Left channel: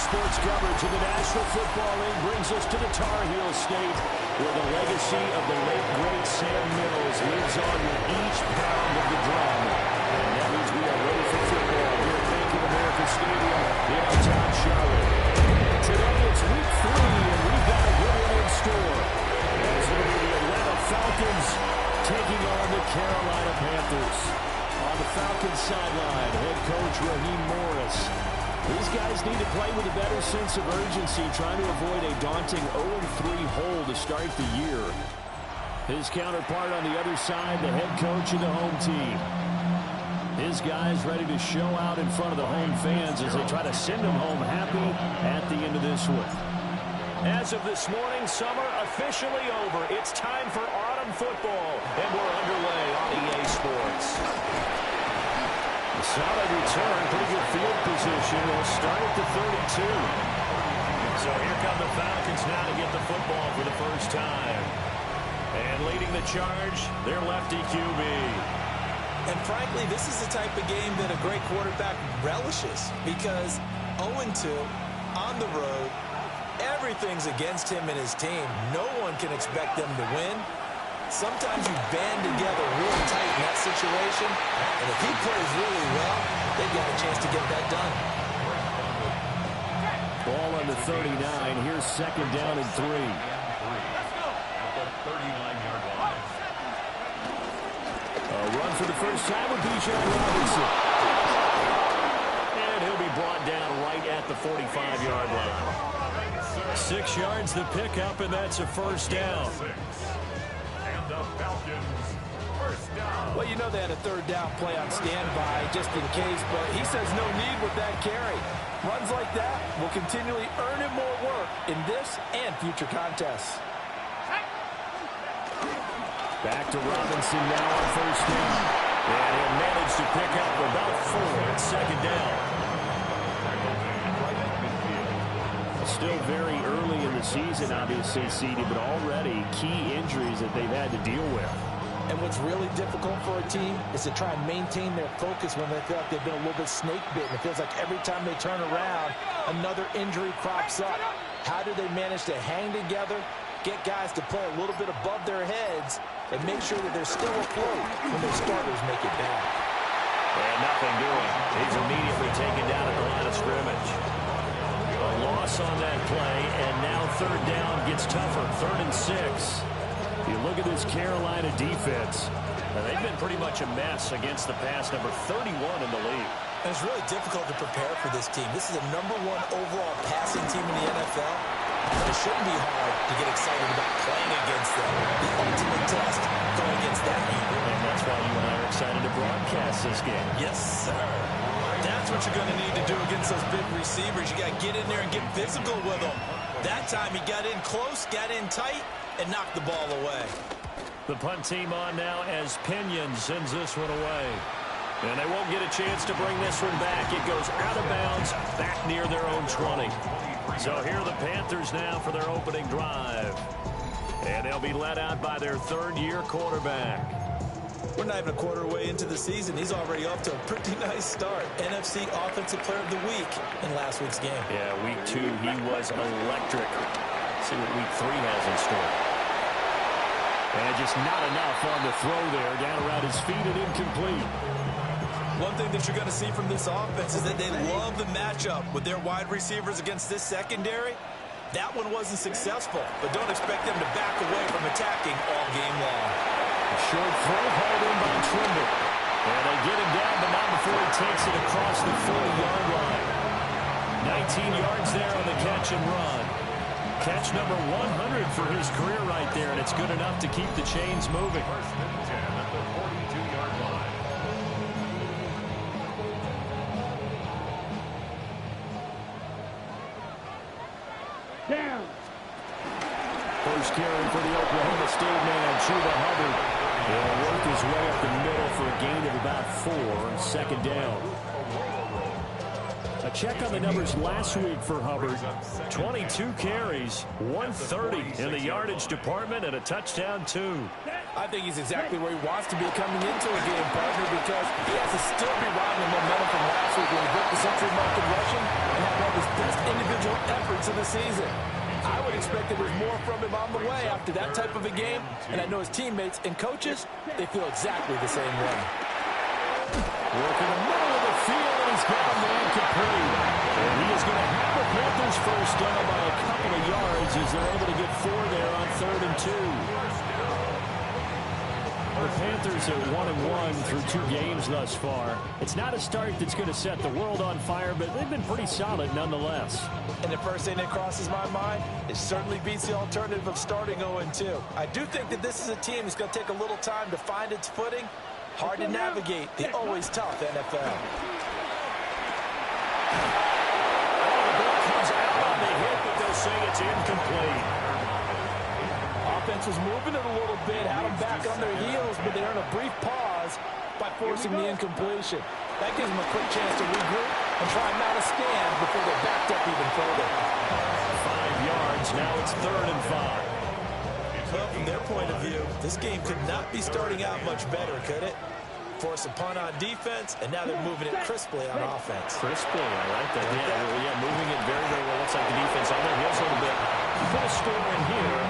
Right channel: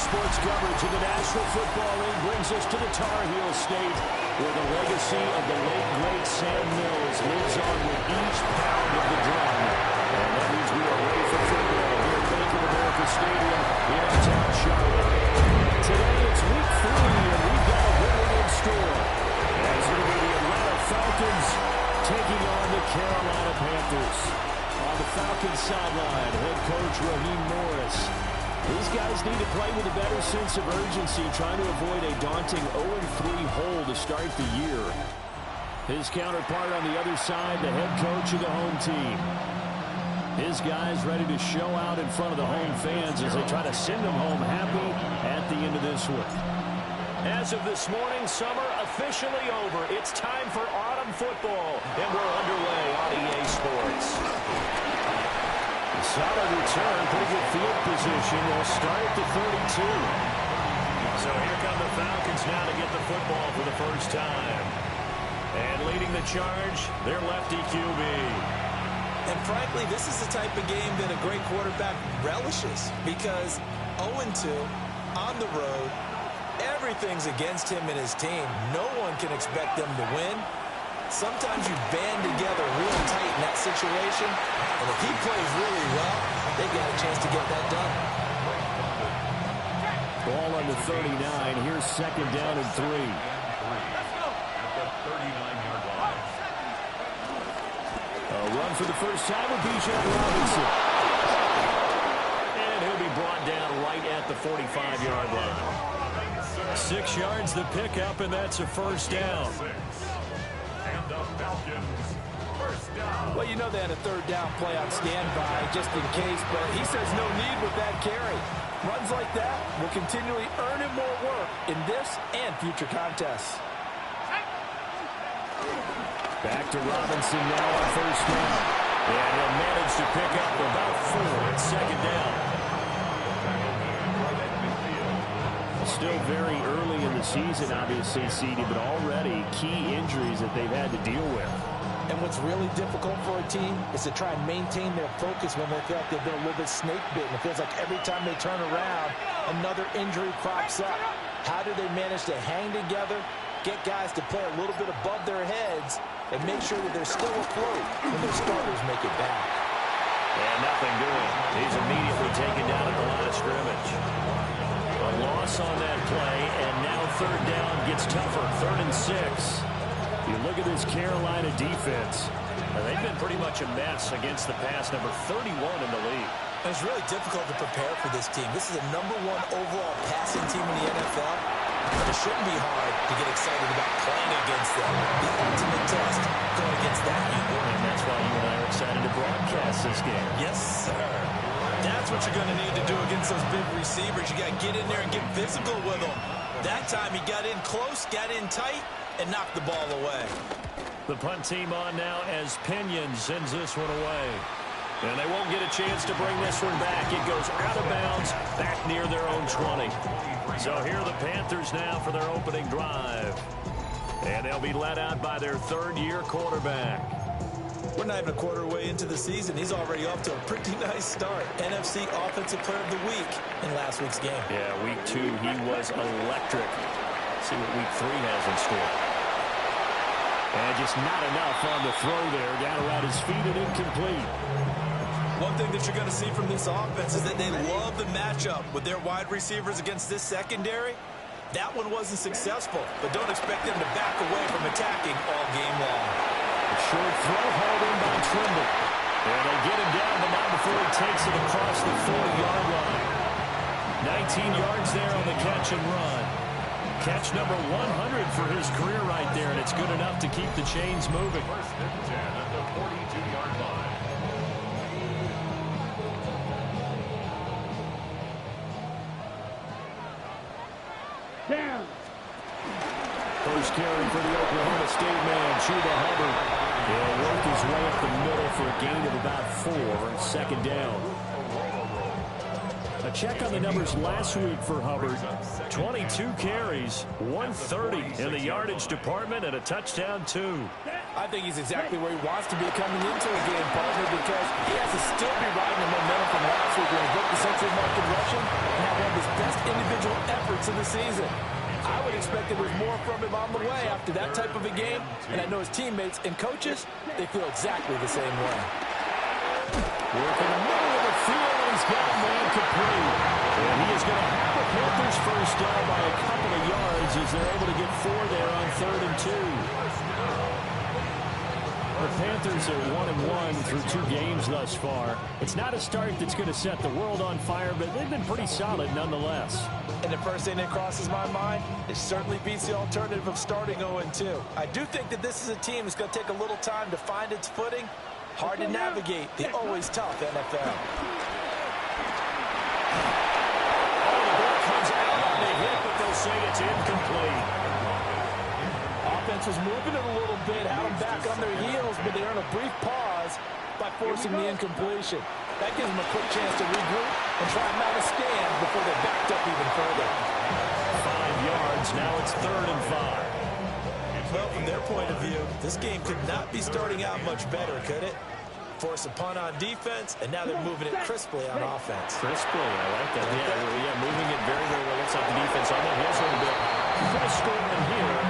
sports coverage of the National Football League brings us to the Tar Heel State, where the legacy of the late, great Sam Mills lives on with each pound of the drum. And that means we are ready for football here at Bank of America Stadium in uptown Charlotte. Today it's week 3, and we've got a good one in store, as it'll be the Atlanta Falcons taking on the Carolina Panthers. On the Falcons sideline, head coach Raheem Morris. These guys need to play with a better sense of urgency, trying to avoid a daunting 0-3 hole to start the year. His counterpart on the other side, the head coach of the home team. His guys ready to show out in front of the home fans as they try to send them home happy at the end of this one. As of this morning, summer officially over. It's time for autumn football, and we're underway on EA Sports. A solid return, pretty good field position. They'll start at the 32. So here come the Falcons now to get the football for the first time. And leading the charge, their lefty QB. And frankly, this is the type of game that a great quarterback relishes, because 0-2 on the road, everything's against him and his team. No one can expect them to win. Sometimes you band together real tight in that situation, and if he plays really well, they've got a chance to get that done. Ball on the 39. Here's second down and 3. Let's go. At the 39-yard line. A run for the first time with Bijan Robinson. And he'll be brought down right at the 45-yard line. 6 yards the pickup, and that's a first down. And the Falcons, first down. Well, you know they had a third down play on standby just in case, but he says no need with that carry. Runs like that will continually earn him more work in this and future contests. Back to Robinson now on first down. And he'll manage to pick up about 4 at second down. Still very early in the season, obviously, CD, but already key injuries that they've had to deal with. And what's really difficult for a team is to try and maintain their focus when they feel like they've been a little bit snake-bitten. It feels like every time they turn around, another injury crops up. How do they manage to hang together, get guys to play a little bit above their heads, and make sure that they're still afloat when their starters make it back? And nothing doing. He's immediately taken down at the line of scrimmage. A loss on that play, and now third down gets tougher. 3rd and 6. You look at this Carolina defense. They've been pretty much a mess against the pass, number 31 in the league. And it's really difficult to prepare for this team. This is the #1 overall passing team in the NFL. But it shouldn't be hard to get excited about playing against them. The ultimate test going against that unit. And that's why you and I are excited to broadcast this game. Yes, sir. That's what you're going to need to do against those big receivers. You got to get in there and get physical with them. That time he got in close, got in tight, and knocked the ball away. The punt team on now as Pinion sends this one away. And they won't get a chance to bring this one back. It goes out of bounds back near their own 20. So here are the Panthers now for their opening drive. And they'll be led out by their third-year quarterback. We're not even a quarter way into the season. He's already off to a pretty nice start. NFC Offensive Player of the Week in last week's game. Yeah, week 2, he was electric. See what week 3 has in store. And just not enough on the throw there. Down around his feet and incomplete. One thing that you're going to see from this offense is that they love the matchup with their wide receivers against this secondary. That one wasn't successful, but don't expect them to back away from attacking all game long. A short throw hauled in by Trimble. And they get him down, but not before he takes it across the 40-yard line. 19 yards there on the catch and run. Catch number 100 for his career right there, and it's good enough to keep the chains moving. 1st and 10 at the 42-yard line. Down. First carry for the Oklahoma State man, Chuba Hubbard. He'll work his way up the middle for a gain of about 4 on second down. A check on the numbers last week for Hubbard. 22 carries, 130 in the yardage department, and a touchdown, 2. I think he's exactly where he wants to be coming into a game, partner, because he has to still be riding the momentum from last week when he broke the century mark in rushing and had one of his best individual efforts of the season. I would expect that there's more from him on the way after that type of a game, and I know his teammates and coaches, they feel exactly the same way. Work in the middle of the field, and he's got a man complete. And he is going to have the Panthers first down by a couple of yards as they're able to get 4 there on 3rd and 2. The Panthers are 1-1 through 2 games thus far. It's not a start that's going to set the world on fire, but they've been pretty solid nonetheless. And the first thing that crosses my mind, it certainly beats the alternative of starting 0-2. I do think that this is a team that's going to take a little time to find its footing. Hard to navigate the always tough NFL. Oh, the ball comes out on the hit, but they'll say it's incomplete. Offense was moving it a little bit, had them back on their heels, but they earned a brief pause by forcing the incompletion. That gives them a quick chance to regroup and try and mount a stand before they're backed up even further. 5 yards, now it's 3rd and 5. Well, from their point of view, this game could not be starting out much better, could it? Force a punt on defense, and now they're moving it crisply on offense. Crisply, I like that. Yeah, moving it very, very well. Looks like the defense on their heels a little bit. You put a score in here,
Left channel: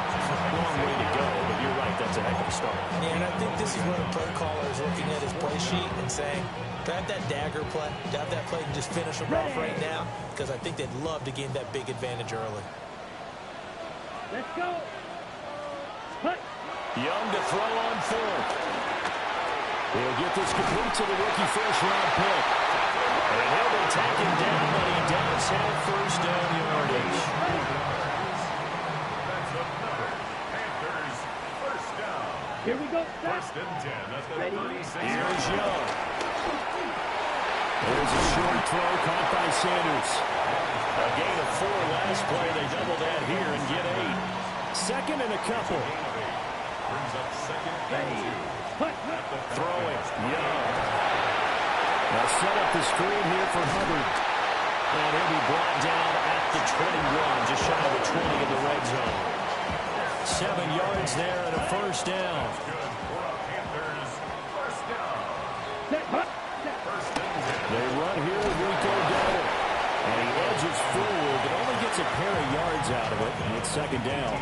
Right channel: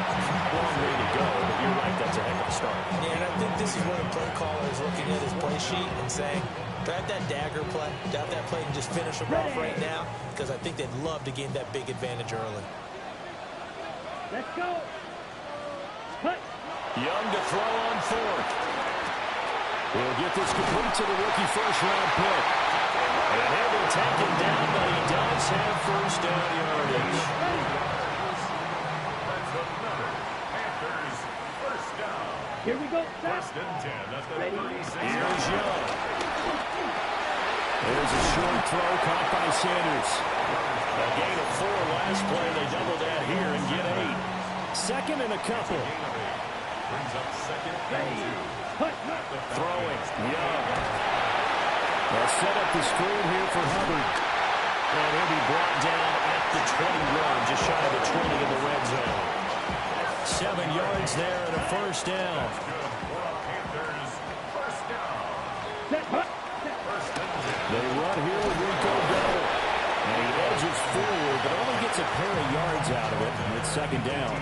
long way to go, but you're right, that's a heck of a start. Yeah, and I think this is where the play caller is looking at his play sheet and saying, grab that dagger play, grab that play and just finish them off right now, because I think they'd love to gain that big advantage early. Let's go. Young to throw on 4th. He'll get this complete to the rookie first-round pick. And he'll be taken down, but he does have first down yardage. That's another Panthers first down. Here we go. First and 10 at the 36. Here's Young. There's a short throw caught by Sanders. A gain of 4 last play. They double that here and get 8. Second and a couple. Brings up 2nd and 2. Throwing. Young. They'll set up the screen here for Hubbard. And he'll be brought down at the 21, just shy of the 20 in the red zone. 7 yards there and a first down. That's good for a Panthers first down. First and 10. They run here with Rico Double. And he edges forward, but only gets a pair of yards out of it. And it's second down.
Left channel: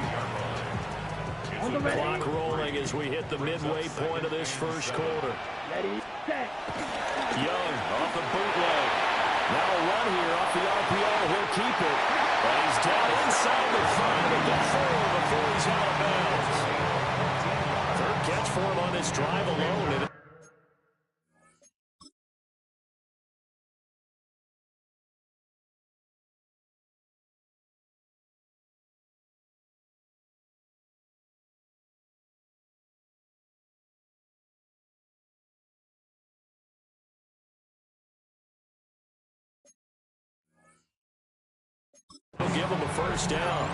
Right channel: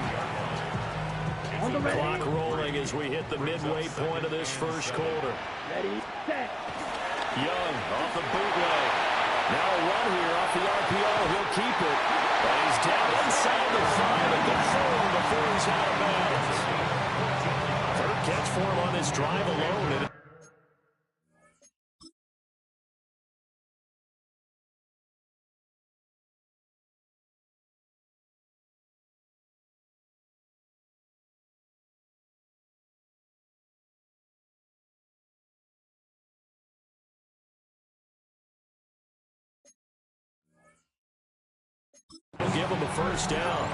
Clock rolling as we hit the midway point of this first quarter. Ready, set. Young off the bootleg. Now a run here off the RPO. He'll keep it. But he's down inside the 5 at the 4 before he's out of bounds. Third catch for him on this drive alone. And they'll give him a first down.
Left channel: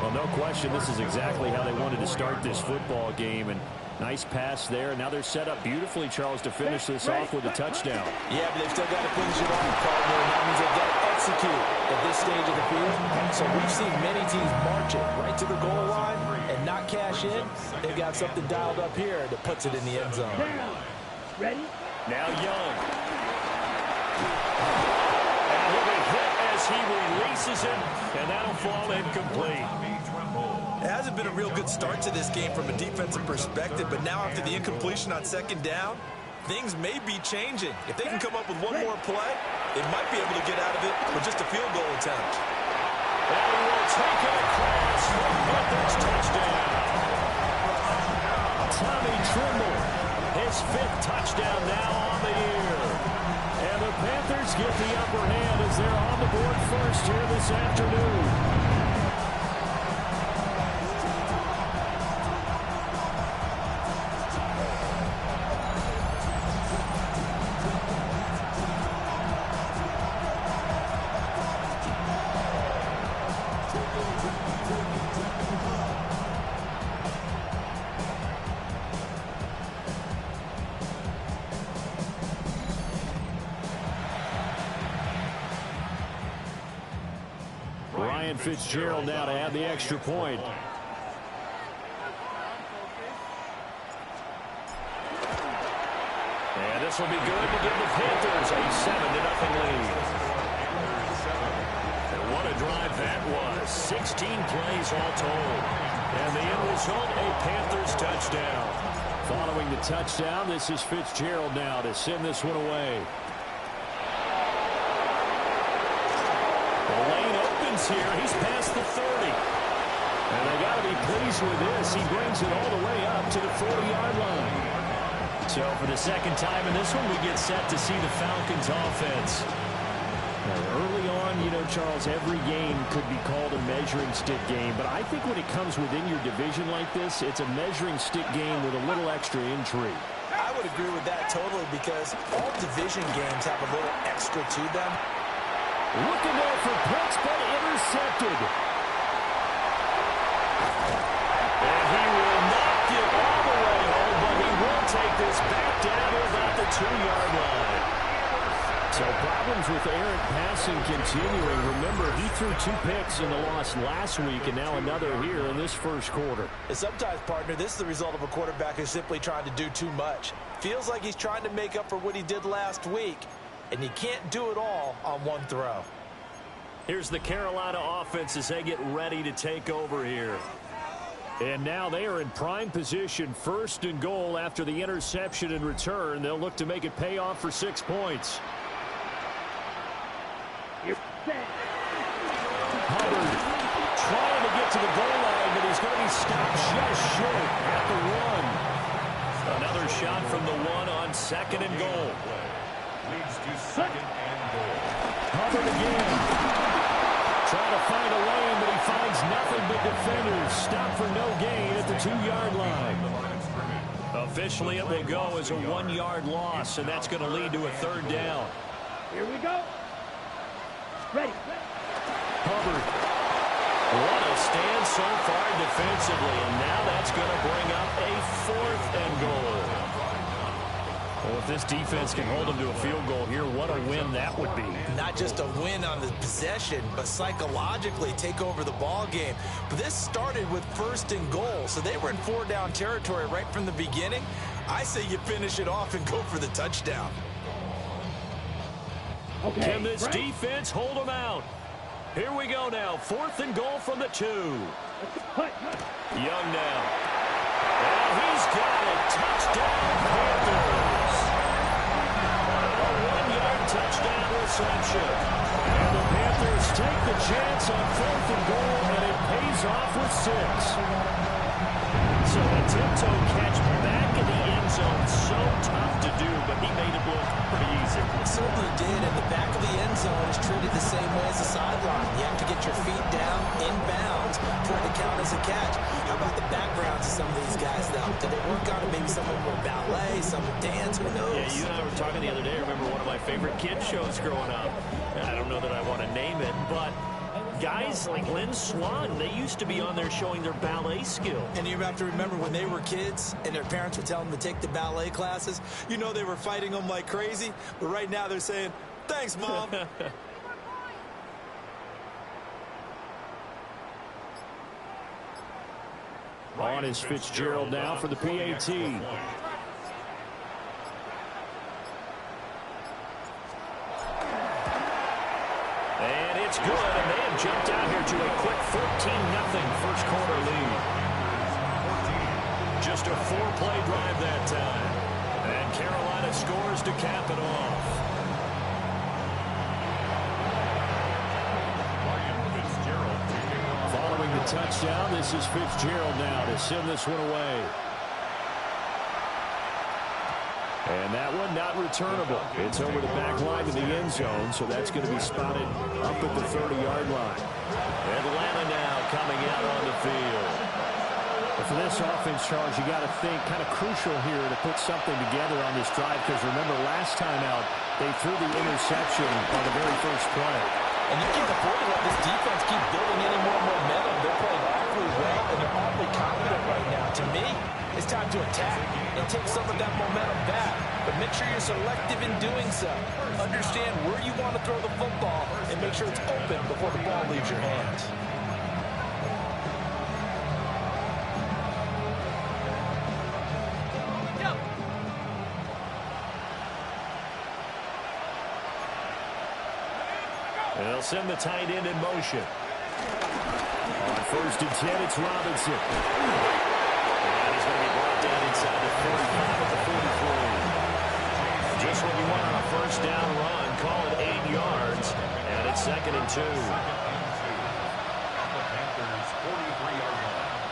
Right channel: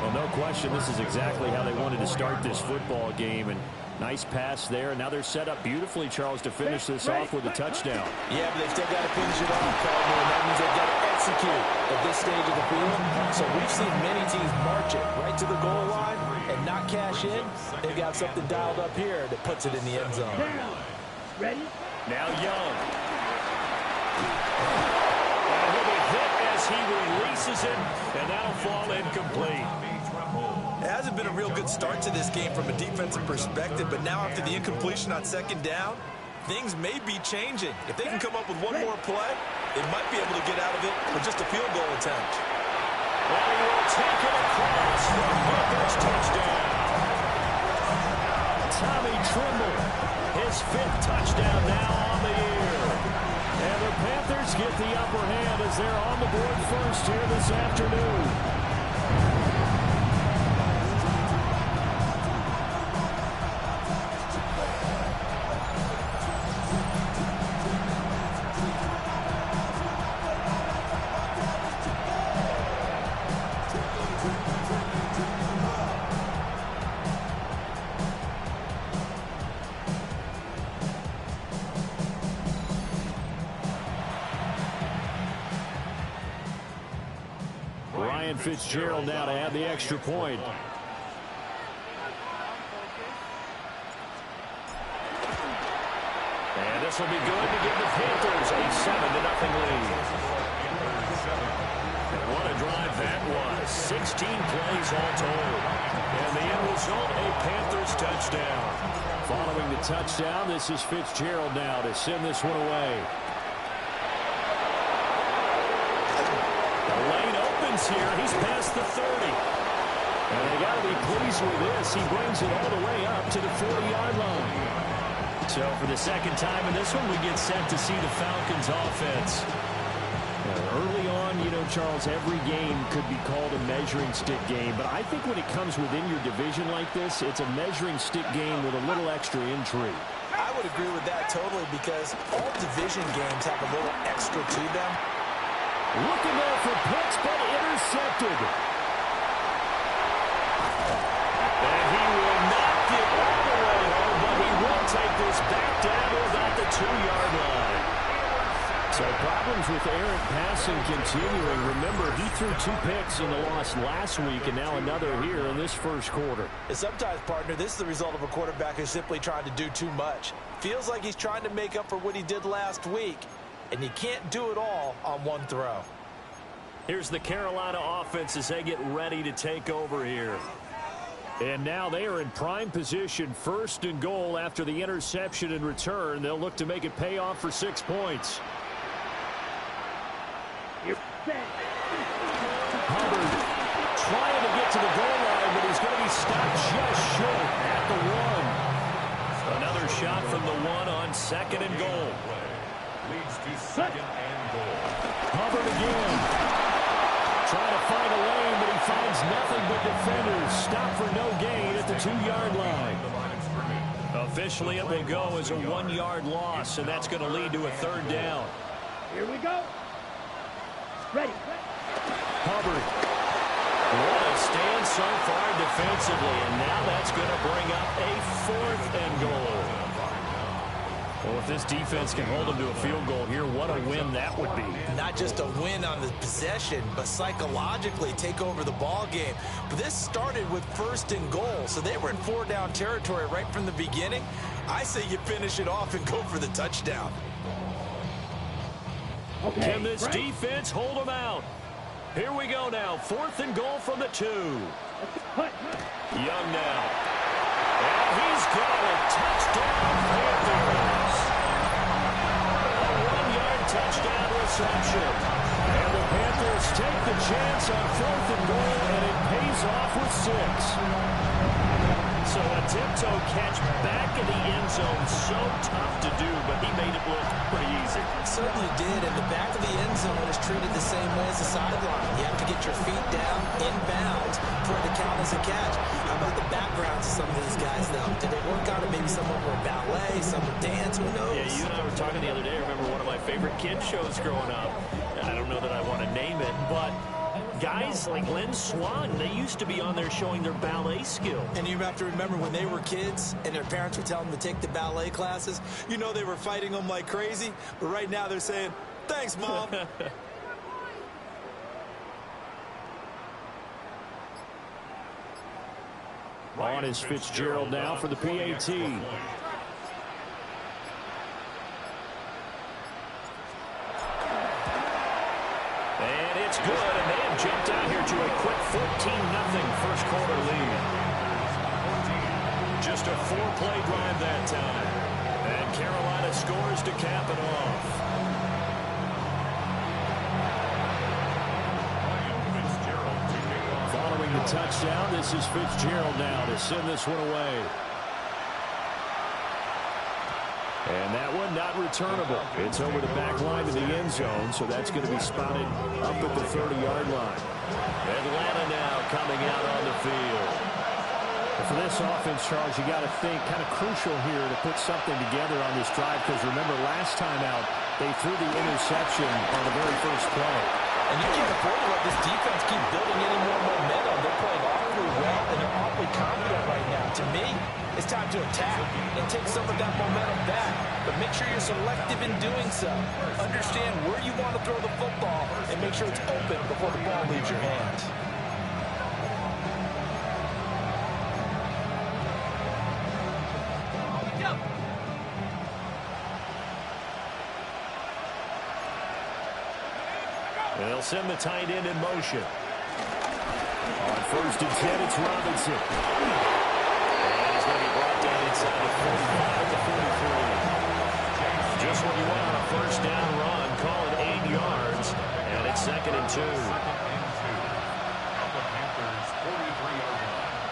Well, no question, this is exactly how they wanted to start this football game. And nice pass there. Now they're set up beautifully, Charles, to finish this off with a touchdown. Yeah, but they've still got to finish it off, partner, and that means they've got to execute at this stage of the field. So we've seen many teams march it right to the goal line and not cash in. They've got something dialed up here that puts it in the end zone. Down. Ready? Now Young. And he'll be hit as he releases it, and that'll fall incomplete. It hasn't been a real good start to this game from a defensive perspective, but now after the incompletion on second down, things may be changing. If they can come up with one more play, they might be able to get out of it with just a field goal attempt. And he will take it across for Panthers touchdown. Tommy Trimble, his 5th touchdown now on the year. And the Panthers get the upper hand as they're on the board first here this afternoon. Ryan Fitzgerald now to add the extra point. And this will be good to give the Panthers a 7-0 lead. And what a drive that was. 16 plays all told. And the end result, a Panthers touchdown. Following the touchdown, this is Fitzgerald now to send this one away. The lane opens here. He's past the 30. And they got to be pleased with this. He brings it all the way up to the 40-yard line. So for the second time in this one, we get set to see the Falcons offense. Now, early on, you know, Charles, every game could be called a measuring stick game. But I think when it comes within your division like this, it's a measuring stick game with a little extra intrigue. I would agree with that totally, because all division games have a little extra to them. Looking there for picks, but intercepted. And he will not get all the way home, but he will take this back down to about the 2-yard line. So problems with errant passing continuing. Remember, he threw 2 picks in the loss last week, and now another here in this first quarter. And sometimes, partner, this is the result of a quarterback who's simply trying to do too much. Feels like he's trying to make up for what he did last week, and he can't do it all on one throw. Here's the Carolina offense as they get ready to take over here. And now they are in prime position, 1st and goal after the interception and return. They'll look to make it pay off for 6 points. Hubbard trying to get to the goal line, but he's going to be stopped just short at the 1. Another shot from the 1 on 2nd and goal. Leads to 2nd and goal. Hubbard again. Trying to find a lane, but he finds nothing but defenders. Stop for no gain at the 2-yard line. Officially, it will go as a 1-yard loss, and that's going to lead to a 3rd down. Here we go. Ready. Hubbard. What a stand so far defensively, and now that's going to bring up a 4th and goal. Well, if this defense can hold them to a field goal here, what a win that would be. Not just a win on the possession, but psychologically take over the ball game. But this started with 1st and goal, so they were in 4-down territory right from the beginning. I say you finish it off and go for the touchdown. Okay, can this defense hold them out? Here we go now. 4th and goal from the 2. Young now. And he's got it. Touchdown, Panthers. A 1-yard touchdown reception. And the Panthers take the chance on 4th and goal, and it pays off with 6. So a tiptoe catch back in the end zone, so tough to do, but he made it look pretty easy. It certainly did, and the back of the end zone is treated the same way as the sideline. You have to get your feet down, inbounds, for it to count as a catch. How about the backgrounds of some of these guys, though? Did they work on it? Maybe some of them were ballet, some were dance, who knows? Yeah, you and I were talking the other day. I remember one of my favorite kids shows growing up. I don't know that I want to name it, but guys like Lynn Swan, they used to be on there showing their ballet skill. And you have to remember when they were kids and their parents would tell them to take the ballet classes, you know they were fighting them like crazy. But right now they're saying, thanks, Mom. On is Fitzgerald now for the PAT. And it's good, and they have jumped out here to a quick 14-0 first quarter lead. Just a 4-play drive that time. And Carolina scores to cap it off. Following the touchdown, this is Fitzgerald now to send this one away. And that one not returnable. It's over the back line to the end zone, so that's going to be spotted up at the 30-yard line. Atlanta now coming out on the field. And for this offense, Charles, you got to think kind of crucial here to put something together on this drive, because remember last time out, they threw the interception on the very first play. And you can't afford to let this defense keep building any more momentum. They're playing awfully well, and they're awfully confident right now. To me, it's time to attack and take some of that momentum back. But make sure you're selective in doing so. Understand where you want to throw the football. ball and make sure it's open before the ball leaves your hands. They'll send the tight end in motion. On 1st and 10, it's Robinson. And he's going to be brought down inside the 45 at the 43. Just what you want on a first down run. Call it 8 yards. And it's 2nd and 2. Second and 2. At the Panthers' 43-yard line.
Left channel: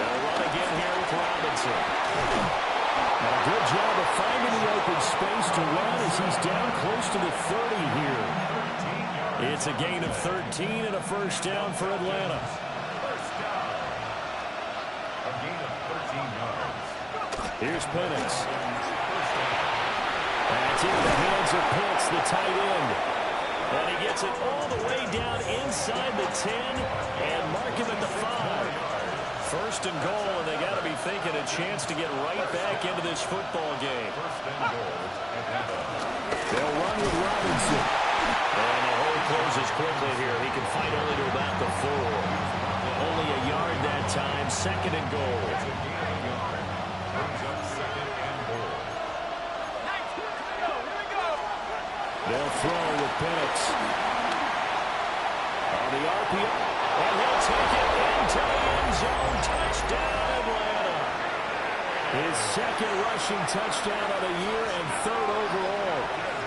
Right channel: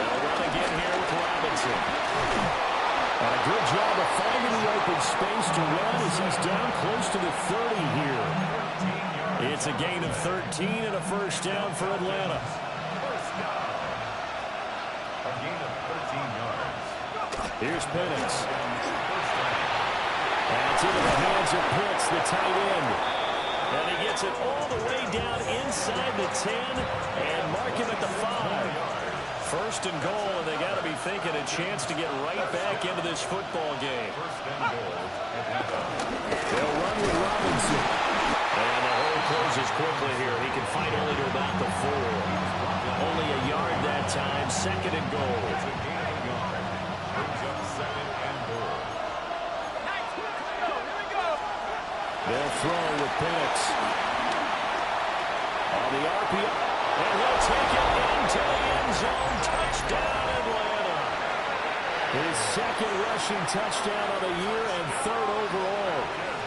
They'll run again here with Robinson. And a good job of finding the open space to run as he's down close to the 30 here. It's a gain of 13 and a first down for Atlanta. First down. A gain of 13 yards. Here's Penix. That's into the hands of Pitts, the tight end. And he gets it all the way down inside the 10 and mark him at the 5. First and goal, and they got to be thinking a chance to get right back into this football game. First and goal. They'll run with Robinson. And the hole closes quickly here. He can fight only to about the 4. Only a yard that time. 2nd and goal. It's a gain of a yard. Brings up 2nd and goal. They'll throw with Penix. On the RPO. And he'll take it into the end zone. Touchdown, Atlanta. His 2nd rushing touchdown of the year and 3rd overall.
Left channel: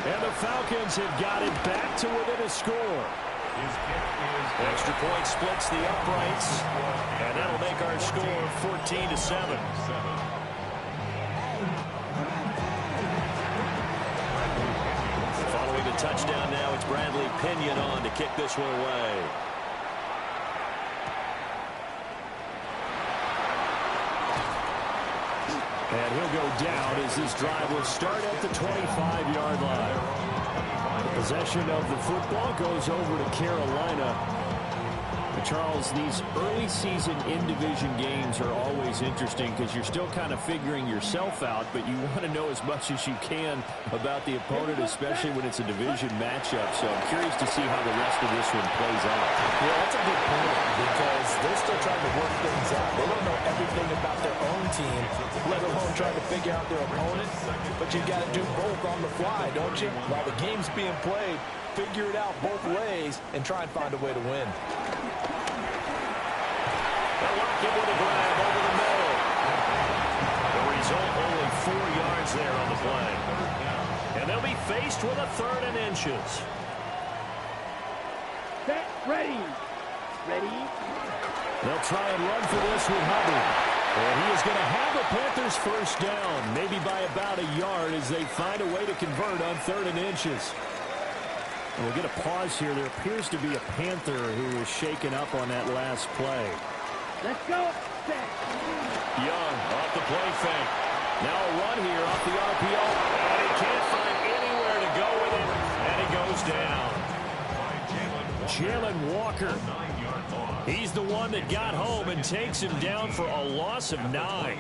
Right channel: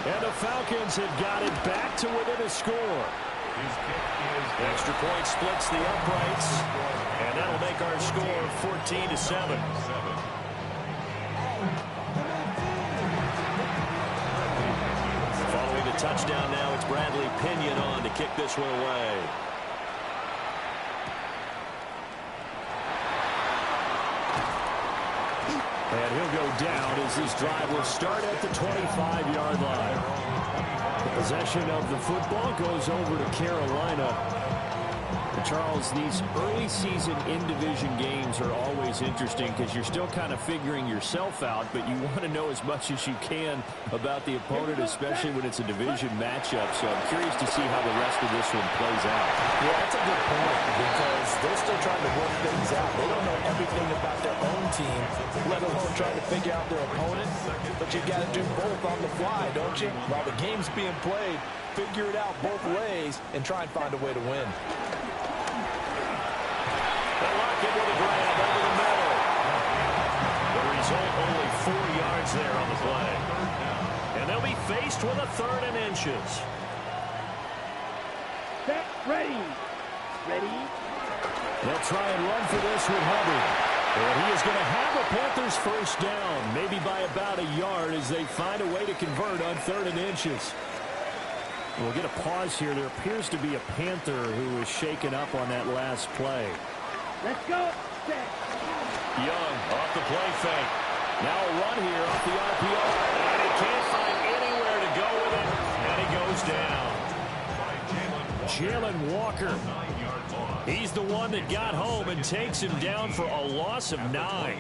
And the Falcons have got it back to within a score. His kick is Extra point splits the uprights. And that'll make our score 14-7. Following the touchdown now, it's Bradley Pinion on to kick this one away. And he'll go down as this drive will start at the 25-yard line. The possession of the football goes over to Carolina. But Charles, these early season in-division games are always interesting because you're still kind of figuring yourself out, but you want to know as much as you can about the opponent, especially when it's a division matchup. So I'm curious to see how the rest of this one plays out. Yeah, that's a good point because they're still trying to work things out. They don't know everything about their own team, let alone trying to figure out their opponent. But you got to do both on the fly, don't you? While the game's being played, figure it out both ways and try and find a way to win. They'll lock him with a grab over the middle. The result, only 4 yards there on the play. And they'll be faced with a 3rd and inches. Set, ready. Ready. They'll try and run for this with Hubbard. And he is going to have a Panthers first down, maybe by about a yard as they find a way to convert on 3rd and inches. And we'll get a pause here. There appears to be a Panther who is shaken up on that last play. Let's go. Set. Young off the play fake. Now a run here off the RPO. And he can't find anywhere to go with it. And he goes down. Jalen Walker. He's the one that got home and takes him down for a loss of 9.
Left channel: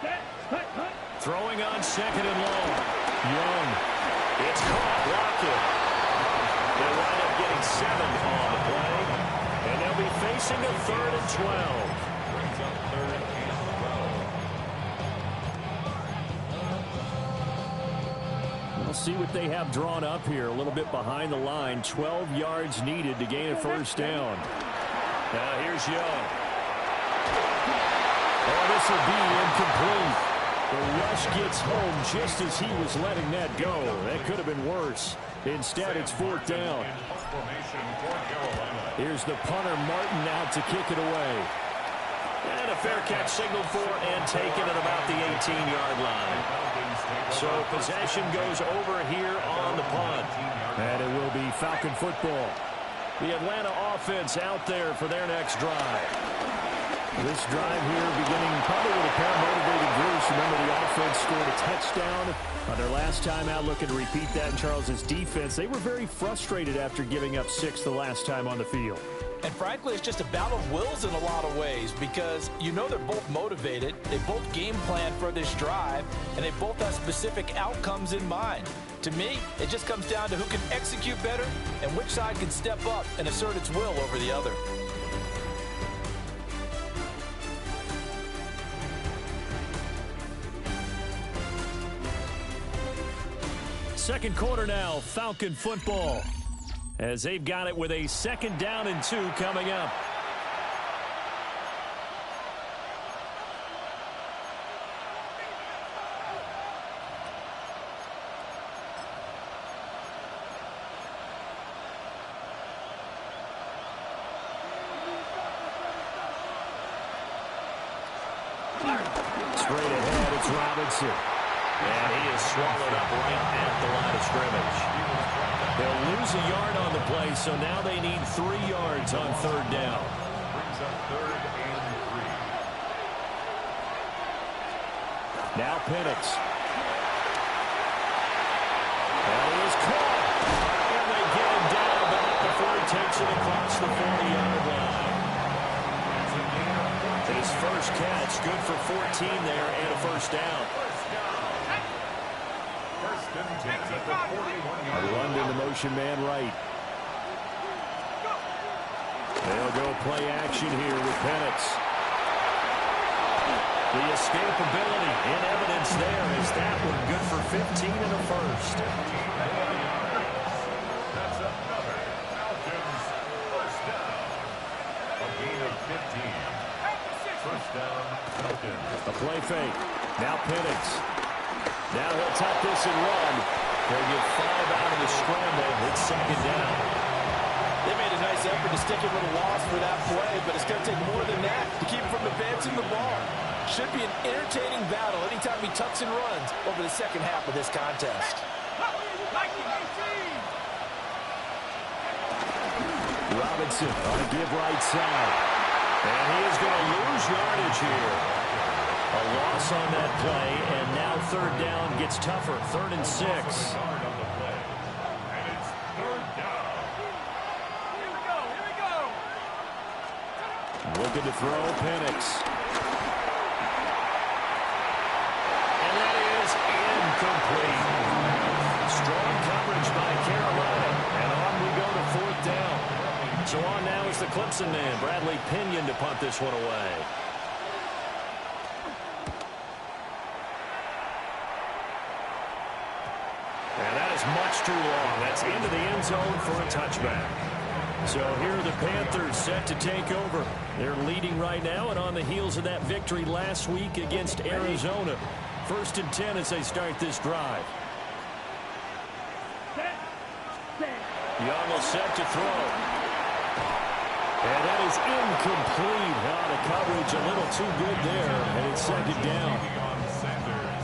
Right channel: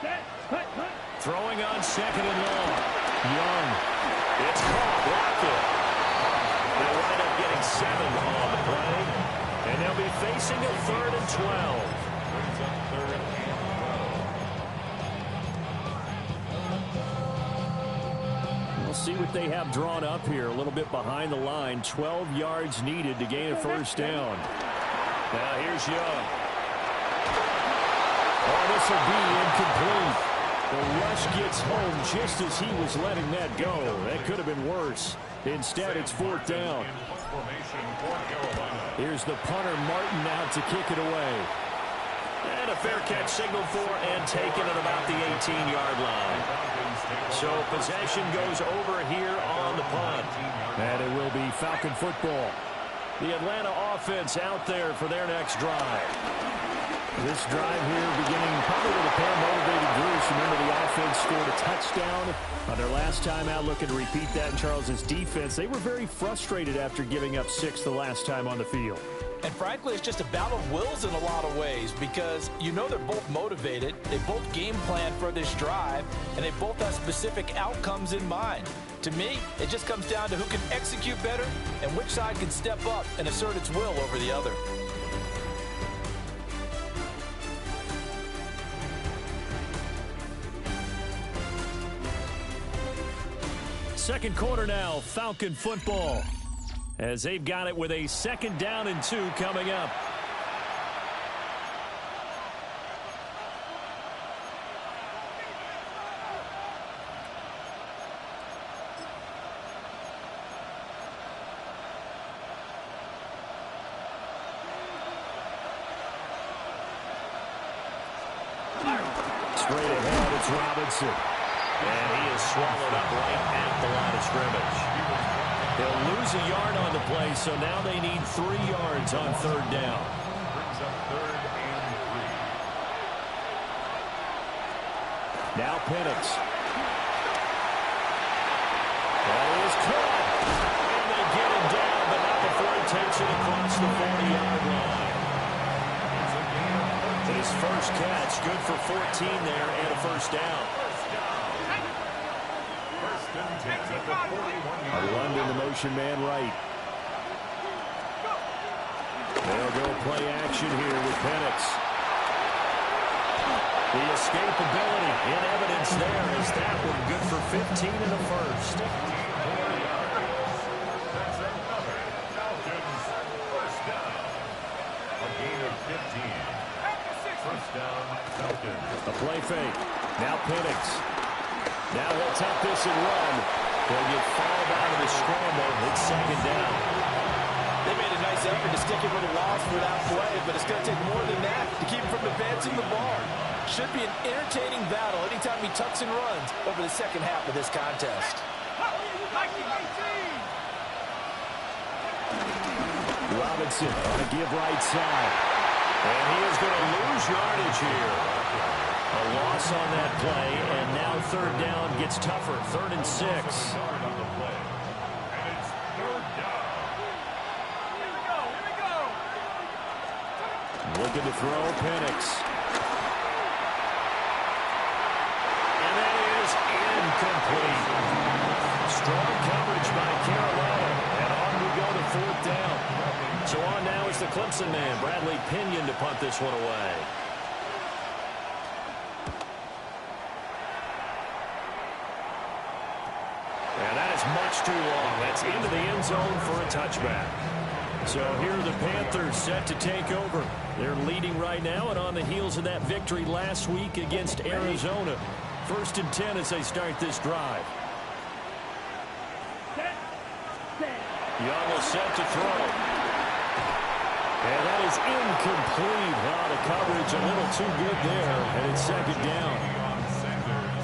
Set. Hut, hut. Throwing on 2nd and long. Young. It's caught. Lockett. They'll wind up getting 7 on the play. And they'll be facing a 3rd and 12. Brings up 3rd and 12. We'll see what they have drawn up here. A little bit behind the line. 12 yards needed to gain a first down. Now here's Young. Oh, this will be incomplete. The rush gets home just as he was letting that go. That could have been worse. Instead, it's 4th down. Here's the punter, Martin, out to kick it away. And a fair catch signaled for and taken at about the 18-yard line. So possession goes over here on the punt. And it will be Falcon football. The Atlanta offense out there for their next drive. This drive here beginning probably with a pair of motivated groups. Remember, the offense scored a touchdown on their last time out, looking to repeat that in Charles's defense. They were very frustrated after giving up 6 the last time on the field. And frankly, it's just a battle of wills in a lot of ways because you know they're both motivated, they both game plan for this drive, and they both have specific outcomes in mind. To me, it just comes down to who can execute better and which side can step up and assert its will over the other. Second quarter now, Falcon football, as they've got it with a 2nd down and 2 coming up. Straight ahead, it's Robinson. And he is swallowed up right at the line of scrimmage. He'll lose a yard on the play, so now they need 3 yards on 3rd down. Brings up 3rd and 3. Now Penix. That is caught. And they get him down, but not before he takes it across the 40-yard line. It's a gain of 14. His first catch, good for 14 there and a 1st down. London, the motion man right. They'll go play action here with Penix. The escapability in evidence there as that one good for 15 and a 1st. That's another Falcons 1st down. A gain of 15. 1st down, Falcons. A play fake. Now Penix. Now he'll tuck this and run. He'll get 5 out of the scramble. It's 2nd down. They made a nice effort to stick him with a loss for that play, but it's going to take more than that to keep him from advancing the ball. Should be an entertaining battle anytime he tucks and runs over the second half of this contest. Robinson on a give right side. And he is going to lose yardage here. A loss on that play, and now 3rd down gets tougher. 3rd and 6. Yard on the play. And it's 3rd down. Here we go. Looking to throw, Penix. And that is incomplete. Strong coverage by Carolina. And on we go to 4th down. So on now is the Clemson man, Bradley Pinion, to punt this one away. And that is much too long. That's into the end zone for a touchback. So here are the Panthers set to take over. They're leading right now and on the heels of that victory last week against Arizona. 1st and 10 as they start this drive. Young will set to throw. And that is incomplete. Out of coverage, a little too good there. And it's 2nd down.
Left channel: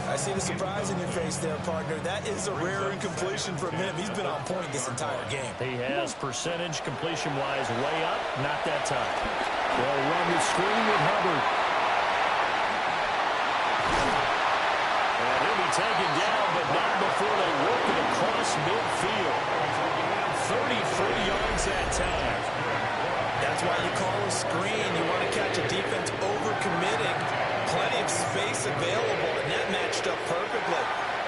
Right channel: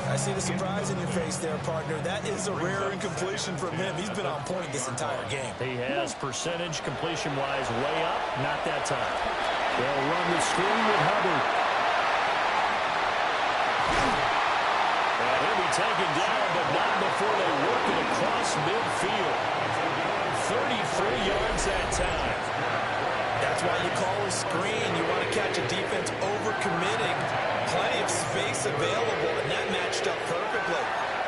I see the surprise in your face there, partner. That is a rare incompletion from him. He's been on point this entire game. He has percentage completion-wise way up. Not that time. They'll run the screen with Hubbard. And he'll be taken down, but not before they work it across midfield. 33 yards that time. That's why you call a screen. You want to catch a defense over-committing. Plenty of space available, and that matched up perfectly.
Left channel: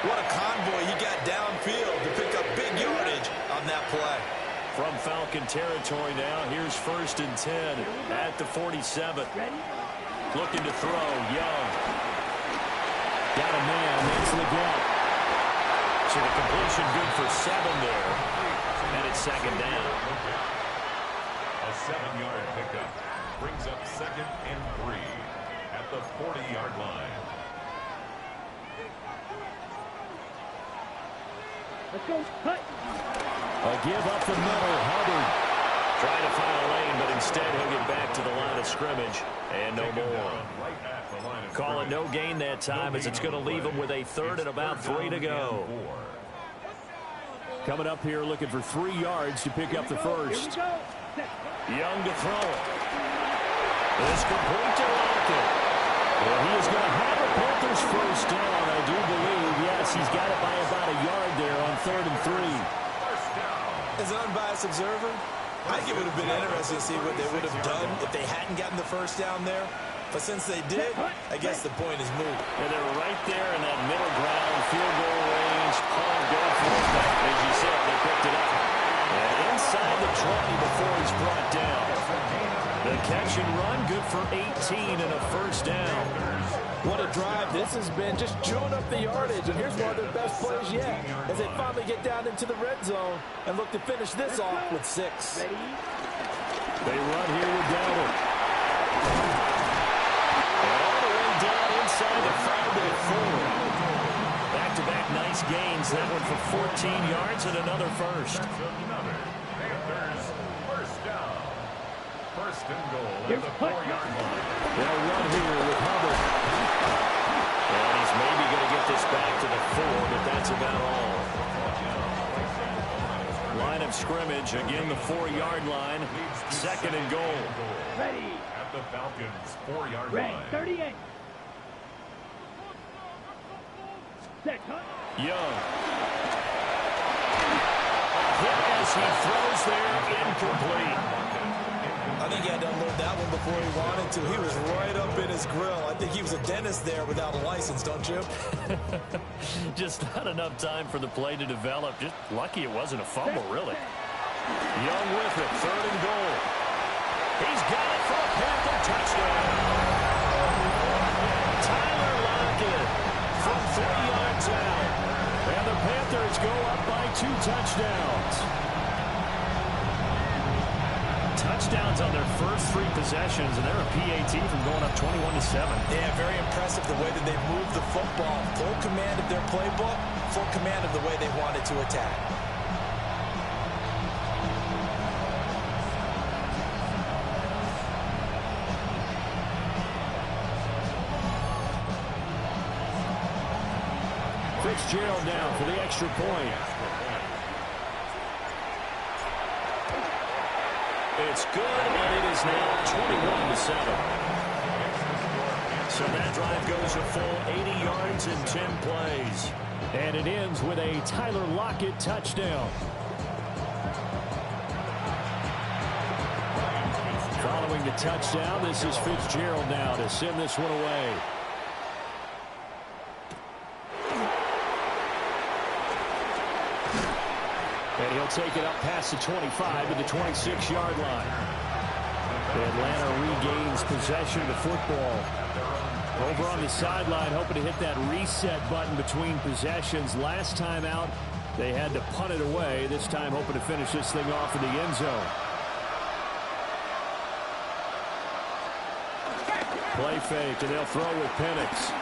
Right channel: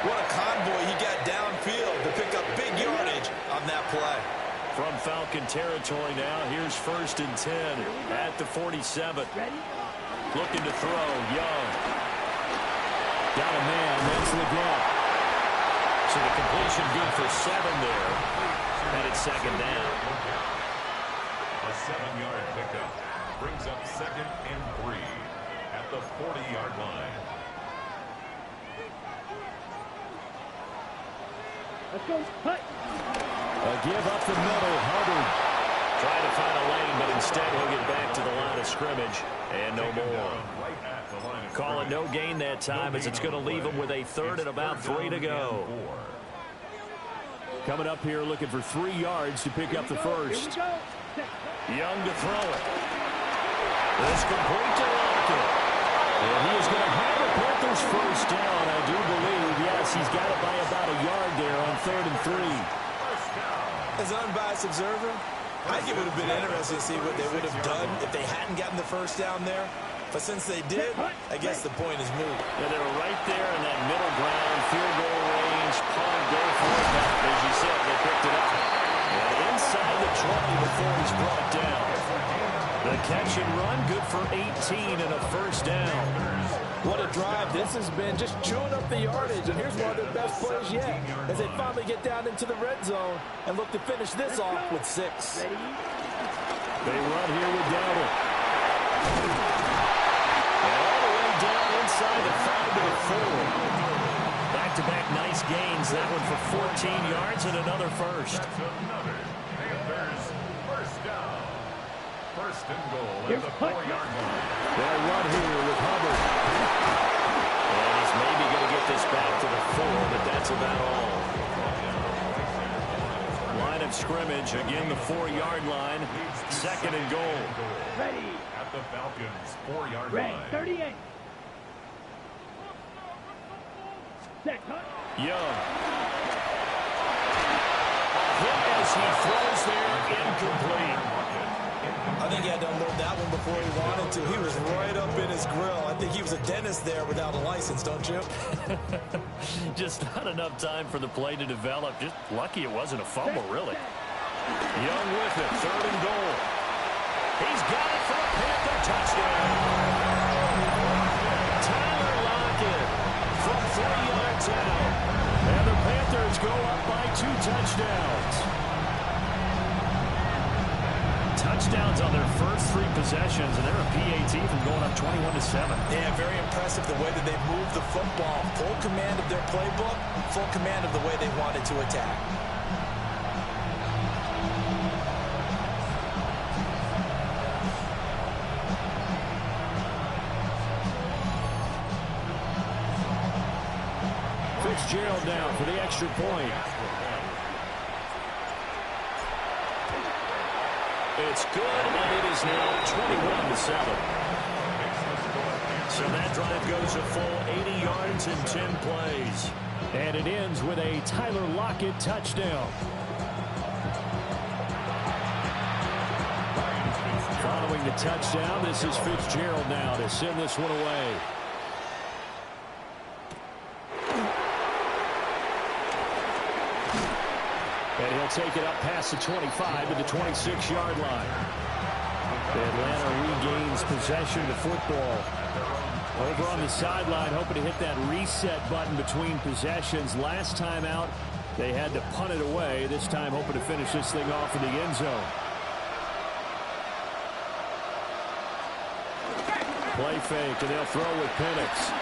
What a convoy he got downfield to pick up big yardage on that play. From Falcon territory now, here's 1st and 10 at the 47. Looking to throw, Young. Got a man, that's the gap. So the completion good for 7 there, and it's 2nd down. A 7-yard pickup brings up 2nd and 3 at the 40-yard line. Let's go. Hut. A give up the middle, Hubbard. Trying to find a lane, but instead he'll get back to the line of scrimmage. And no more. Call it no gain that time as it's going to leave him with a 3rd and about 3 to go. Coming up here looking for 3 yards to pick up the first. Young to throw it. This complete to Lockett. And he is going to have a Panthers 1st down, I do believe. Yes, he's got it by about a yard there on 3rd and 3. As an unbiased observer, I think it would have been interesting to see what they would have done if they hadn't gotten the first down there. But since they did, I guess the point is moot. Yeah, they were right there in that middle ground, field goal range, punt, go for it. But as you said, they picked it up. And inside the 20 before he's brought down. The catch and run, good for 18 and a first down. What a drive this has been, just chewing up the yardage. And here's one of their best plays yet as they finally get down into the red zone and look to finish this off with 6. They run here with Dowdle. And all the way down inside the 5 to the 4. Back-to-back nice gains. That one for 14 yards and another first. That's another Panthers first down. First and goal at the 4-yard line. They'll run here with Hubbard. And he's maybe going to get this back to the 4, but that's about all. Line of scrimmage, again the 4-yard line. Second and goal. Ready. At the Falcons' 4-yard Red, line. 38. Set, cut. Young. A hit as he throws there, incomplete. I think he had to unload that one before he wanted to. He was right up in his grill. I think he was a dentist there without a license, don't you? Just not enough time for the play to develop. Just lucky it wasn't a fumble, really. Young with it, third and goal. He's got it for a Panther touchdown. Tyler Lockett from 3 yards out. And the Panthers go up by 2 touchdowns. Touchdowns on their first 3 possessions, and they're a PAT from going up 21-7. Yeah, very impressive the way that they've moved the football. Full command of their playbook, full command of the way they wanted to attack. Fitzgerald down for the extra point. It's good, and it is now 21-7. So that drive goes a full 80 yards in 10 plays. And it ends with a Tyler Lockett touchdown. Following the touchdown, this is Fitzgerald now to send this one away. And he'll take it up past the 25 to the 26-yard line. Atlanta regains possession of the football. Over on the sideline, hoping to hit that reset button between possessions. Last time out, they had to punt it away. This time, hoping to finish this thing off in the end zone. Play fake, and they'll throw with Penix.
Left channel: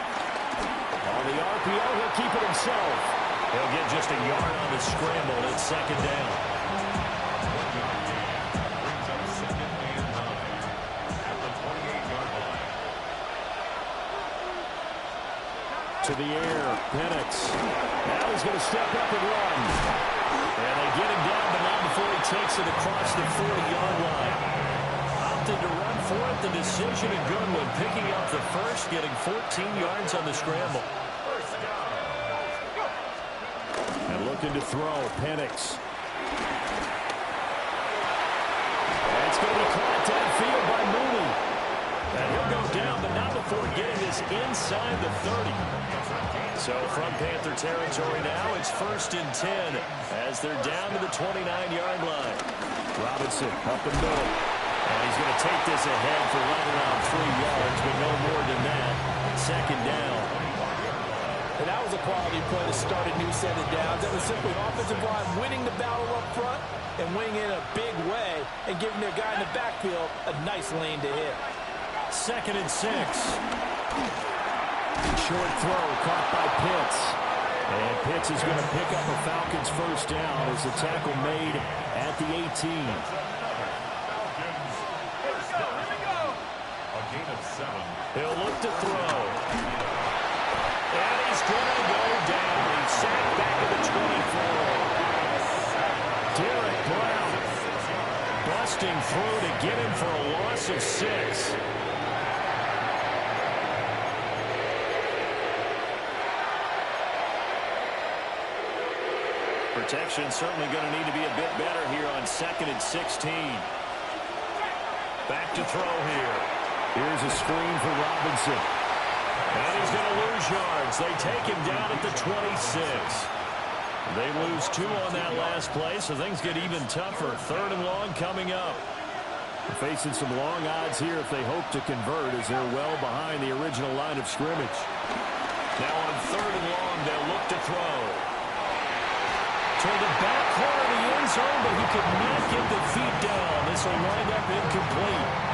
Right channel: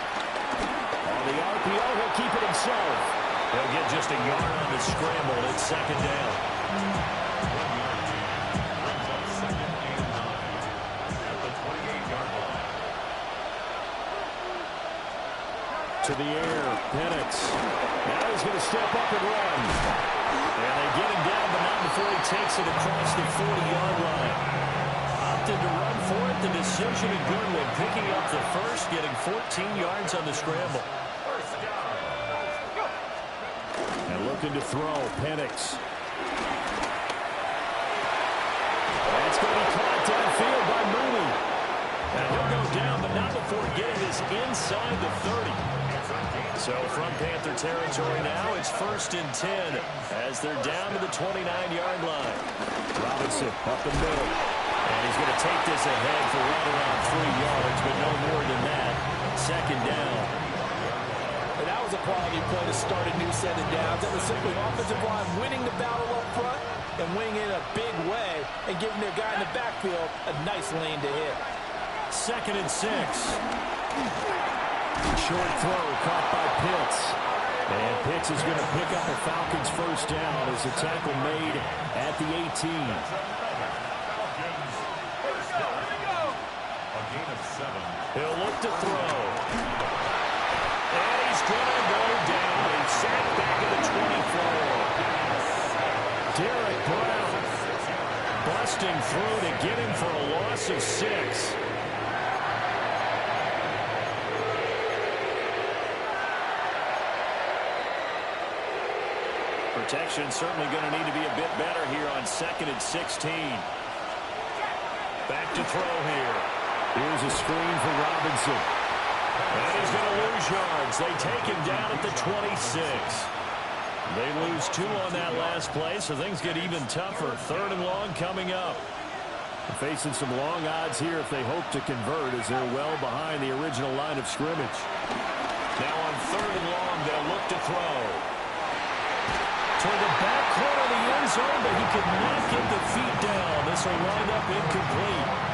On the RPO, he'll keep it himself. He'll get just a yard on the scramble. It's second down. 1-yard gain brings up second and 9 at the 28-yard line. To the air, Penix. Now he's going to step up and run. And they get him down, but not before he takes it across the 40-yard line. Opted to run for it. The decision a good one. Picking up the first, getting 14 yards on the scramble. First down. And looking to throw, Penix. That's going to be caught downfield by Mooney. And he'll go down, but not before getting this inside the 30. So from Panther territory now, it's first and 10 as they're down to the 29-yard line. Robinson up the middle. And he's going to take this ahead for right around 3 yards, but no more than that. Second down. And that was a quality play to start a new set of downs. That was simply offensive line winning the battle up front and winning in a big way and giving their guy in the backfield a nice lane to hit. Second and 6. Short throw caught by Pitts. And Pitts is going to pick up a Falcons first down as the tackle made at the 18. Falcons first down. A gain of 7. He'll look to throw. And he's going to go down. He's sacked back at the 24. Derek Brown busting through to get him for a loss of 6. Protection certainly going to need to be a bit better here on 2nd and 16. Back to throw here. Here's a screen for Robinson. And he's going to lose yards. They take him down at the 26. They lose 2 on that last play, so things get even tougher. 3rd and long coming up. They're facing some long odds here if they hope to convert, as they're well behind the original line of scrimmage. Now on 3rd and long, they'll look to throw. Toward the back corner of the end zone, but he could not get the feet down. This will wind up incomplete.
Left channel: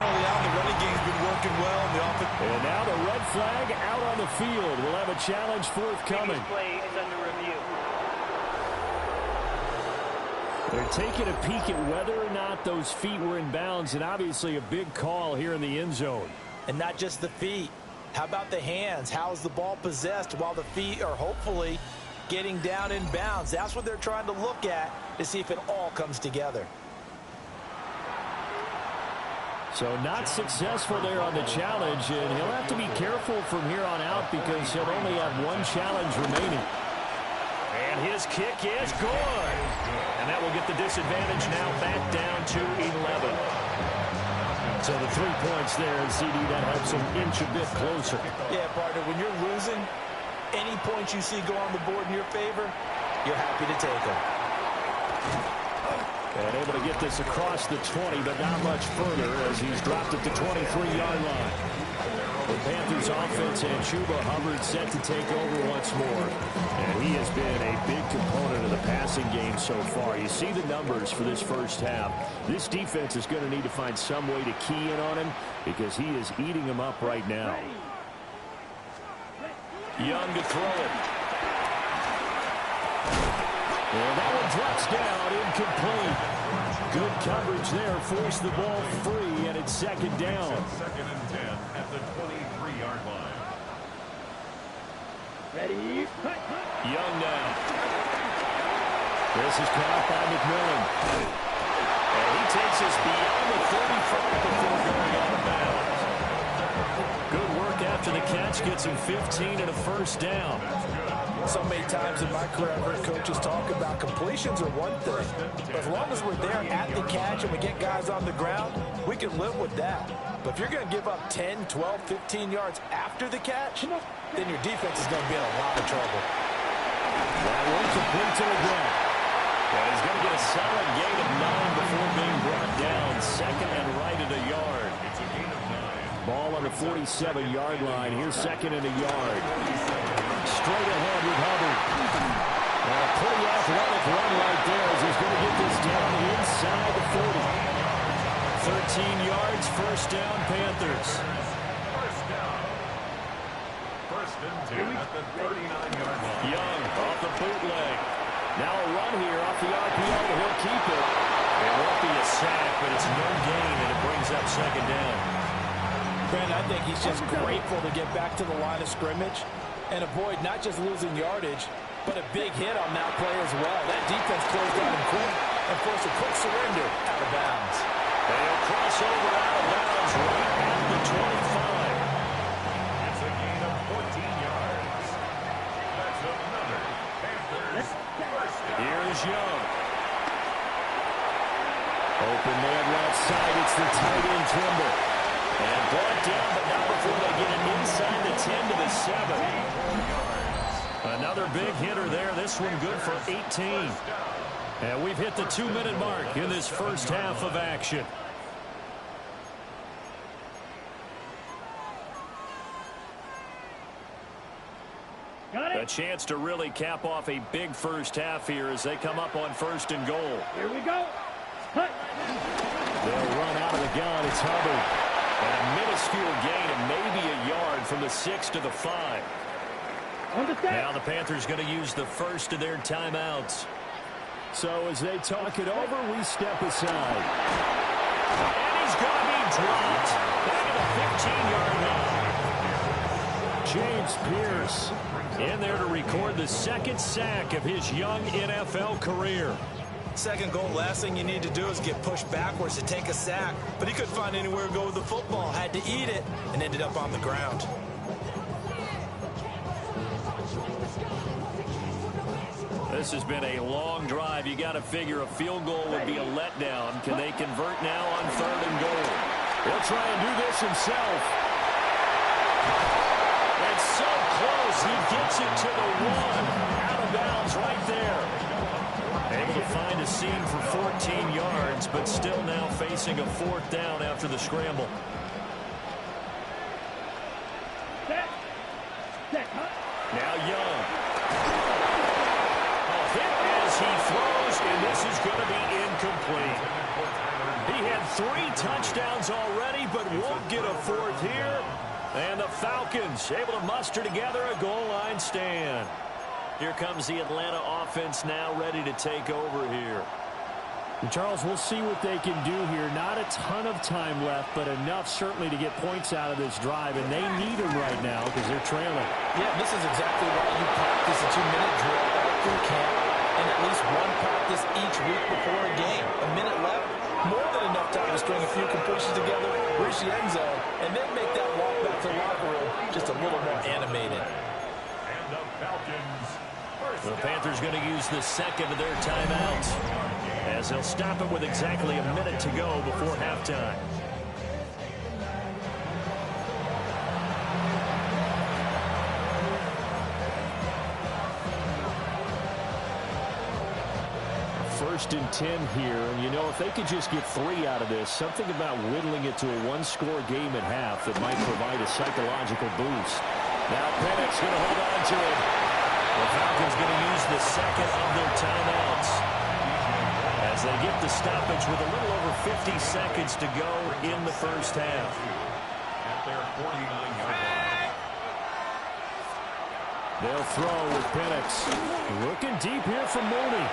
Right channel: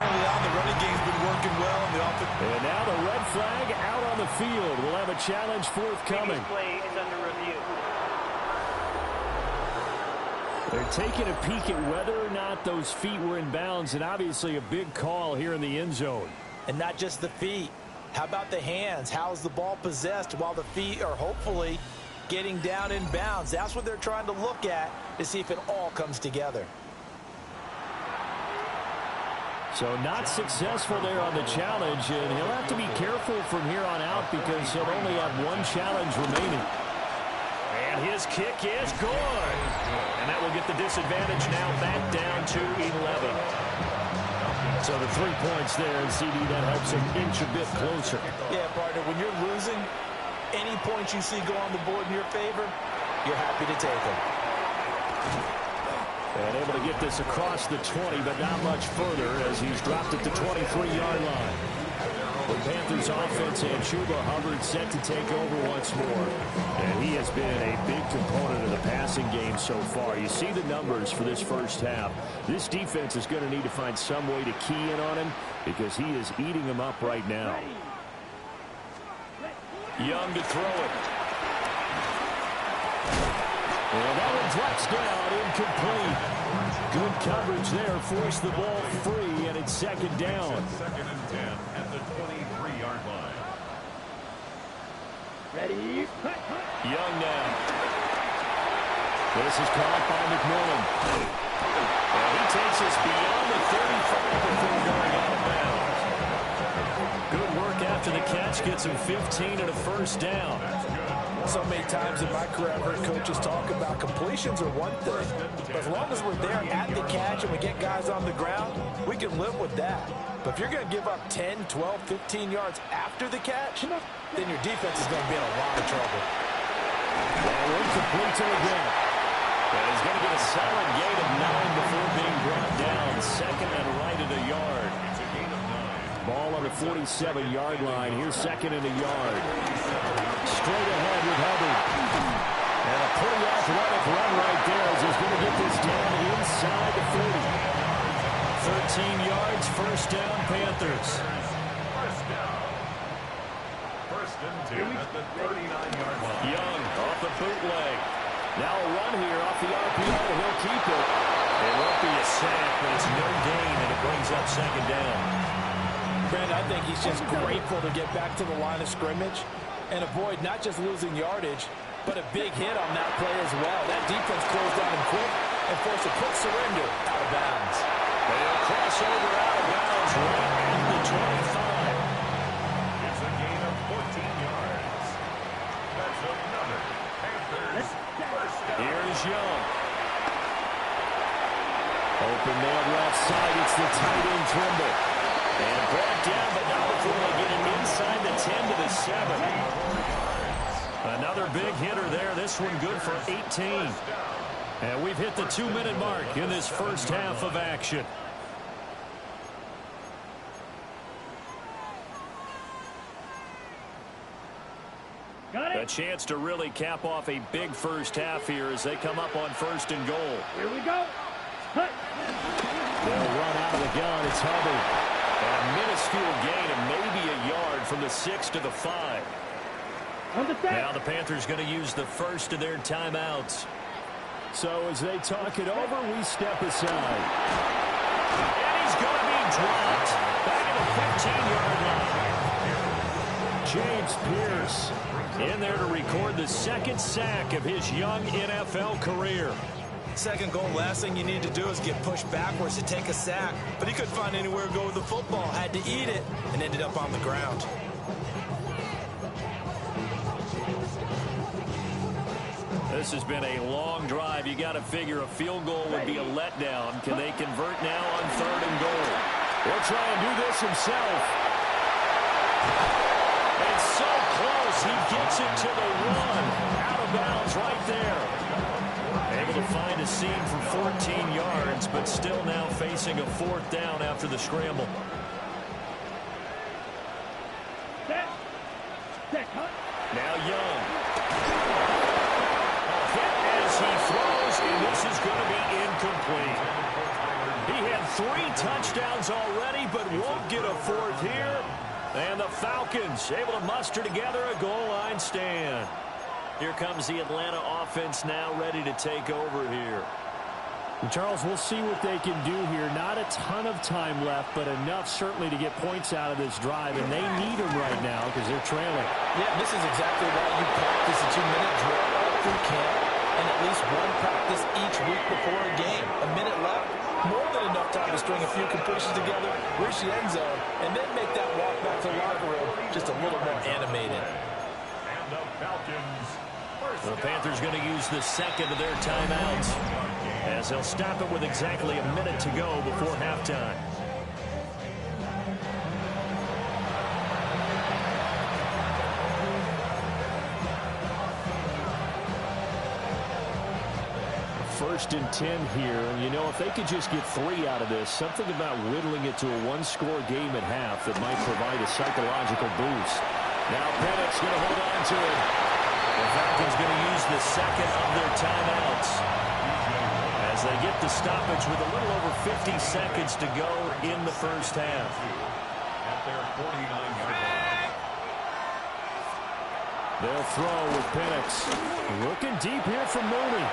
Early on, the running game's been working well in the offense. And now the red flag out on the field. We'll have a challenge forthcoming. Play is under review. They're taking a peek at whether or not those feet were in bounds, and obviously a big call here in the end zone. And not just the feet. How about the hands? How's the ball possessed while the feet are hopefully getting down in bounds? That's what they're trying to look at to see if it all comes together. So not successful there on the challenge, and he'll have to be careful from here on out because he'll only have 1 challenge remaining. And his kick is good. And that will get the disadvantage now back down to 11. So the 3 points there, and CD, that helps him inch a bit closer. Yeah, partner, when you're losing, any points you see go on the board in your favor, you're happy to take them. And able to get this across the 20, but not much further as he's dropped at the 23-yard line. The Panthers offense and Chuba Hubbard set to take over once more. And he has been a big component of the passing game so far. You see the numbers for this first half. This defense is going to need to find some way to key in on him because he is eating them up right now. Young to throw it. And that one drops down, incomplete. Good coverage there, forced the ball free, and it's 2nd down. 2nd and 10 at the 23-yard line. Ready? Young now. This is caught by McMillan. And he takes us beyond the 35 before going out of bounds. Good work after the catch, gets him 15 and a first down. So many times in my career I've heard coaches talk about completions are one thing. But as long as we're there at the catch and we get guys on the ground, we can live with that. But if you're going to give up 10, 12, 15 yards after the catch, then your defense is going to be in a lot of trouble. That one complete to again. And he's going to get a solid gain of 9 before being brought down. 2nd and right at a yard. It's a gain of 9. Ball on the 47-yard line. Here's 2nd and a yard. Straight ahead with Hubbard. And a pretty athletic run right there as he's going to get this down inside the 40. 13 yards, first down, Panthers. First down. 1st and 10 at the 39-yard line. Young off the bootleg. Now a run here off the RPO. He'll keep it. It won't be a sack, but it's no gain, and it brings up 2nd down. Brandon, I think he's just grateful to get back to the line of scrimmage and avoid not just losing yardage, but a big hit on that play as well. That defense closed down him quick and forced a quick surrender out of bounds. They'll cross over out of bounds right at the 25. It's a gain of 14 yards. That's another Panthers first down. Here's Young. Open man left side. It's the tight end Trimble. And brought down, but not before they get it inside the 10 to the 7. Another big hitter there. This one good for 18. And we've hit the 2-minute mark in this first half of action. Got it. A chance to really cap off a big first half here as they come up on 1st and goal. Here we go. Hut. They'll run out of the gun. It's Hubbard. And a minuscule gain of maybe a yard from the 6 to the 5. Now the Panthers going to use the first of their timeouts. So as they talk it over, we step aside. And he's going to be dropped back at the 15-yard line. James Pierce in there to record the second sack of his young NFL career. Second goal, last thing you need to do is get pushed backwards to take a sack. But he couldn't find anywhere to go with the football, had to eat it, and ended up on the ground. This has been a long drive. You got to figure a field goal would be a letdown. Can they convert now on 3rd and goal? He'll try and do this himself. It's so close. He gets it to the 1. Out of bounds right there. Able to find a seam for 14 yards, but still now facing a 4th down after the scramble. Now Young. Hit as he throws, and this is going to be incomplete. He had 3 touchdowns already, but won't get a 4th here. And the Falcons able to muster together a goal line stand. Here comes the Atlanta offense now ready to take over here. And Charles, we'll see what they can do here. Not a ton of time left, but enough certainly to get points out of this drive, and they need them right now because they're trailing. Yeah, this is exactly why you practice a 2-minute drill all through camp and at least one practice each week before a game. A minute left, more than enough time to string a few completions together, reach the end zone, and then make that walk back to the locker room just a little more animated. And the Falcons. The Panthers going to use the second of their timeouts as they'll stop it with exactly a minute to go before halftime. First and 10 here, and you know, if they could just get 3 out of this, something about whittling it to a 1-score game at half that might provide a psychological boost. Now Penix going to hold on to it. The Falcons going to use the second of their timeouts as they get the stoppage with a little over 50 seconds to go in the first half. At their 49-yard line. They'll throw with Penix. Looking deep here from Mooney.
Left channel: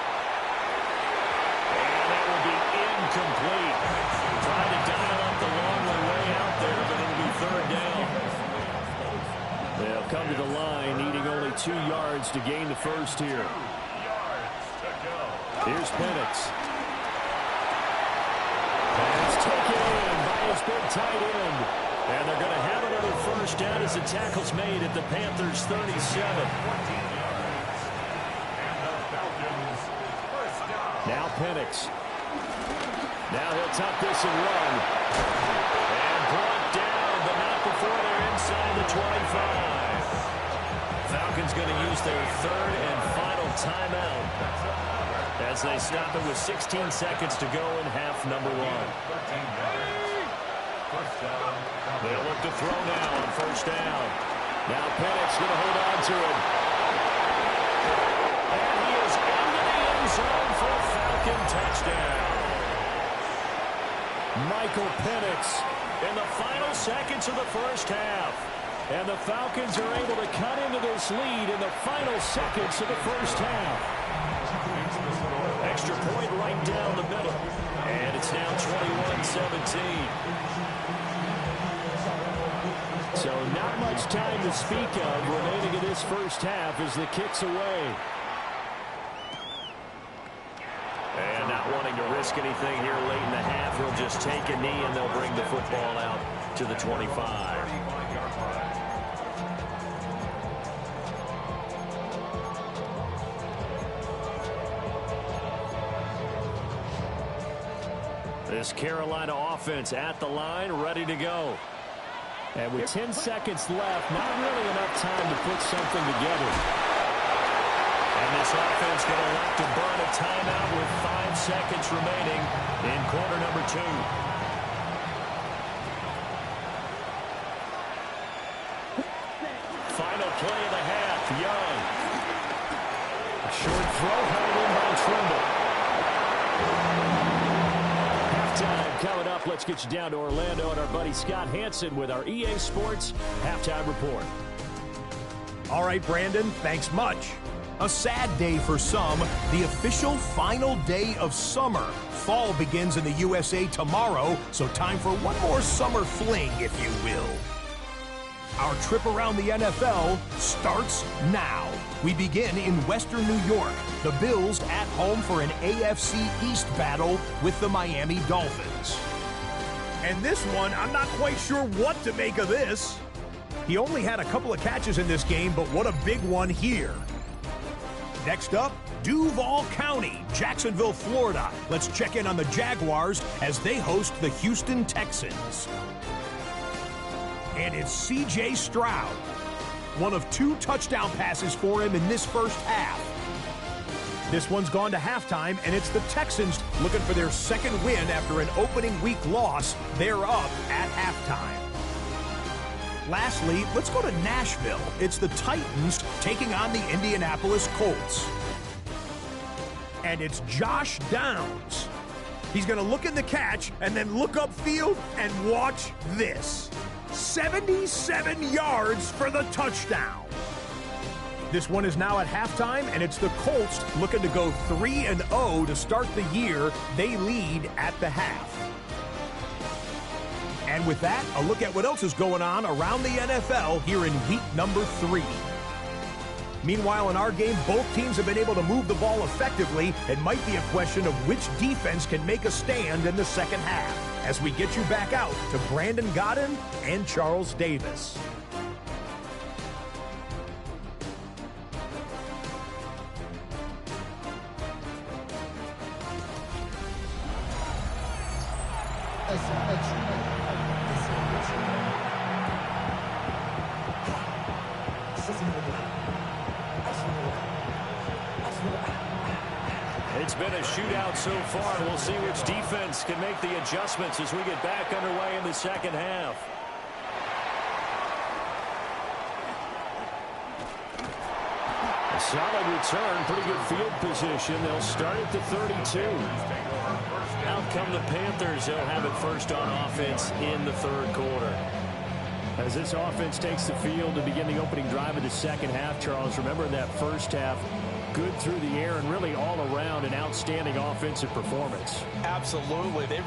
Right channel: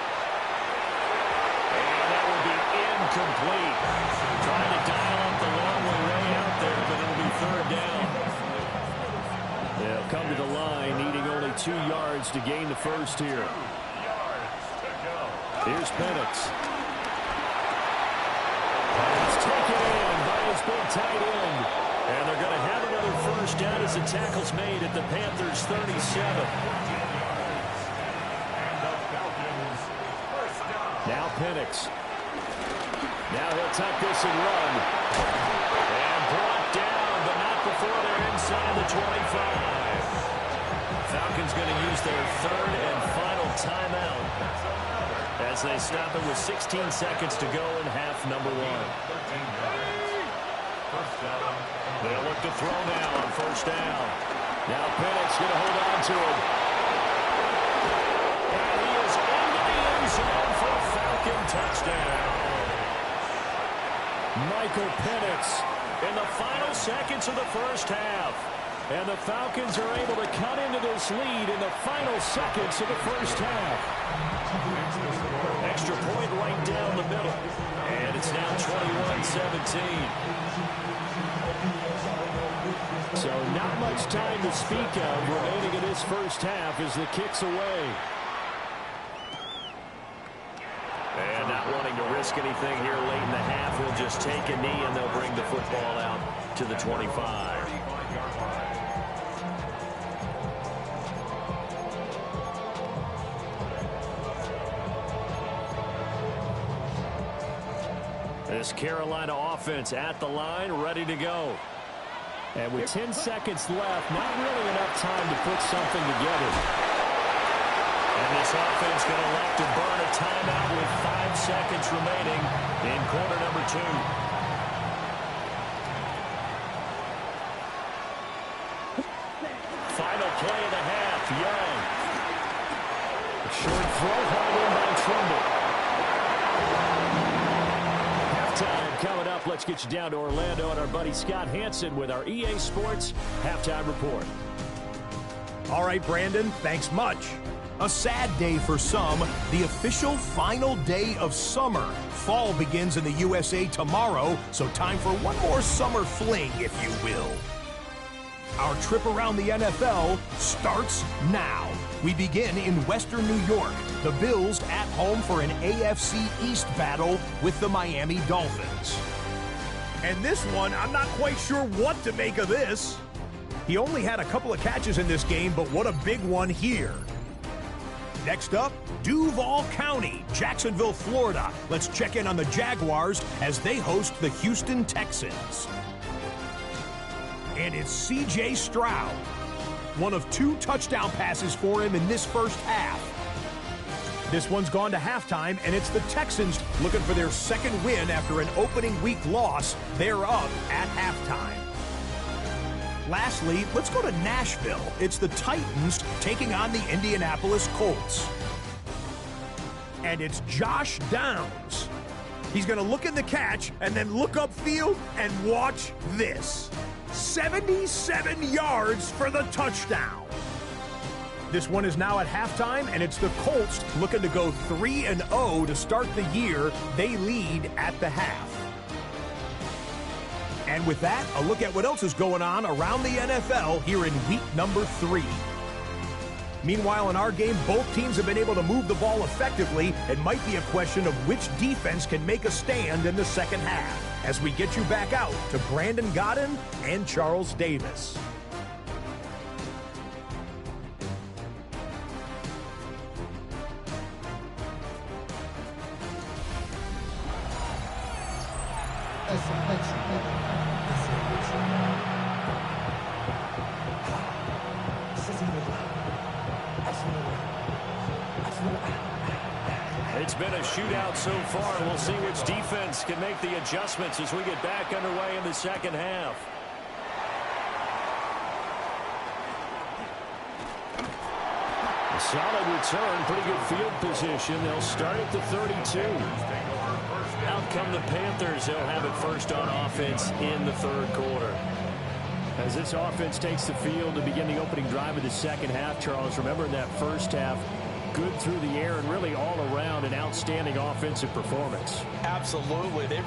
And that will be incomplete. Trying to dial up the long way out there, but it'll be 3rd down. They'll come to the line, needing only 2 yards to gain the first here. Here's Penix. Pass taken in by his big tight end. And they're going to have another first down as the tackle's made at the Panthers' 37. Now Penix. Now he'll tuck this and run. And brought down, but not before they're inside the 25. Falcons going to use their 3rd and final timeout as they stop it with 16 seconds to go in half number 1. They'll look to throw now on first down. Now Penix going to hold on to it. And he is into the end zone for a Falcon touchdown. Michael Penix in the final seconds of the first half. And the Falcons are able to cut into this lead in the final seconds of the first half. Extra point right down the middle. And it's now 21-17. So not much time to speak of remaining in this first half as the kick's away. And not wanting to risk anything here late in the half, he'll just take a knee and they'll bring the football out to the 25. This Carolina offense at the line, ready to go. And with 10 seconds left, not really enough time to put something together. And this offense going to elect to burn a timeout with 5 seconds remaining in quarter number 2. Final play of the half, Young. A short throw held in by Trimble. Halftime coming up. Let's get you down to Orlando and our buddy Scott Hansen with our EA Sports Halftime Report. All right, Brandon, thanks much. A sad day for some, the official final day of summer. Fall begins in the USA tomorrow, so time for one more summer fling, if you will. Our trip around the NFL starts now. We begin in Western New York. The Bills at home for an AFC East battle with the Miami Dolphins. And this one, I'm not quite sure what to make of this. He only had a couple of catches in this game, but what a big one here. Next up, Duval County, Jacksonville, Florida. Let's check in on the Jaguars as they host the Houston Texans. And it's C.J. Stroud. One of 2 touchdown passes for him in this first half. This one's gone to halftime, and it's the Texans looking for their second win after an opening week loss. They're up at halftime. Lastly, let's go to Nashville. It's the Titans taking on the Indianapolis Colts. And it's Josh Downs. He's going to look in the catch and then look upfield and watch this. 77 yards for the touchdown. This one is now at halftime, and it's the Colts looking to go 3-0 to start the year. They lead at the half. And with that, a look at what else is going on around the NFL here in week number 3. Meanwhile, in our game, both teams have been able to move the ball effectively. It might be a question of which defense can make a stand in the second half. As we get you back out to Brandon Godden and Charles Davis. It's been a shootout so far. We'll see which defense can make the adjustments as we get back underway in the second half. A solid return, pretty good field position. They'll start at the 32. Out come the Panthers. They'll have it first on offense in the third quarter. As this offense takes the field to begin the opening drive of the second half, Charles, remember in that first half, good through the air and really all around an outstanding offensive performance. Absolutely. They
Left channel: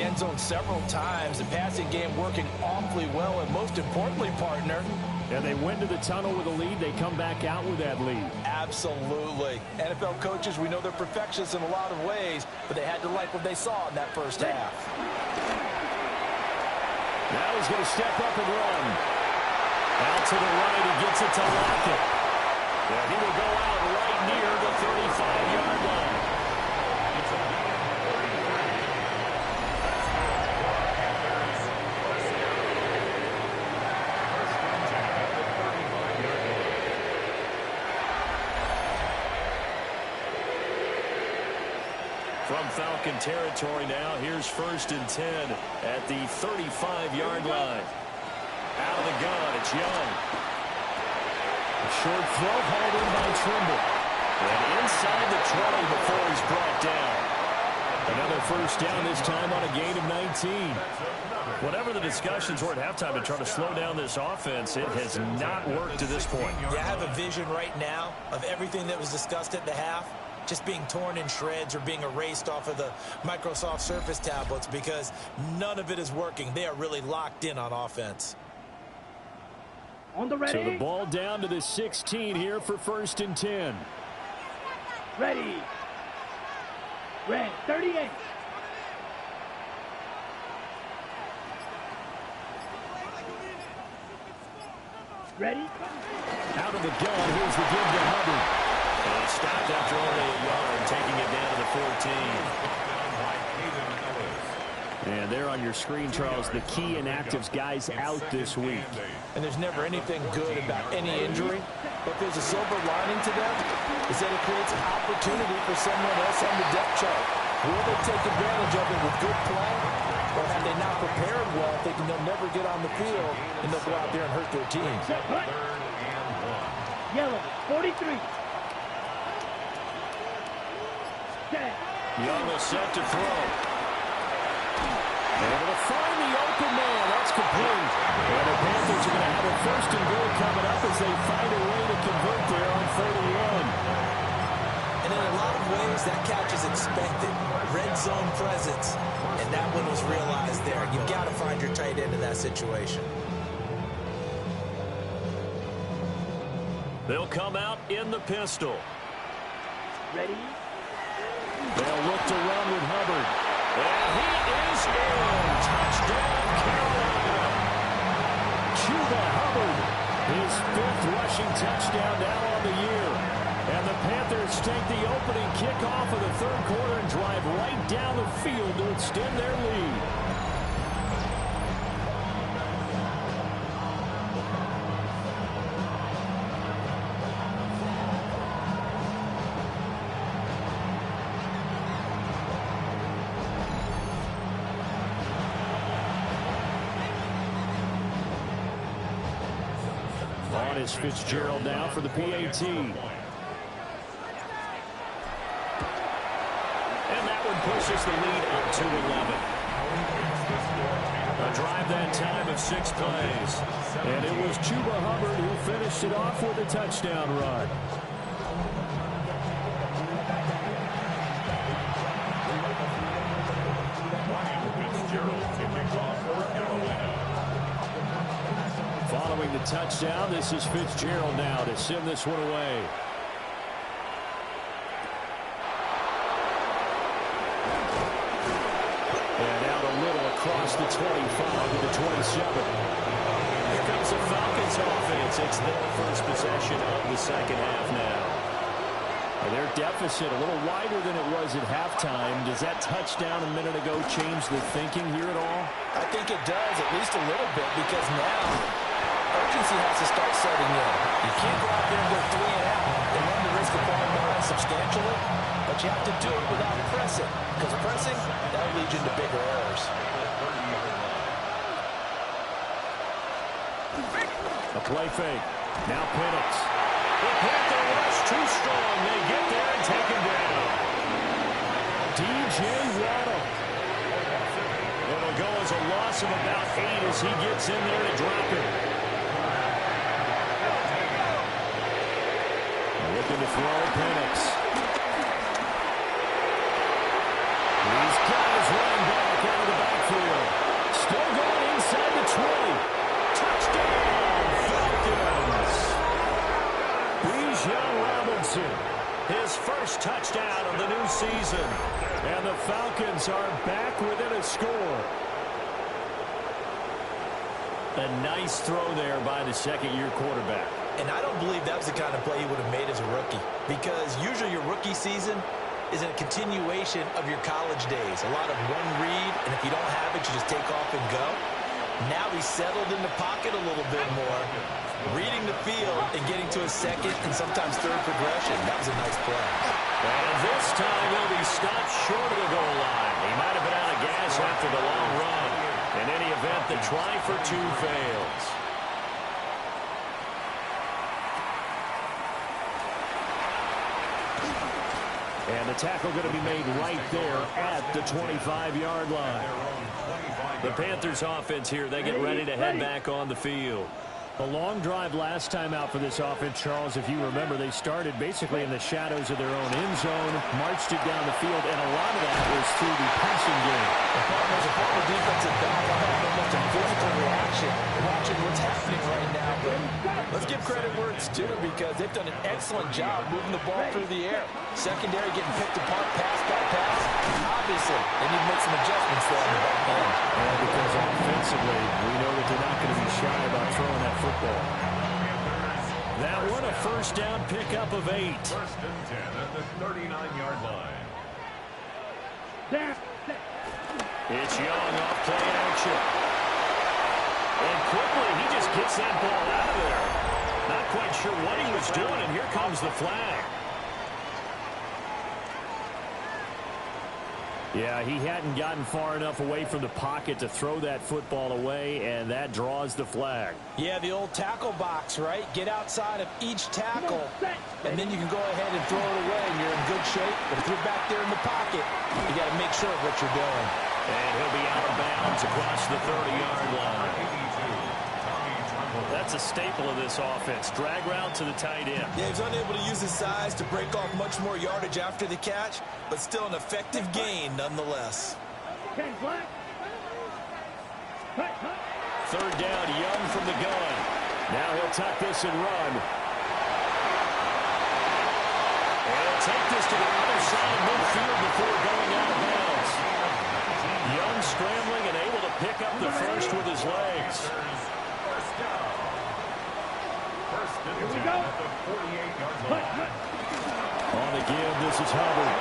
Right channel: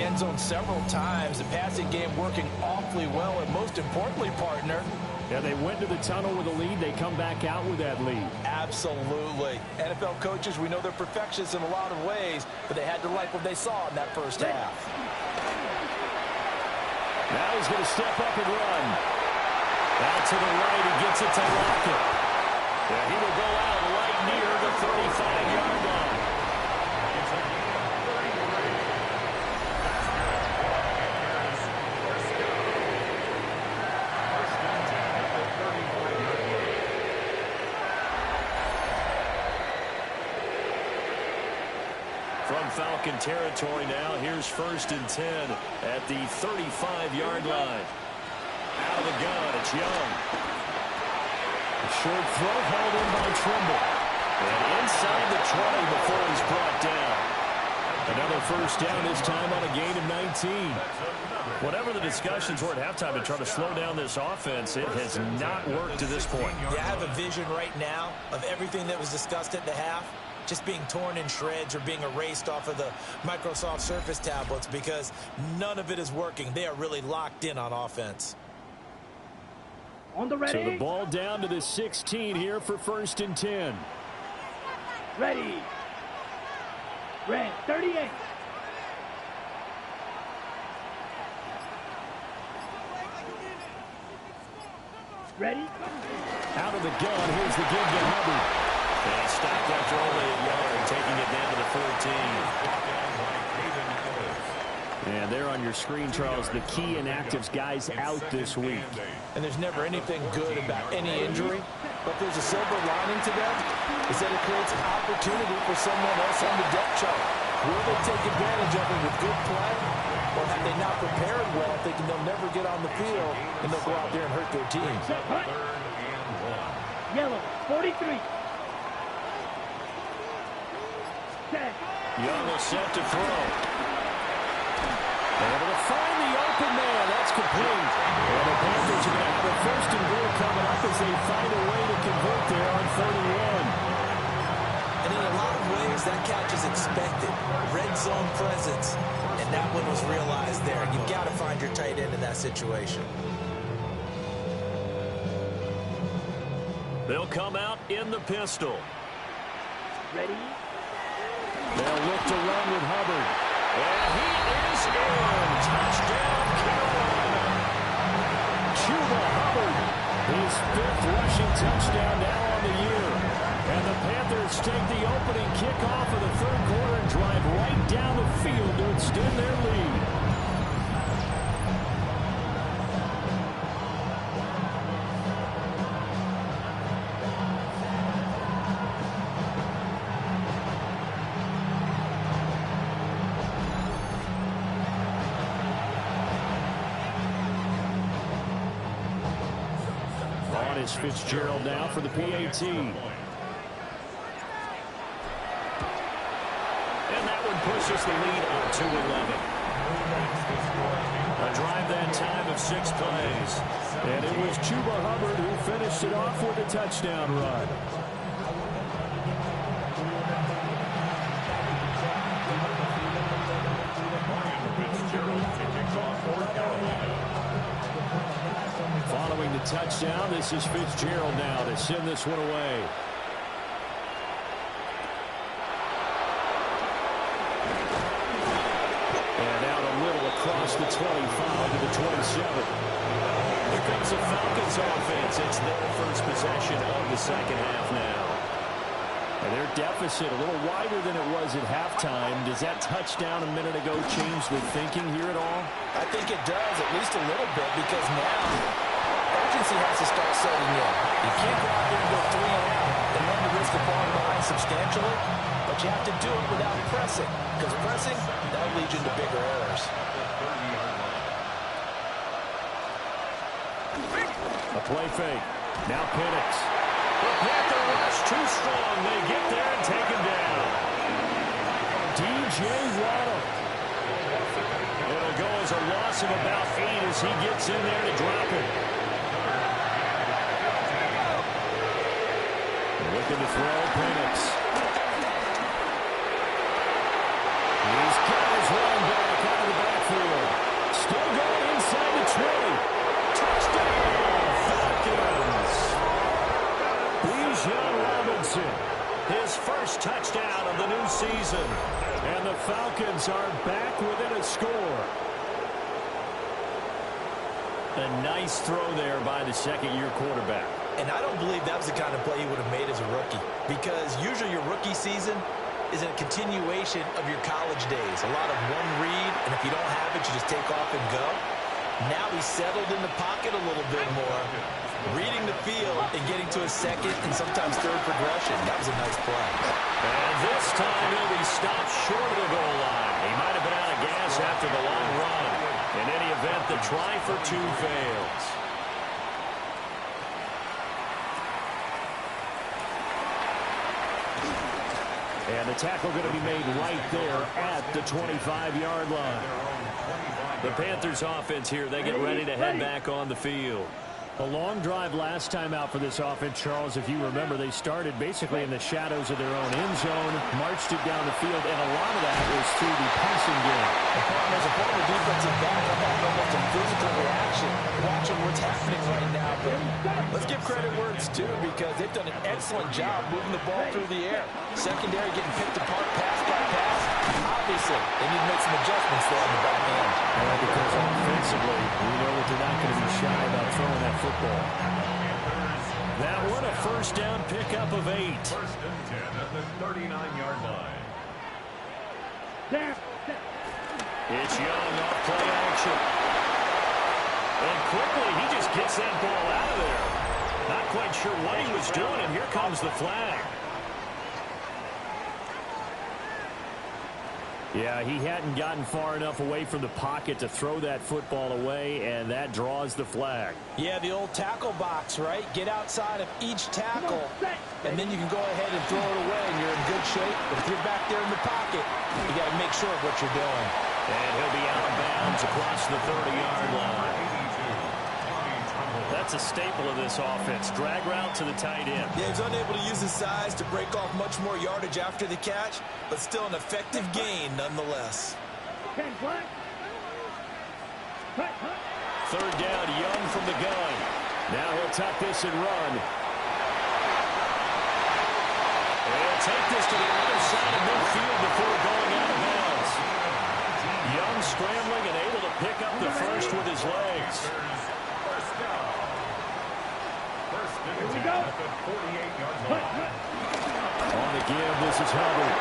the end zone several times. The passing game working awfully well, and most importantly, partner. Yeah, they went to the tunnel with a lead. They come back out with that lead. Absolutely. NFL coaches, we know they're perfectionists in a lot of ways, but they had to like what they saw in that first half. Now he's going to step up and run. Out to the right, he gets it to Lockett. Yeah, he will go out right near the 35-yard line. It's a gain of 33. That's good for the Panthers. First down. First and 10 at the 35-yard line. From Falcon territory now, here's first and 10 at the 35-yard line. Out of the gun, it's Young. A short throw hauled in by Trimble. And inside the 20 before he's brought down. Another first down, this time on a gain of 19. Whatever the discussions were at halftime to try to slow down this offense, it has not worked to this point. Yeah, I have a vision right now of everything that was discussed at the half just being torn in shreds or being erased off of the Microsoft Surface tablets because none of it is working. They are really locked in on offense. On the ready. So the ball down to the 16 here for first and 10. Ready. Red 38. Ready. Out of the gun, here's the give to Hubbard. And he stopped after only a yard, taking it down to the 14. And there on your screen, Charles, the key inactives guys out this week. And there's never anything good about any injury, but there's a silver lining to them, is that it creates an opportunity for someone else on the depth chart. Will they take advantage of it with good play, or have they not prepared well, thinking they'll never get on the field, and they'll go out there and hurt their team? Yellow 43. Young will set to throw. Able to find the open man. That's complete. And the Panthers are going to have a first and goal coming up as they find a way to convert there on 31. And in a lot of ways, that catch is expected. Red zone presence. And that one was realized there. You've got to find your tight end in that situation. They'll come out in the pistol. Ready. They'll look to run with Hubbard. And he is in. Touchdown, Carolina. Chuba Hubbard, his 5th rushing touchdown now on the year. And the Panthers take the opening kickoff of the 3rd quarter and drive right down the field to extend their lead. On is Fitzgerald now for the PAT. And that one pushes the lead up to 11. A drive that time of 6 plays. And it was Chuba Hubbard who finished it off with a touchdown run. Fitzgerald to kick off for Carolina. Following the touchdown, this is Fitzgerald now to send this one away. And out a little across the 25 to the 27. Here comes the Falcons offense. It's their first possession of the second half now. And their deficit a little wider than it was at halftime. Does that touchdown a minute ago change the thinking here at all? I think it does, at least a little bit, because now urgency has to start setting in. You can't go out there and go 3 and out and run the risk of falling behind substantially, but you have to do it without pressing, because pressing, that'll lead you into bigger errors. A play fake. Now Penix. The Panther rush too strong. They get there and take him down. DJ Waddle. It'll go as a loss of about 8 as he gets in there to drop it. Looking to throw Penix. These guys running back out of the backfield. Still going inside the 20. Touchdown, Falcons. Bijan Robinson, his first touchdown of the new season. And the Falcons are back within a score. A nice throw there by the second-year quarterback. And I don't believe that was the kind of play he would have made as a rookie, because usually your rookie season is a continuation of your college days. A lot of one read, and if you don't have it, you just take off and go. Now he's settled in the pocket a little bit more, reading the field and getting to a second and sometimes third progression. That was a nice play. And this time he'll be stopped short of the goal line. He might have been out of gas after the long run. In any event, the try for two fails. And the tackle going to be made right there at the 25-yard line. The Panthers offense here, they get ready to head back on the field. A long drive last time out for this offense, Charles. If you remember, they started basically in the shadows of their own end zone, marched it down the field, and a lot of that was through the passing game. As a former defensive back, I'm having almost a physical reaction watching what's happening right now. But let's give credit where it's due, because they've done an excellent job moving the ball through the air. Secondary getting picked apart pass by pass. Obviously, they need to make some adjustments there on the back end. And because offensively, we know that they're not going to be shy about throwing that football. That one a first down pickup of 8. First and 10 at the 39-yard line. It's Young off play action. And quickly, he just gets that ball out of there. Not quite sure what he was doing, and here comes the flag. Yeah, he hadn't gotten far enough away from the pocket to throw that football away, and that draws the flag. Yeah, the old tackle box, right? Get outside of each tackle, and then you can go ahead and throw it away, and you're in good shape. But if you're back there in the pocket, you got to make sure of what you're doing. And he'll be out of bounds across the 30-yard line. That's a staple of this offense. Drag route to the tight end. Yeah, he's unable to use his size to break off much more yardage after the catch, but still an effective gain nonetheless. Third down, Young from the gun. Now he'll tuck this and run. And he'll take this to the other side of midfield before going out of bounds. Young scrambling and able to pick up the first with his legs. First down. First and 10 at the 48-yard line. On the give, this is Hubbard.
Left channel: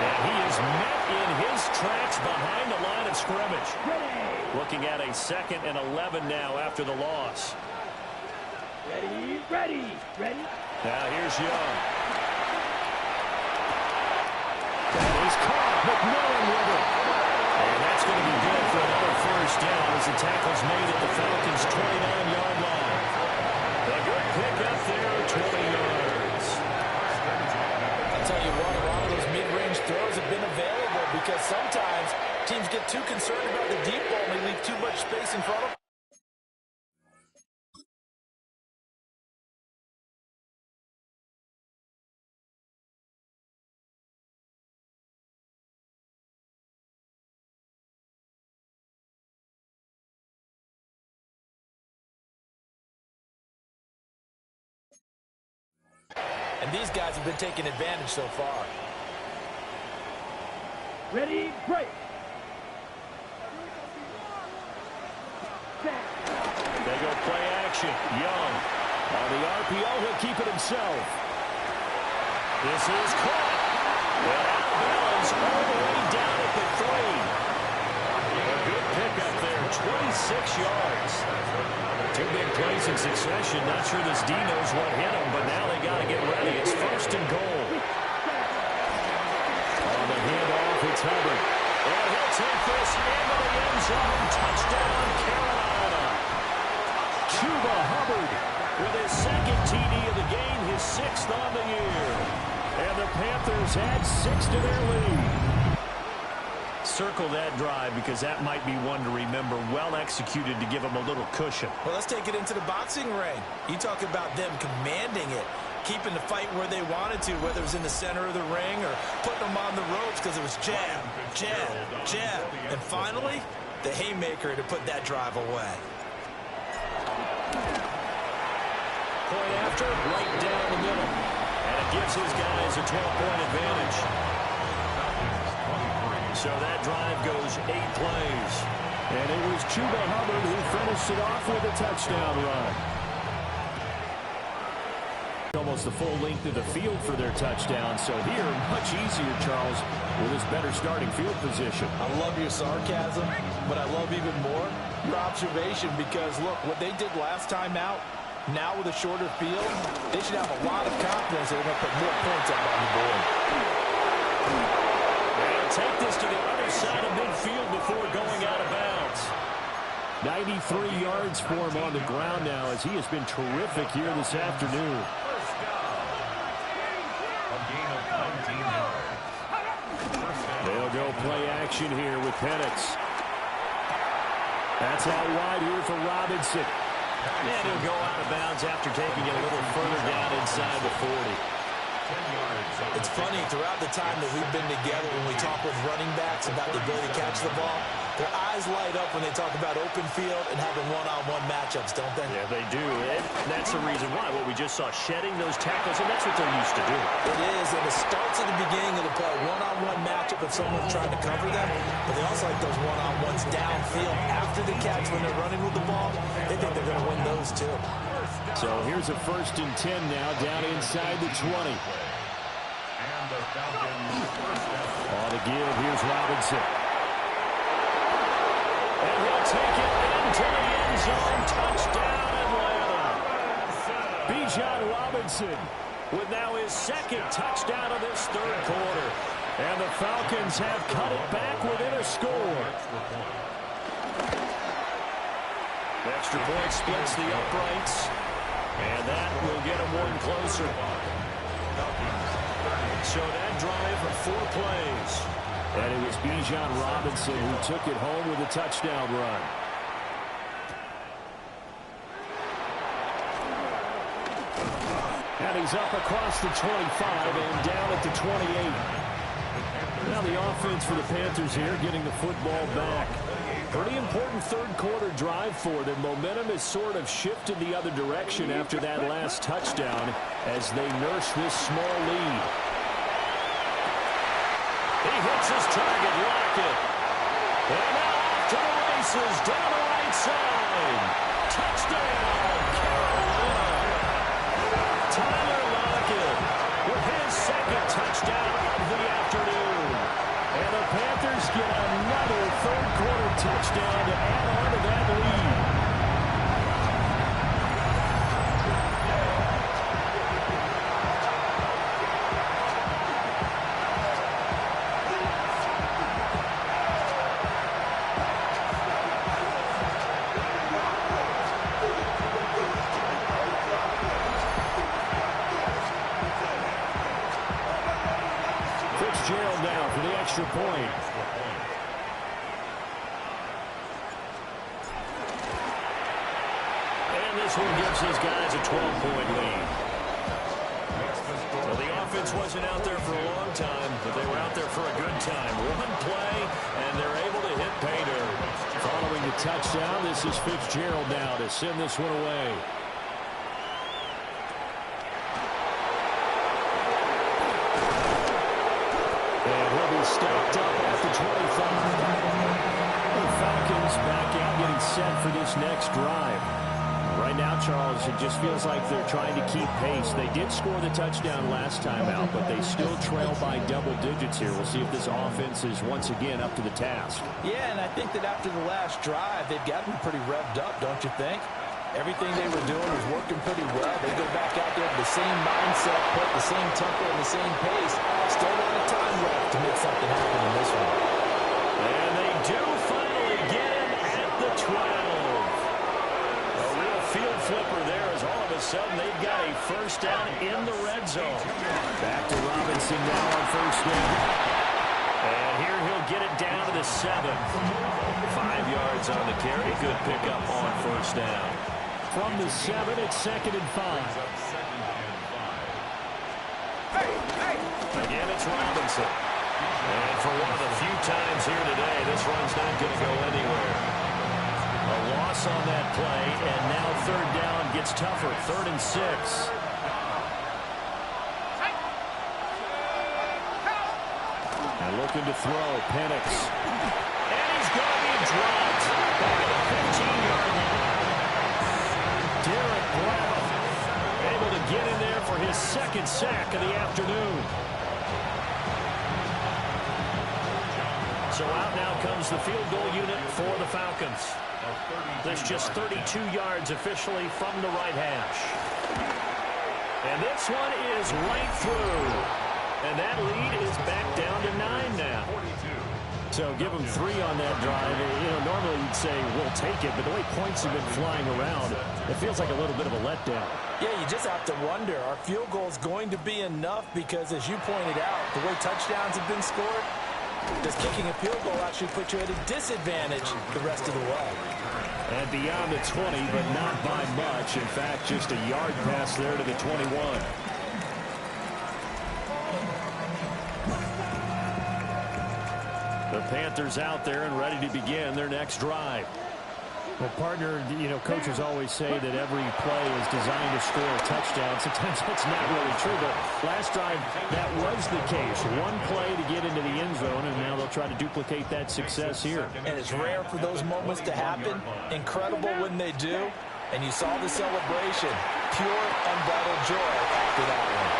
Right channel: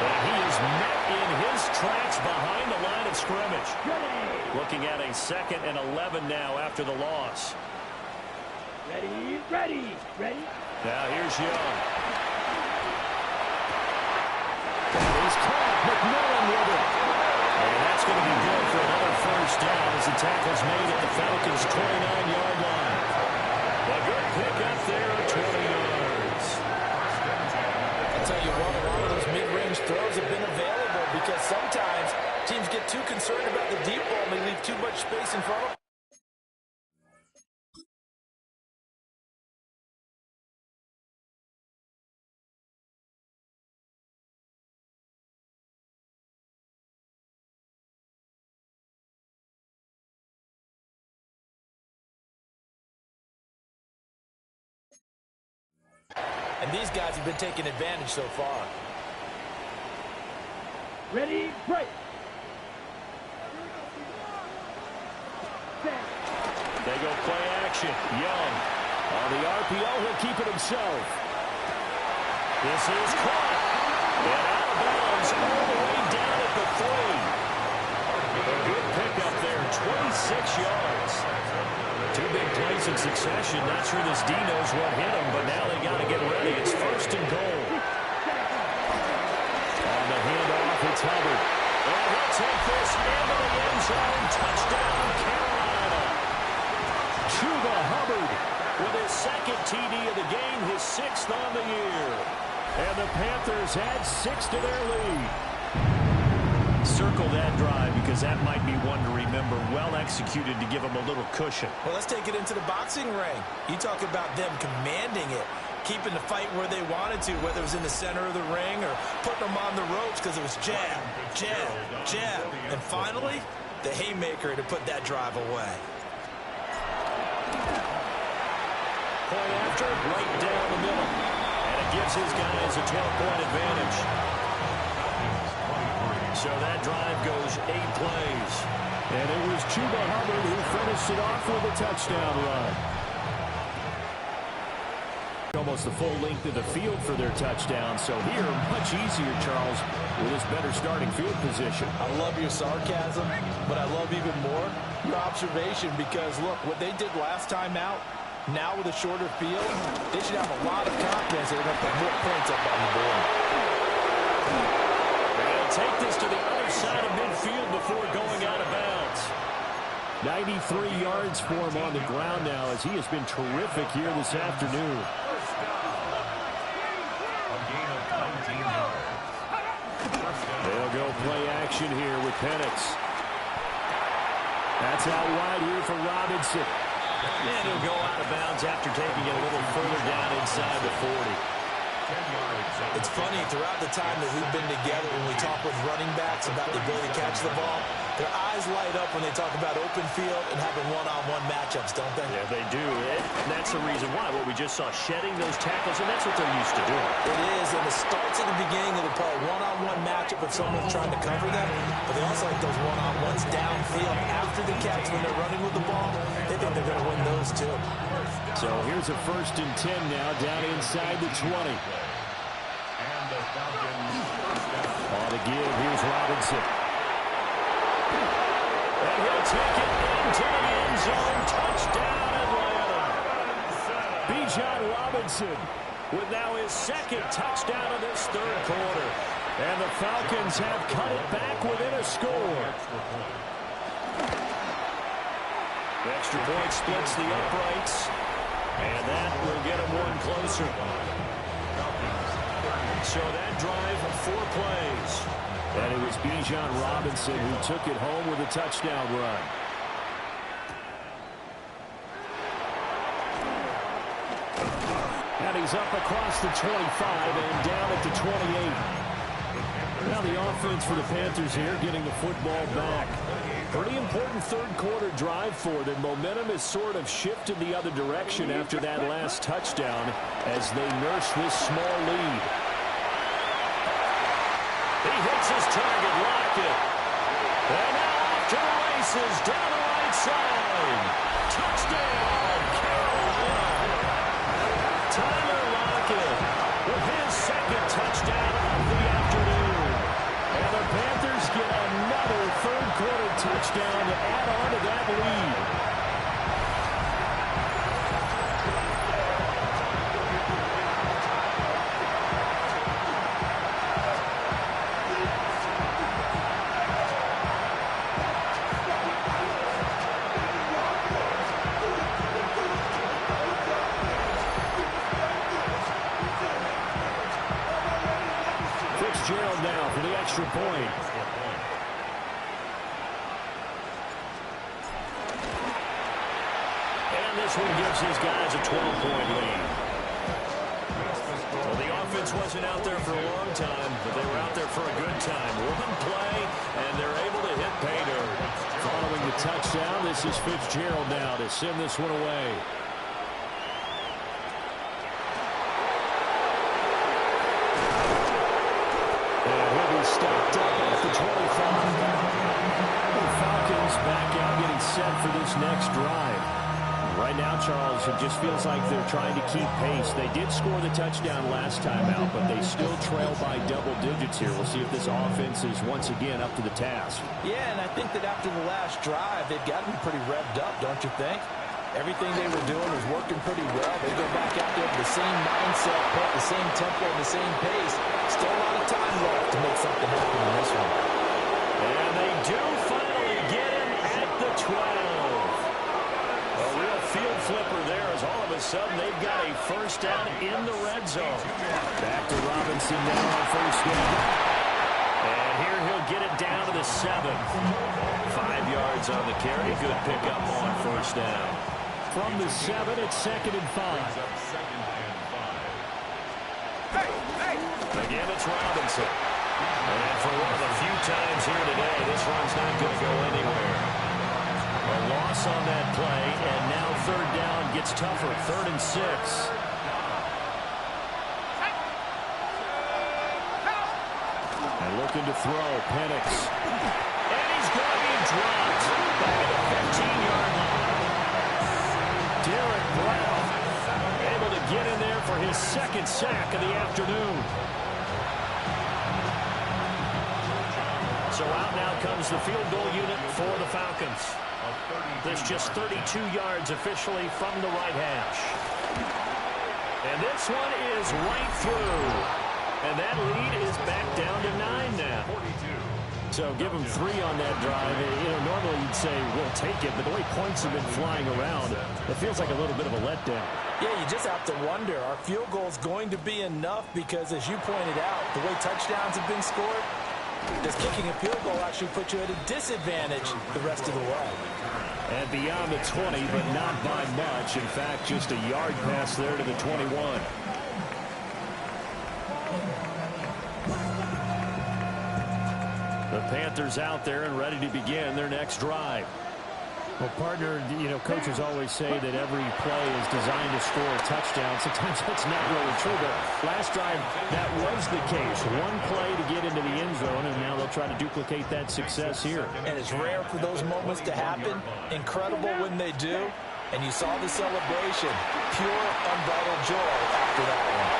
And he is met in his tracks behind the line of scrimmage. Looking at a 2nd and 11 now after the loss. Ready. Now here's Young. That is caught. McMillan with it. And that's going to be good for another first down as the tackle's made at the Falcons' 29-yard line. A good pickup there at 20 yards. I'll tell you what, a lot of those mid-range throws have been available, because sometimes teams get too concerned about the deep ball and they leave too much space in front of them. And these guys have been taking advantage so far. Ready, break. They go play action. Young on the RPO. He'll keep it himself. This is caught. And out of bounds all the way down at the 3. A good pickup there. 26 yards. 2 big plays in succession. Not sure this D knows what hit him, but now they got to get ready. It's first and goal. On the handoff, it's Hubbard. And he'll take this into the end zone. Touchdown, Carolina. Chuba Hubbard with his 2nd TD of the game, his 6th on the year. And the Panthers add 6 to their lead. Circle that drive, because that might be one to remember. Well executed to give them a little cushion. Well, let's take it into the boxing ring. You talk about them commanding it. keeping the fight where they wanted to, whether it was in the center of the ring or putting them on the ropes because it was jab, jab, jab. And finally, the haymaker to put that drive away. Point after, right down the middle. And it gives his guys a 12-point advantage. So that drive goes 8 plays. And it was Chuba Hubbard who finished it off with a touchdown run. Almost the full length of the field for their touchdown. So here, much easier, Charles, with his better starting field position. I love your sarcasm, but I love even more your observation because, look, what they did last time out, now with a shorter field, they should have a lot of confidence that they're going to put more points up on the board. They'll take this to the other side of midfield before going out of bounds. 93 yards for him on the ground now as he has been terrific here this afternoon. First down. A gain of 19 yards. First down. They'll go play action here with Penix. That's out wide here for Robinson. And he'll go out of bounds after taking it a little further down inside the 40. 10 yards. It's funny, throughout the time that we've been together, when we talk with running backs about the ability to catch the ball, their eyes light up when they talk about open field and having one-on-one matchups, don't they? Yeah, they do. And that's the reason why. What we just saw, shedding those tackles, and that's what they're used to doing. It is, and it starts at the beginning of the play. One-on-one matchup if someone's trying to cover them, but they also like those one-on-ones downfield after the catch when they're running with the ball. They think they're going to win those, too. So here's a 1st and 10 now down inside the 20. And the Falcons first down. On the give, here's Robinson. And he'll take it into the end zone. Touchdown, Atlanta. Bijan Robinson With now his 2nd touchdown of this 3rd quarter. and the Falcons have cut it back within a score. The extra point splits the uprights. And that will get him one closer. So that drive, 4 plays. And it was Bijan Robinson who took it home with a touchdown run. And he's up across the 25 and down at the 28. Now the offense for the Panthers here getting the football back. Pretty important 3rd quarter drive for them. Momentum has sort of shifted the other direction after that last touchdown as they nurse this small lead. He hits his target, Lockett. And now off to the races, down the right side. Touchdown, Carolina. Tyler Lockett with his 2nd touchdown of the afternoon. And the Panthers get another 3rd quarter touchdown to add on to that lead. Fitzgerald now for the extra point. And this one gives his guys a 12-point lead. Well, the offense wasn't out there for a long time, but they were out there for a good time. One play, and they're able to hit pay dirt. Following the touchdown, this is Fitzgerald now to send this one away. And he'll be stopped up at the 25. The Falcons back out getting set for this next drive. Right now, Charles, it just feels like they're trying to keep pace. They did score the touchdown last time out, but they still trail by double digits here. We'll see if this offense is once again up to the task. Yeah, and I think that after the last drive, they've got to be pretty revved up, don't you think? Everything they were doing was working pretty well. They go back out there with the same mindset, put the same tempo and the same pace. Still a lot of time left to make something happen in this one. And they do finally get him at the 12. A real field flipper there as all of a sudden they've got a first down in the red zone. Back to Robinson now on first down. And here he'll get it down to the 7. 5 yards on the carry. Good pickup on first down. From the 7, it's 2nd and 5. Second and 5. Again, it's Robinson. And for one of the few times here today, this run's not going to go anywhere. A loss on that play, and now third down gets tougher. 3rd and 6. And looking to throw, Penix. And he's going to be dropped back at the 15-yard line. Derek Brown able to get in there for his 2nd sack of the afternoon. So out now comes the field goal unit for the Falcons. There's just 32 yards officially from the right hash. And this one is right through. And that lead is back down to 9 now. So give them 3 on that drive. You know, normally you'd say, we'll take it, but the way points have been flying around, it feels like a little bit of a letdown. Yeah, you just have to wonder, are field goals going to be enough? Because as you pointed out, the way touchdowns have been scored, does kicking a field goal actually put you at a disadvantage the rest of the way? And beyond the 20, but not by much. In fact, just a yard pass there to the 21. The Panthers out there and ready to begin their next drive. Well, partner, you know, coaches always say that every play is designed to score a touchdown. Sometimes that's not really true, but last drive, that was the case. One play to get into the end zone, and now they'll try to duplicate that success here. And it's rare for those moments to happen. Incredible when they do. And you saw the celebration. Pure, unbridled joy after that one.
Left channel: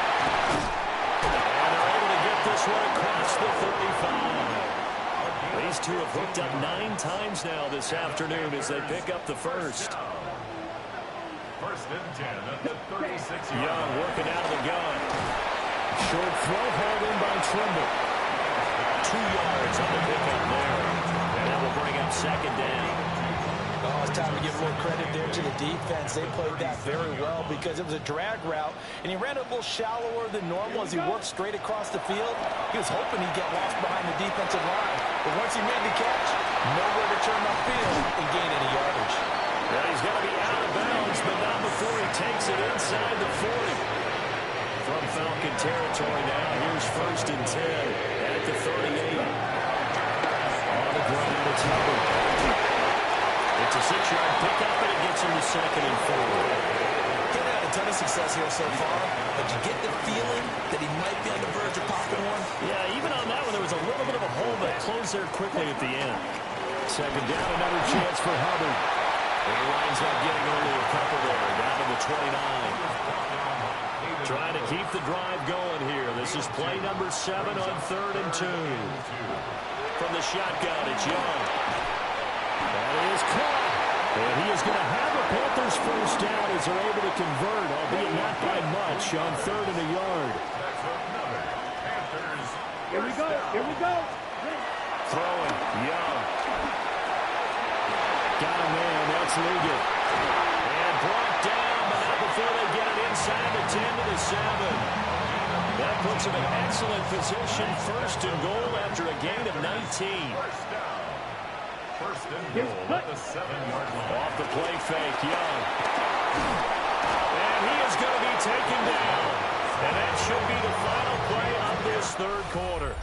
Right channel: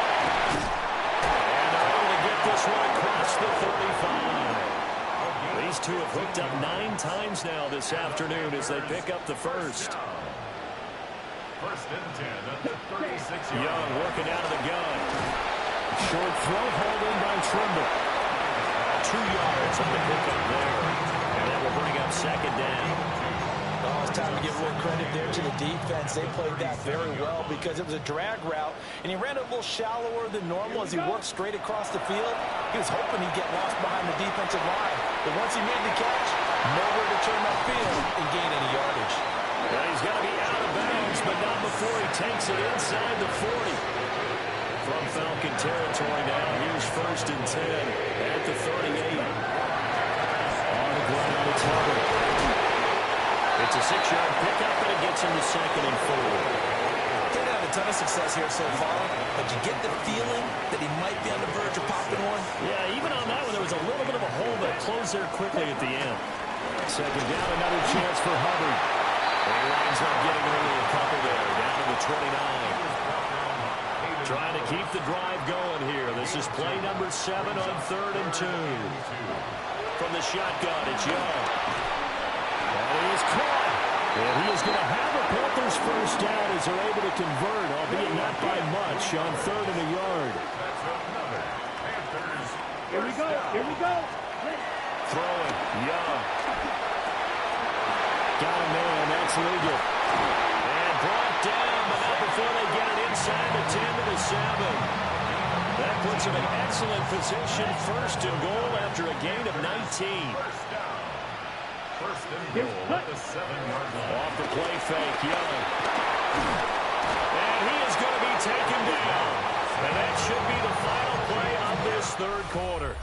And they're able to get this one across the 35. These two have hooked up 9 times now this afternoon as they pick up the first. 1st and 10 at the 36-yard. Young working out of the gun. Short throw hauled in by Trimble. 2 yards on the pickup there. And that will bring up 2nd down. Oh, it's time to give a little credit there to the defense. They played that very well because it was a drag route, and he ran a little shallower than normal as he worked straight across the field. He was hoping he'd get lost behind the defensive line, but once he made the catch, nowhere to turn upfield and gain any yardage. Yeah, he's got to be out of bounds, but not before he takes it inside the 40. From Falcon territory now, here's 1st and 10 at the 38. On the ground, it's Hubbard. It's a 6-yard pickup, and it gets him to 2nd and 4. He's had a ton of success here so far, but you get the feeling that he might be on the verge of popping one. Yeah, even on that one, there was a little bit of a hole that closed there quickly at the end. 2nd down, another chance for Hubbard. And he winds up getting only a couple there, down to the 29. Trying to keep the drive going here. This is play number 7 on 3rd and 2. From the shotgun, it's Young. That is caught. And he is going to have a Panthers first down as they're able to convert, albeit not by much, on 3rd and a yard. That's another Panthers. Here we go. Here we go. Throwing, Young. Got a man, that's Liggett. And brought down, but not before they get it inside the 10 to the 7. That puts him in excellent position, 1st and goal after a gain of 19. 1st and goal at the 7-yard line. Off the play fake, Young. And he is going to be taken down. And that should be the final play of this 3rd quarter.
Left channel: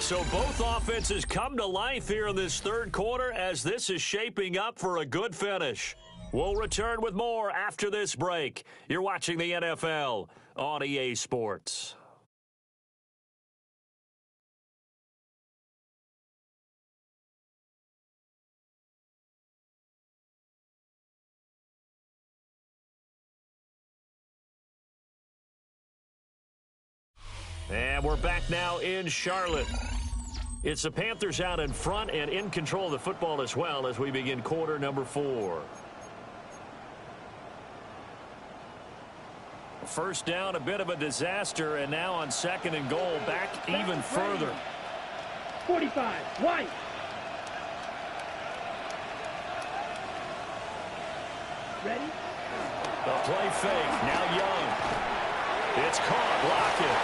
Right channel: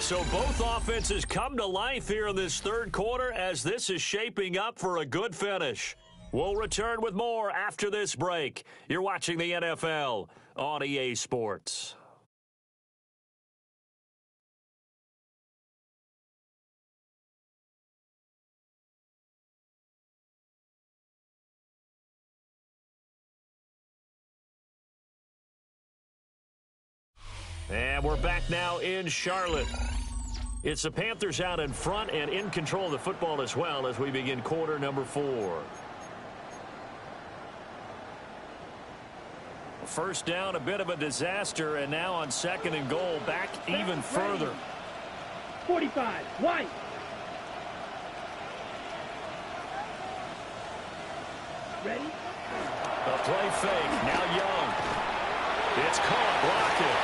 So both offenses come to life here in this 3rd quarter as this is shaping up for a good finish. We'll return with more after this break. You're watching the NFL on EA Sports. And we're back now in Charlotte. It's the Panthers out in front and in control of the football as well as we begin quarter number 4. First down, a bit of a disaster, and now on 2nd and goal, back even further. 45, White. Ready? The play fake, now Young. It's caught, Lockett.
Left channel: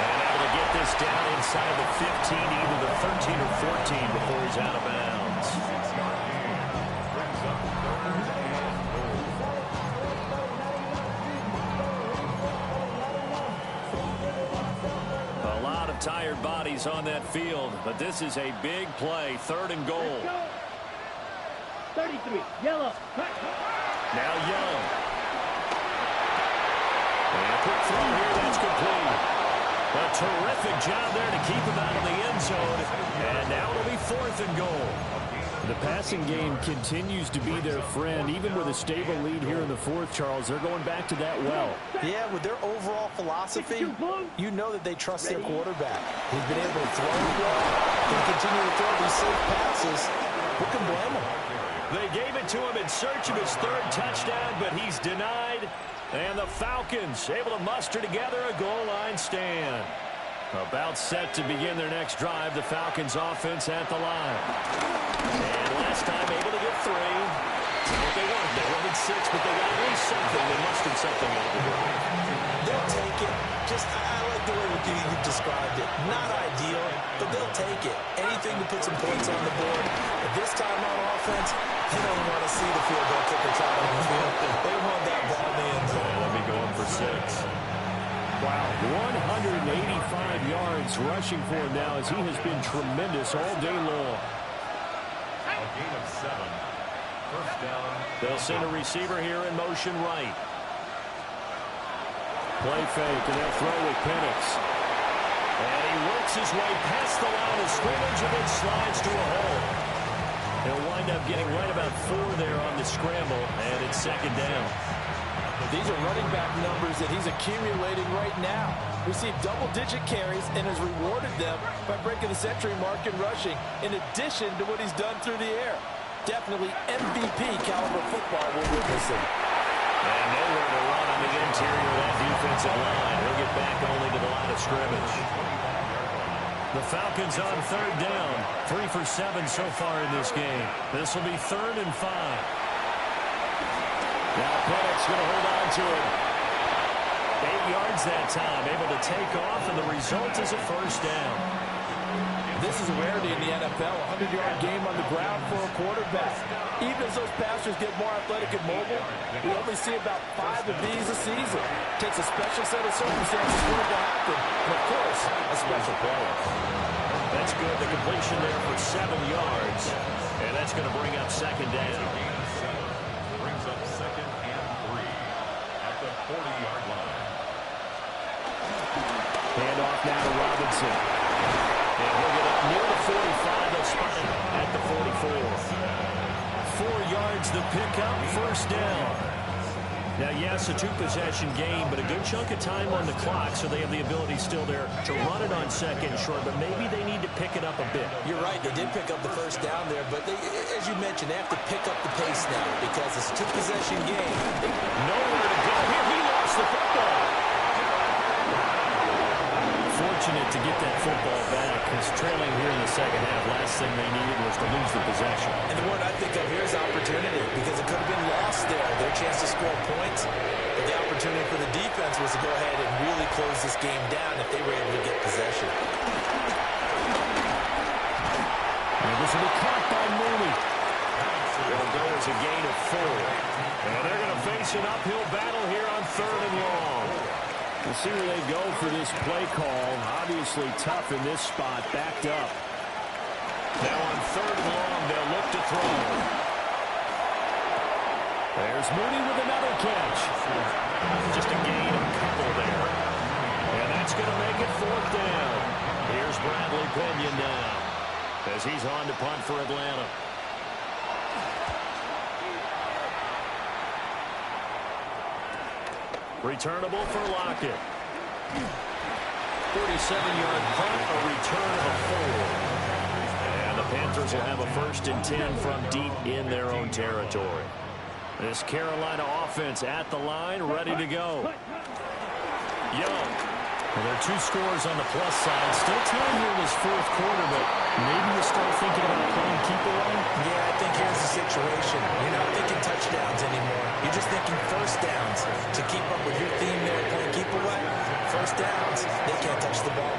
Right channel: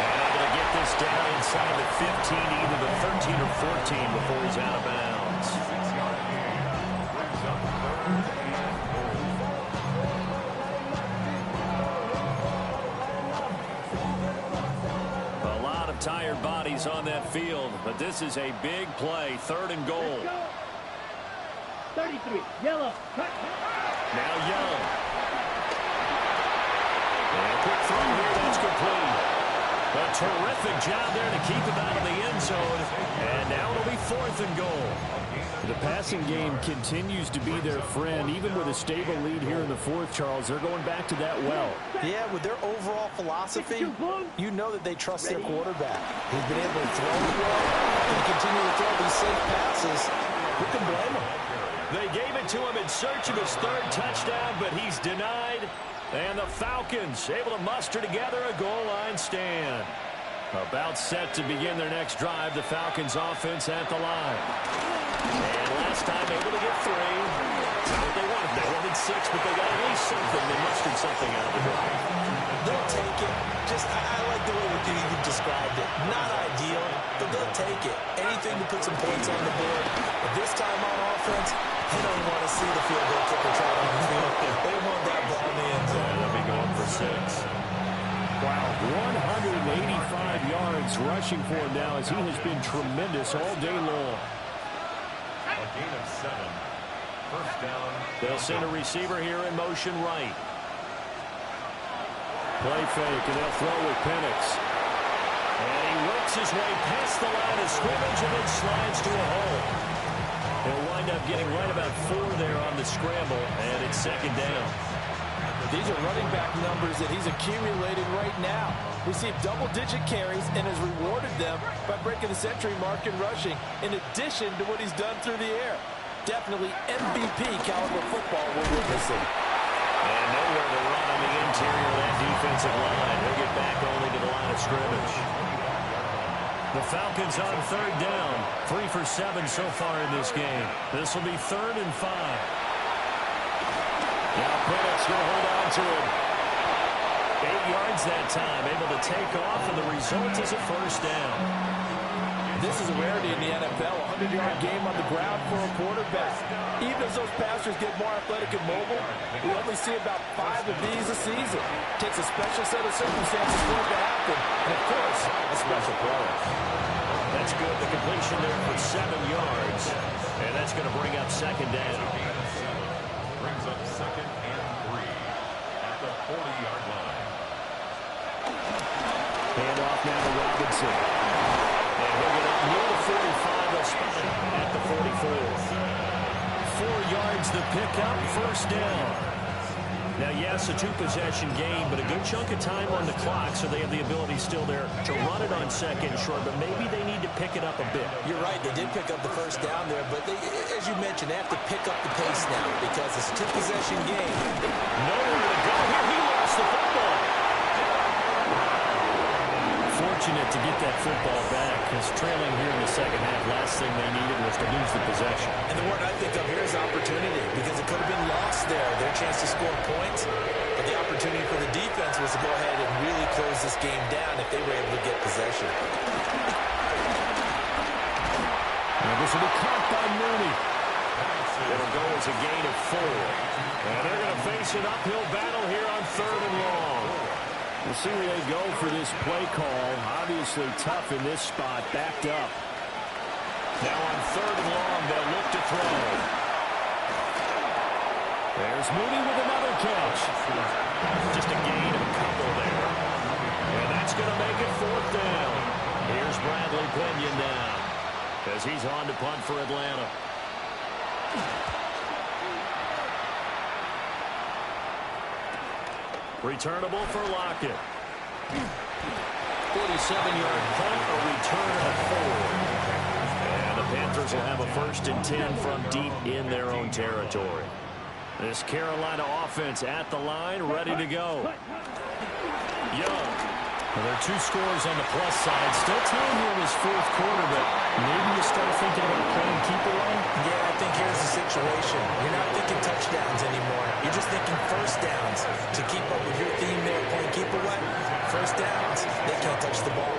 And able to get this down inside the 15, either the 13 or 14 before he's out of bounds. 6-yard gain brings up 3rd and goal. tired bodies on that field, but this is a big play, 3rd and goal. Let's go. 33, yellow. Cut. Now Young. And a quick throw here, that's complete. A terrific job there to keep him out of the end zone. And now it'll be 4th and goal. The passing game continues to be their friend. Even with a stable lead here in the 4th, Charles, they're going back to that well. Yeah, with their overall philosophy, you know that they trust their quarterback. He's been able to throw it well and continue to throw these safe passes. Who can blame him? They gave it to him in search of his 3rd touchdown, but he's denied. And the Falcons able to muster together a goal line stand. About set to begin their next drive, the Falcons offense at the line. And last time able to get 3. That's not what they wanted. They wanted 6, but they got at least something. They mustered something out of the drive. They'll take it. I like the way you described it. Not ideal, but they'll take it. Anything to put some points on the board. But this time on offense, they don't want to see the field goal kicker trot on the field. They want that ball in the end zone. Yeah, they'll be going for 6. Wow, 185 yards rushing for him now as he has been tremendous all day long. A gain of 7. 1st down. They'll send a receiver here in motion right. Play fake, and they'll throw with Penix. And he works his way past the line of scrimmage and then slides to a hole. He'll wind up getting right about 4 there on the scramble, and it's 2nd down. These are running back numbers that he's accumulating right now. Received double-digit carries and has rewarded them by breaking the century mark in rushing, in addition to what he's done through the air. Definitely MVP caliber football we're witnessing. And nowhere to run on the interior of that defensive line. He'll get back only to the line of scrimmage. The Falcons on 3rd down. 3 for 7 so far in this game. This will be 3rd and 5. Now Penix going to hold on to it. 8 yards that time. Able to take off, and the result is a 1st down. This is a rarity in the NFL, a 100-yard game on the ground for a quarterback. Even as those passers get more athletic and mobile, we only see about 5 of these a season. It takes a special set of circumstances for it to happen, and of course, a special player. That's good. The completion there for 7 yards, and that's going to bring up 2nd down. Brings up 2nd and 3 at the 40-yard line. Hand off now to Robinson. And he'll get up near the 45. They'll spot it at the 44. 4 yards the pickup, 1st down. Now, yes, a 2-possession game, but a good chunk of time on the clock, so they have the ability still there to run it on 2nd and short, but maybe they need to pick it up a bit. You're right. They did pick up the 1st down there, but they, as you mentioned, they have to pick up the pace now because it's a 2-possession game. Nowhere to go here. He lost the football. Fortunate to get that football back, because trailing here in the 2nd half, last thing they needed was to lose the possession. And the word I think of here is opportunity, because it could have been lost there, their chance to score points. But the opportunity for the defense was to go ahead and really close this game down if they were able to get possession. And this will be caught by Mooney. It'll go as a gain of 4. And they're going to face an uphill battle here on 3rd and long. We'll see where they go for this play call. Obviously tough in this spot, backed up. Now on 3rd and long, they'll look to throw. There's Mooney with another catch. Just a gain of a couple there. And that's going to make it 4th down. Here's Bradley Pinion now, as he's on to punt for Atlanta. Returnable for Lockett. 47-yard punt, a return of 4. And the Panthers will have a 1st and 10 from deep in their own territory. This Carolina offense at the line, ready to go. Young. Well, there are 2 scores on the plus side. Still time here in this 4th quarter, but maybe you start thinking about playing keep away? Yeah, I think here's the situation. You're not thinking touchdowns anymore. You're just thinking 1st downs. To keep up with your theme there, playing keep away, 1st downs, they can't touch the ball.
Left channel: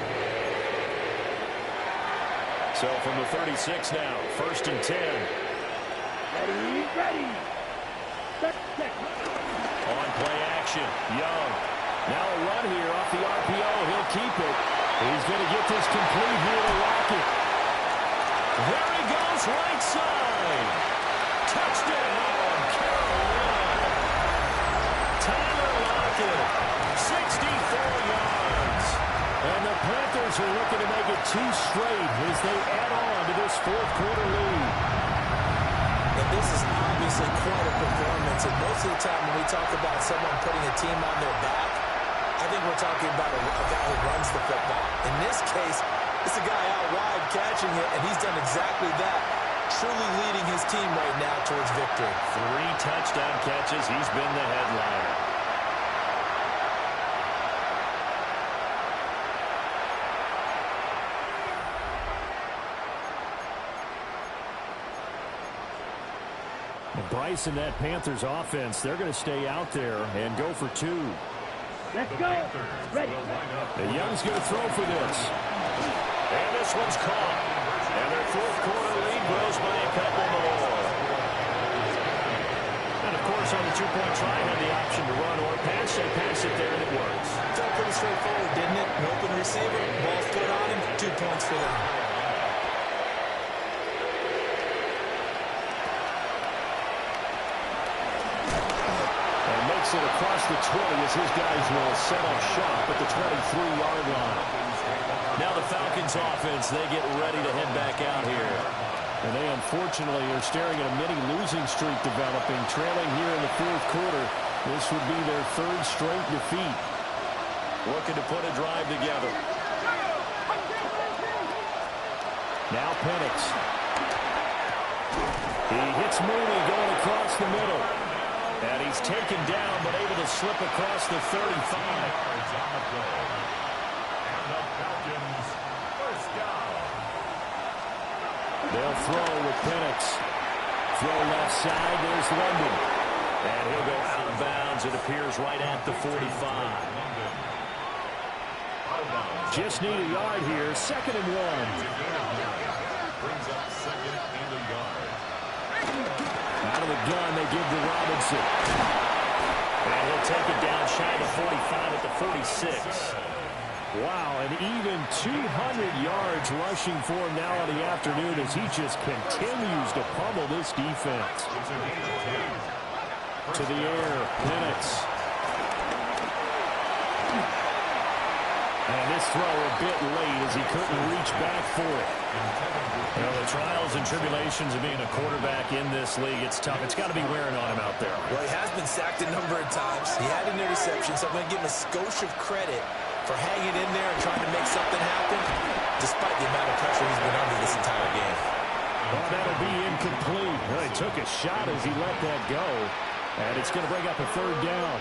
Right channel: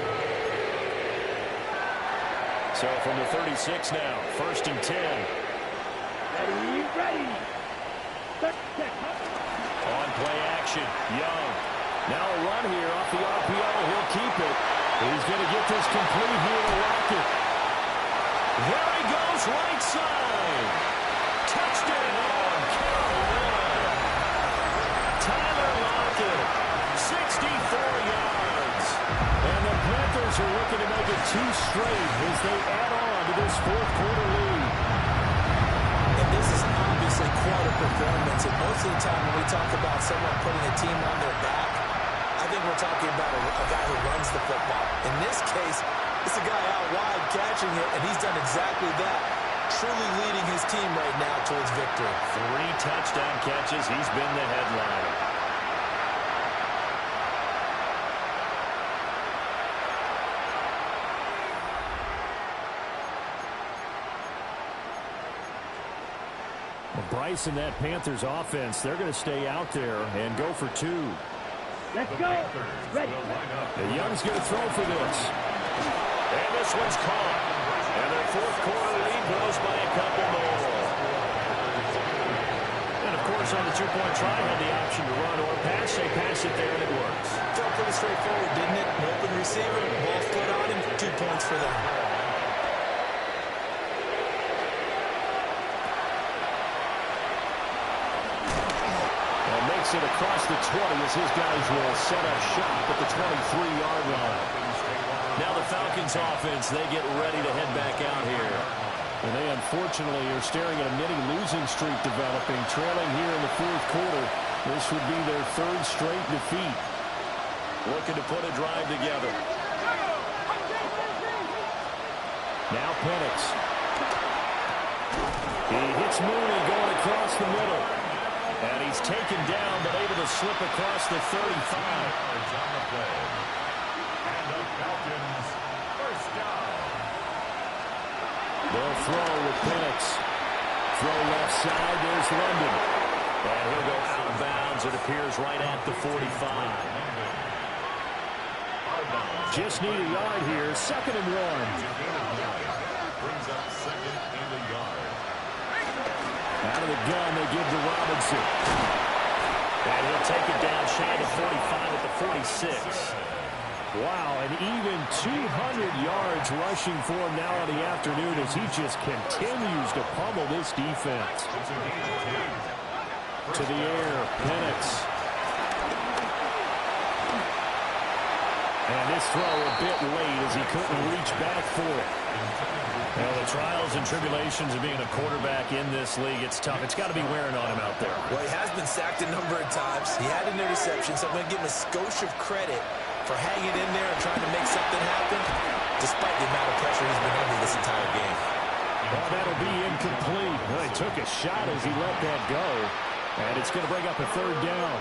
So from the 36 now, 1st and 10. Ready. On play action, Young. Now a run here off the RPO. He'll keep it. He's going to get this complete here to Lockett. There he goes, right side. Touchdown, Carolina. Tyler Lockett, 64 yards. And the Panthers are looking to make it 2 straight as they add on to this fourth quarter lead. And this is obviously quite a performance. And most of the time when we talk about someone putting a team on their back, I think we're talking about a guy who runs the football. In this case, it's a guy out wide catching it, and he's done exactly that, truly leading his team right now towards victory. 3 touchdown catches. He's been the headliner. Well, Bryce and that Panthers offense, they're going to stay out there and go for 2. Let's go. Ready. The Young's going to throw for this. And this one's caught. And their fourth quarter lead grows by a couple more. And, of course, on the 2-point try, had the option to run or pass. They pass it there, and it works. Felt pretty straightforward, didn't it? An open receiver, ball's put on him, 2 points for them. It across the 20 as his guys will set up shop at the 23-yard line. Now the Falcons offense, they get ready to head back out here. And they unfortunately are staring at a mini losing streak developing, trailing here in the fourth quarter. This would be their 3rd straight defeat. Looking to put a drive together. Now Penix. He hits Mooney going across the middle. And he's taken down, but able to slip across the 35. Yards on the play. And the Falcons, first down. They'll throw with Penix. Throw left side. There's London. And he'll go out of bounds. It appears right at the 45. Just need a yard here. 2nd and 1. Brings up 2nd and a yard. Out of the gun, they give to Robinson. And he'll take it down shy of the 45 at the 46. Wow, and even 200 yards rushing for him now on the afternoon as he just continues to pummel this defense. To the air, Penix. And this throw a bit late as he couldn't reach back for it. You know, the trials and tribulations of being a quarterback in this league, it's tough. It's got to be wearing on him out there. Well, he has been sacked a number of times. He had an interception, so I'm going to give him a skosh of credit for hanging in there and trying to make something happen, despite the amount of pressure he's been under this entire game. Oh, that'll be incomplete. Well, he took a shot as he let that go, and it's going to bring up a 3rd down.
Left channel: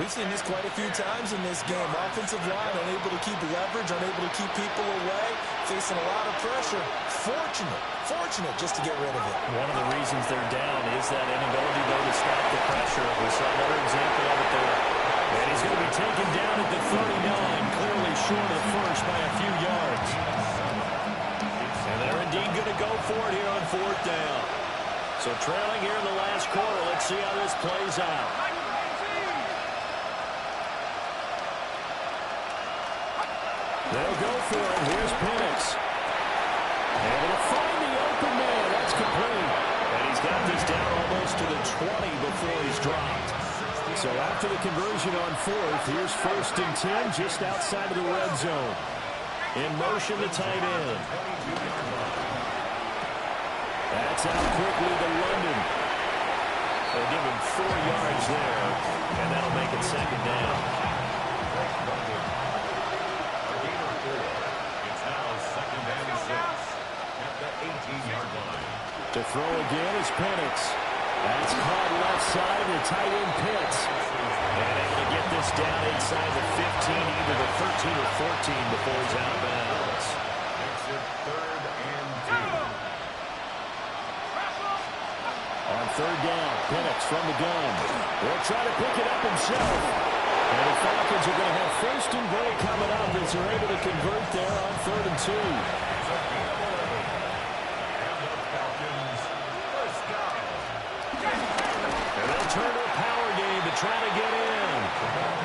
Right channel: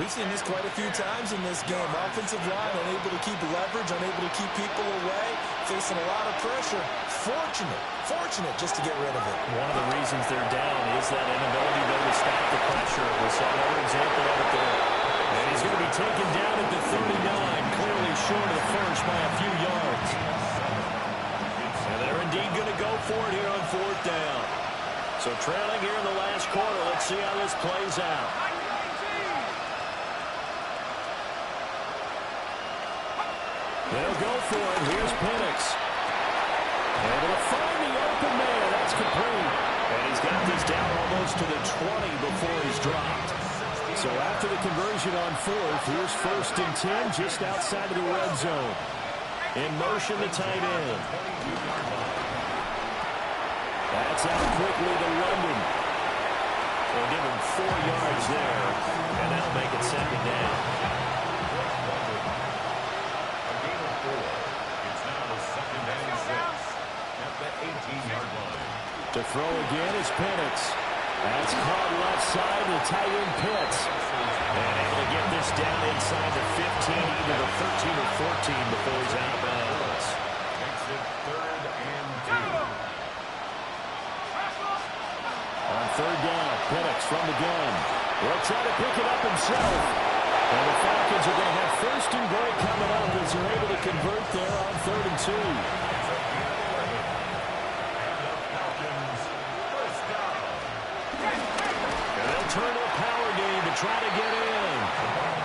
We've seen this quite a few times in this game. Offensive line unable to keep leverage, unable to keep people away, facing a lot of pressure. Fortunate just to get rid of it. One of the reasons they're down is that inability, though, to stop the pressure. We saw another example of it there. And he's going to be taken down at the 39, clearly short of the first by a few yards. And they're indeed going to go for it here on 4th down. So trailing here in the last quarter, let's see how this plays out. They'll go for it. Here's Penix. And it'll find the open man. That's complete. And he's got this down almost to the 20 before he's dropped. So after the conversion on 4th, here's 1st and 10 just outside of the red zone. In motion, the tight end. That's out quickly to London. They'll give him 4 yards there, and that'll make it 2nd down. To throw again is Penix. That's caught left side to tight end Pitts. And able to get this down inside the 15, either the 13 or 14 before he's out of bounds. Makes it 3rd and 2. On 3rd down, Penix from the gun. He'll try to pick it up himself. And the Falcons are going to have 1st and goal coming up as they're able to convert there on 3rd and 2. Turn to a power game to to try to get in.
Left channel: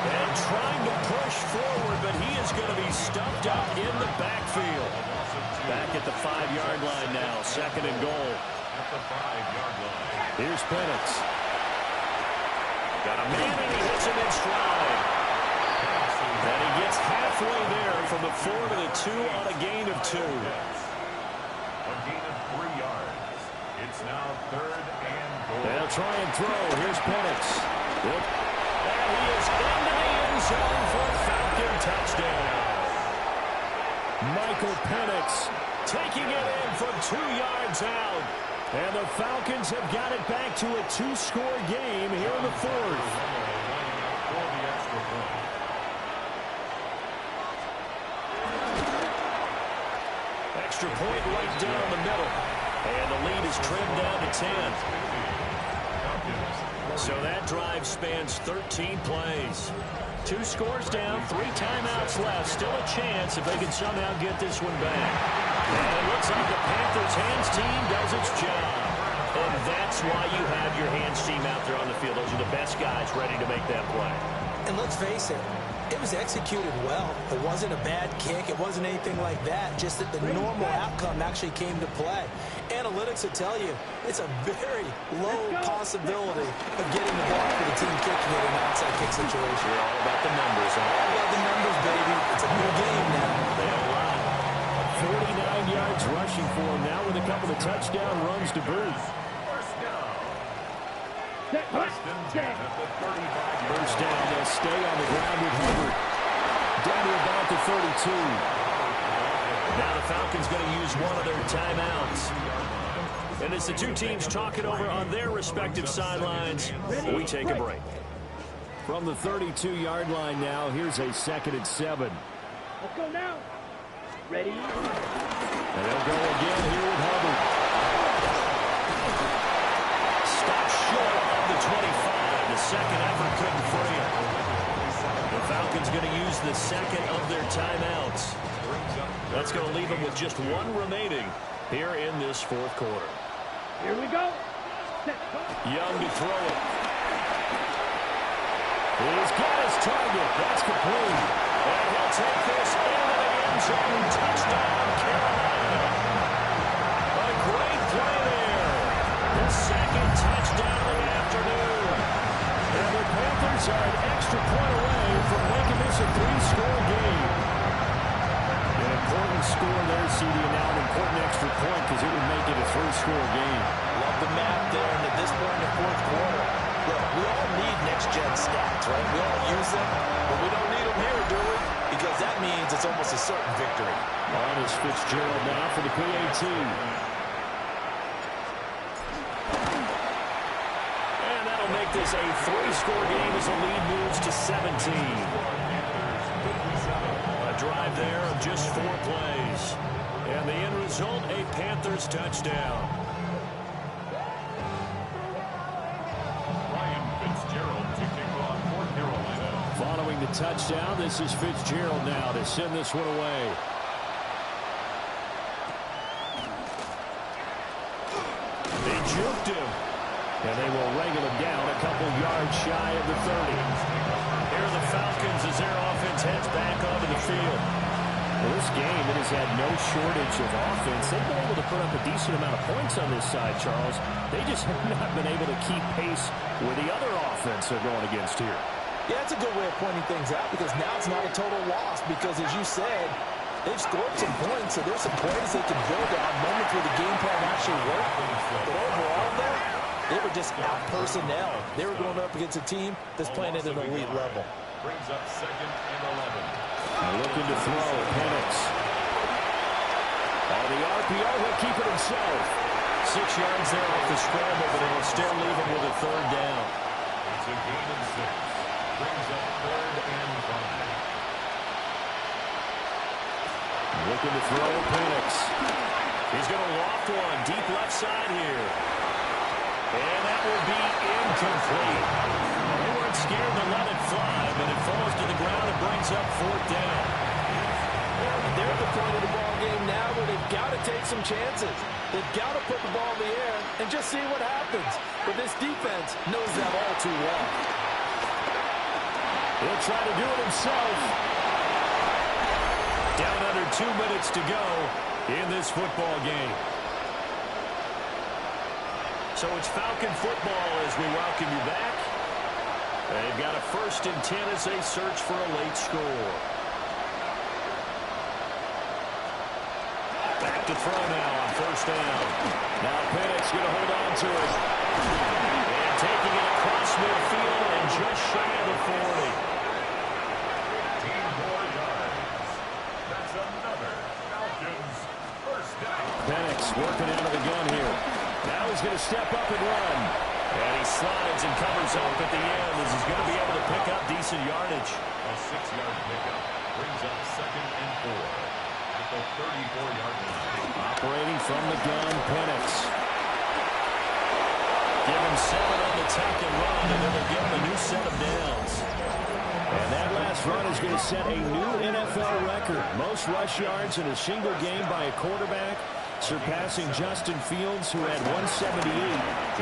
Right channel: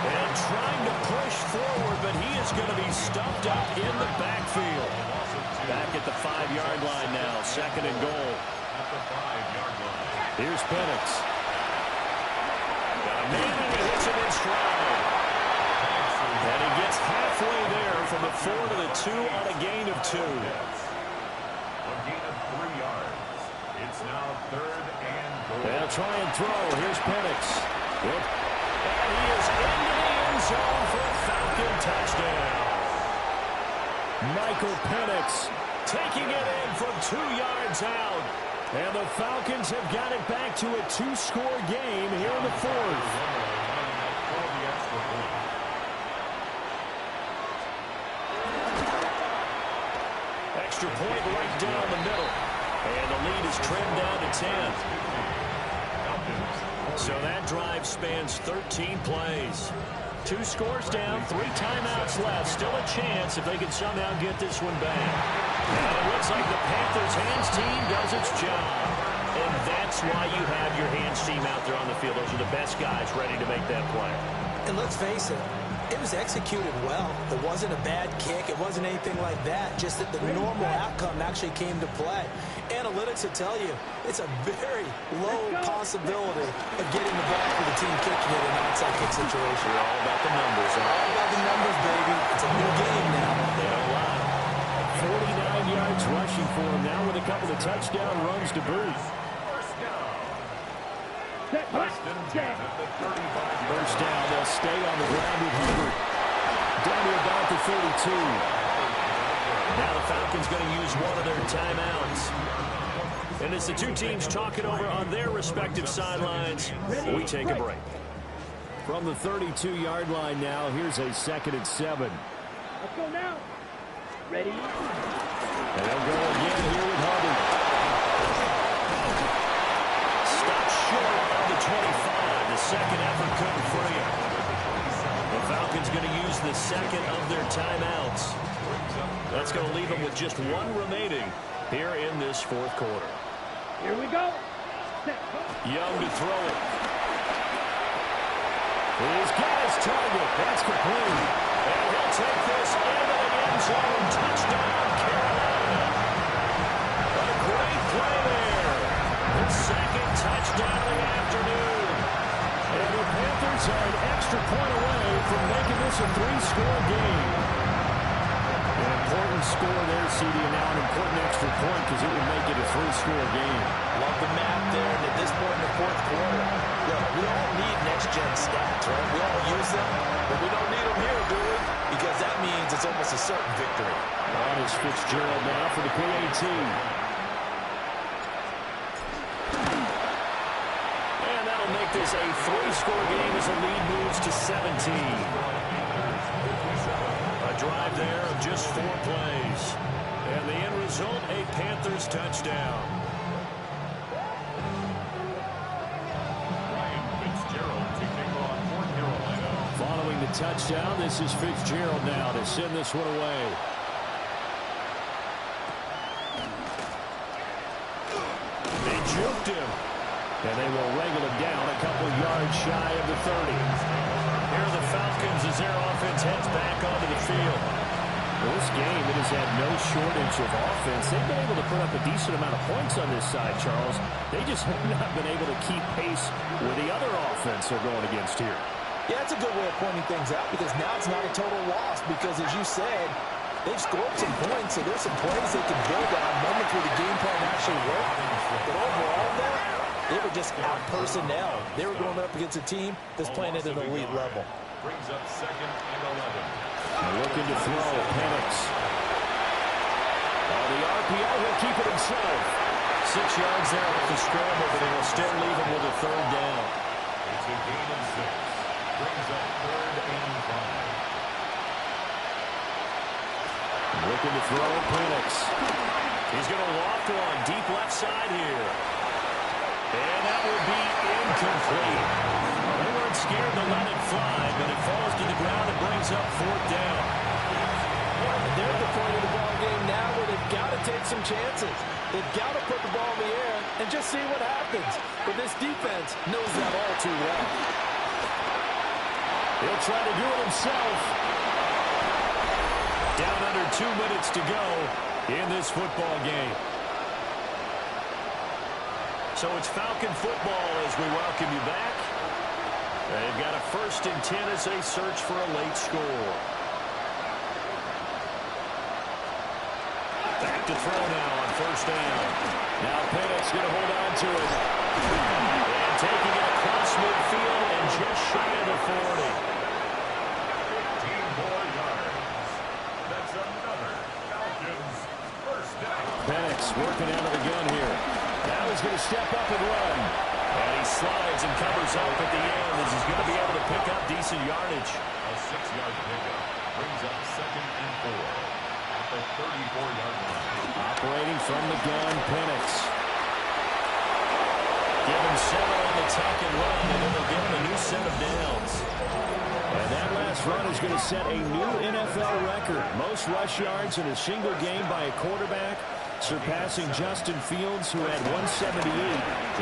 And trying to push forward, but he is going to be stuffed up in the backfield. Back at the 5-yard line now, 2nd and goal. At the 5-yard line. Here's Penix. Got a man and he hits it in stride. And he gets halfway there from the 4 to the 2 on a gain of 2. A gain of 3 yards. It's now 3rd and goal. They'll try and throw. Here's Penix. And he is into the end zone for a Falcon touchdown. Michael Penix taking it in from 2 yards out. And the Falcons have got it back to a 2-score game here in the 4th. Lining up for the extra point. Extra point right down the middle. And the lead is trimmed down to 10. So that drive spans 13 plays. 2 scores down, 3 timeouts left. Still a chance if they can somehow get this one back. And it looks like the Panthers' hands team does its job. And that's why you have your hands team out there on the field. Those are the best guys ready to make that play. And let's face it, it was executed well. It wasn't a bad kick. It wasn't anything like that. Just that the normal outcome actually came to play. Analytics will tell you it's a very low possibility of getting the ball for the team kicking it in an onside kick situation. You're all about the numbers, huh? All about the numbers, baby. It's a new game now. They don't lie. 49 yards rushing for him now with a couple of touchdown runs to boot. First and 10 at the 35-yard line. First down, they'll stay on the ground with Hubbard. Down to about the 32. Now the Falcons going to use one of their timeouts. And as the two teams talk it over on their respective sidelines, we take a break. From the 32-yard line now, here's a 2nd and 7. Let's go now. Ready? And they'll go again here with Hubbard. Stopped short of the 25. The second effort couldn't free him. The Falcons going to use the 2nd of their timeouts. That's going to leave them with just 1 remaining here in this 4th quarter. Here we go. Set, go. Young to throw it. He's got his target. That's complete. And he'll take this into the end zone. Touchdown, Carolina. A great play there. His 2nd touchdown of the afternoon. And the Panthers are an extra point away from making this a 3-score game. An important score there, CD, and now an important extra point because it would make it a 3-score game. Love the map there, and at this point in the 4th quarter, look, we all need next-gen stats, right? We all use them, but we don't need them here, do we? Because that means it's almost a certain victory. On is Fitzgerald now for the PAT. And that'll make this a 3-score game as the lead moves to 17. A drive there of just 4 plays. And the end result, a Panthers touchdown. Ryan Fitzgerald to kick off for Carolina. Following the touchdown, this is Fitzgerald now to send this one away. They juked him. And they will wrangle him down a couple yards shy of the 30. Here are the Falcons as their offense heads back onto the field. Well, this game, it has had no shortage of offense. They've been able to put up a decent amount of points on this side, Charles. They just have not been able to keep pace with the other offense they're going against here. Yeah, that's a good way of pointing things out because now it's not a total loss because, as you said, they've scored some points, so there's some plays they can build on, moments where the game plan actually worked. But overall, though, they were just out-personnel. They were going up against a team that's playing at an elite level. Brings up 2nd and 11. And looking to throw, Penix. On the RPO, he'll keep it himself. 6 yards there off the scramble, but it will still leave him with a 3rd down. It's a gain of 6. Brings up 3rd and 5. Looking to throw, Penix. He's going to loft one deep left side here. And that will be incomplete. Well, they weren't scared to let it fly, but it falls to the ground and brings up 4th down. And they're at the point of the ball game now where they've got to take some chances. They've got to put the ball in the air and just see what happens. But this defense knows that all too well. He'll try to do it himself. Down under 2 minutes to go in this football game. So it's Falcon football as we welcome you back. They've got a 1st and 10 as they search for a late score. Back to throw now on 1st down. Now Penix going to hold on to it. And taking it across midfield and just shy of the 40. 15 more yards. That's another Falcons 1st down. Penix working out of the gun here. Now he's going to step up and run. And he slides and covers up at the end as he's going to be able to pick up decent yardage. A 6-yard pickup brings up 2nd and 4 at the 34-yard line. Operating from the gun, Penix. Give him 7 on the tuck and run, and then they'll give him a new set of downs. And that last run is going to set a new NFL record. Most rush yards in a single game by a quarterback, surpassing Justin Fields, who had 178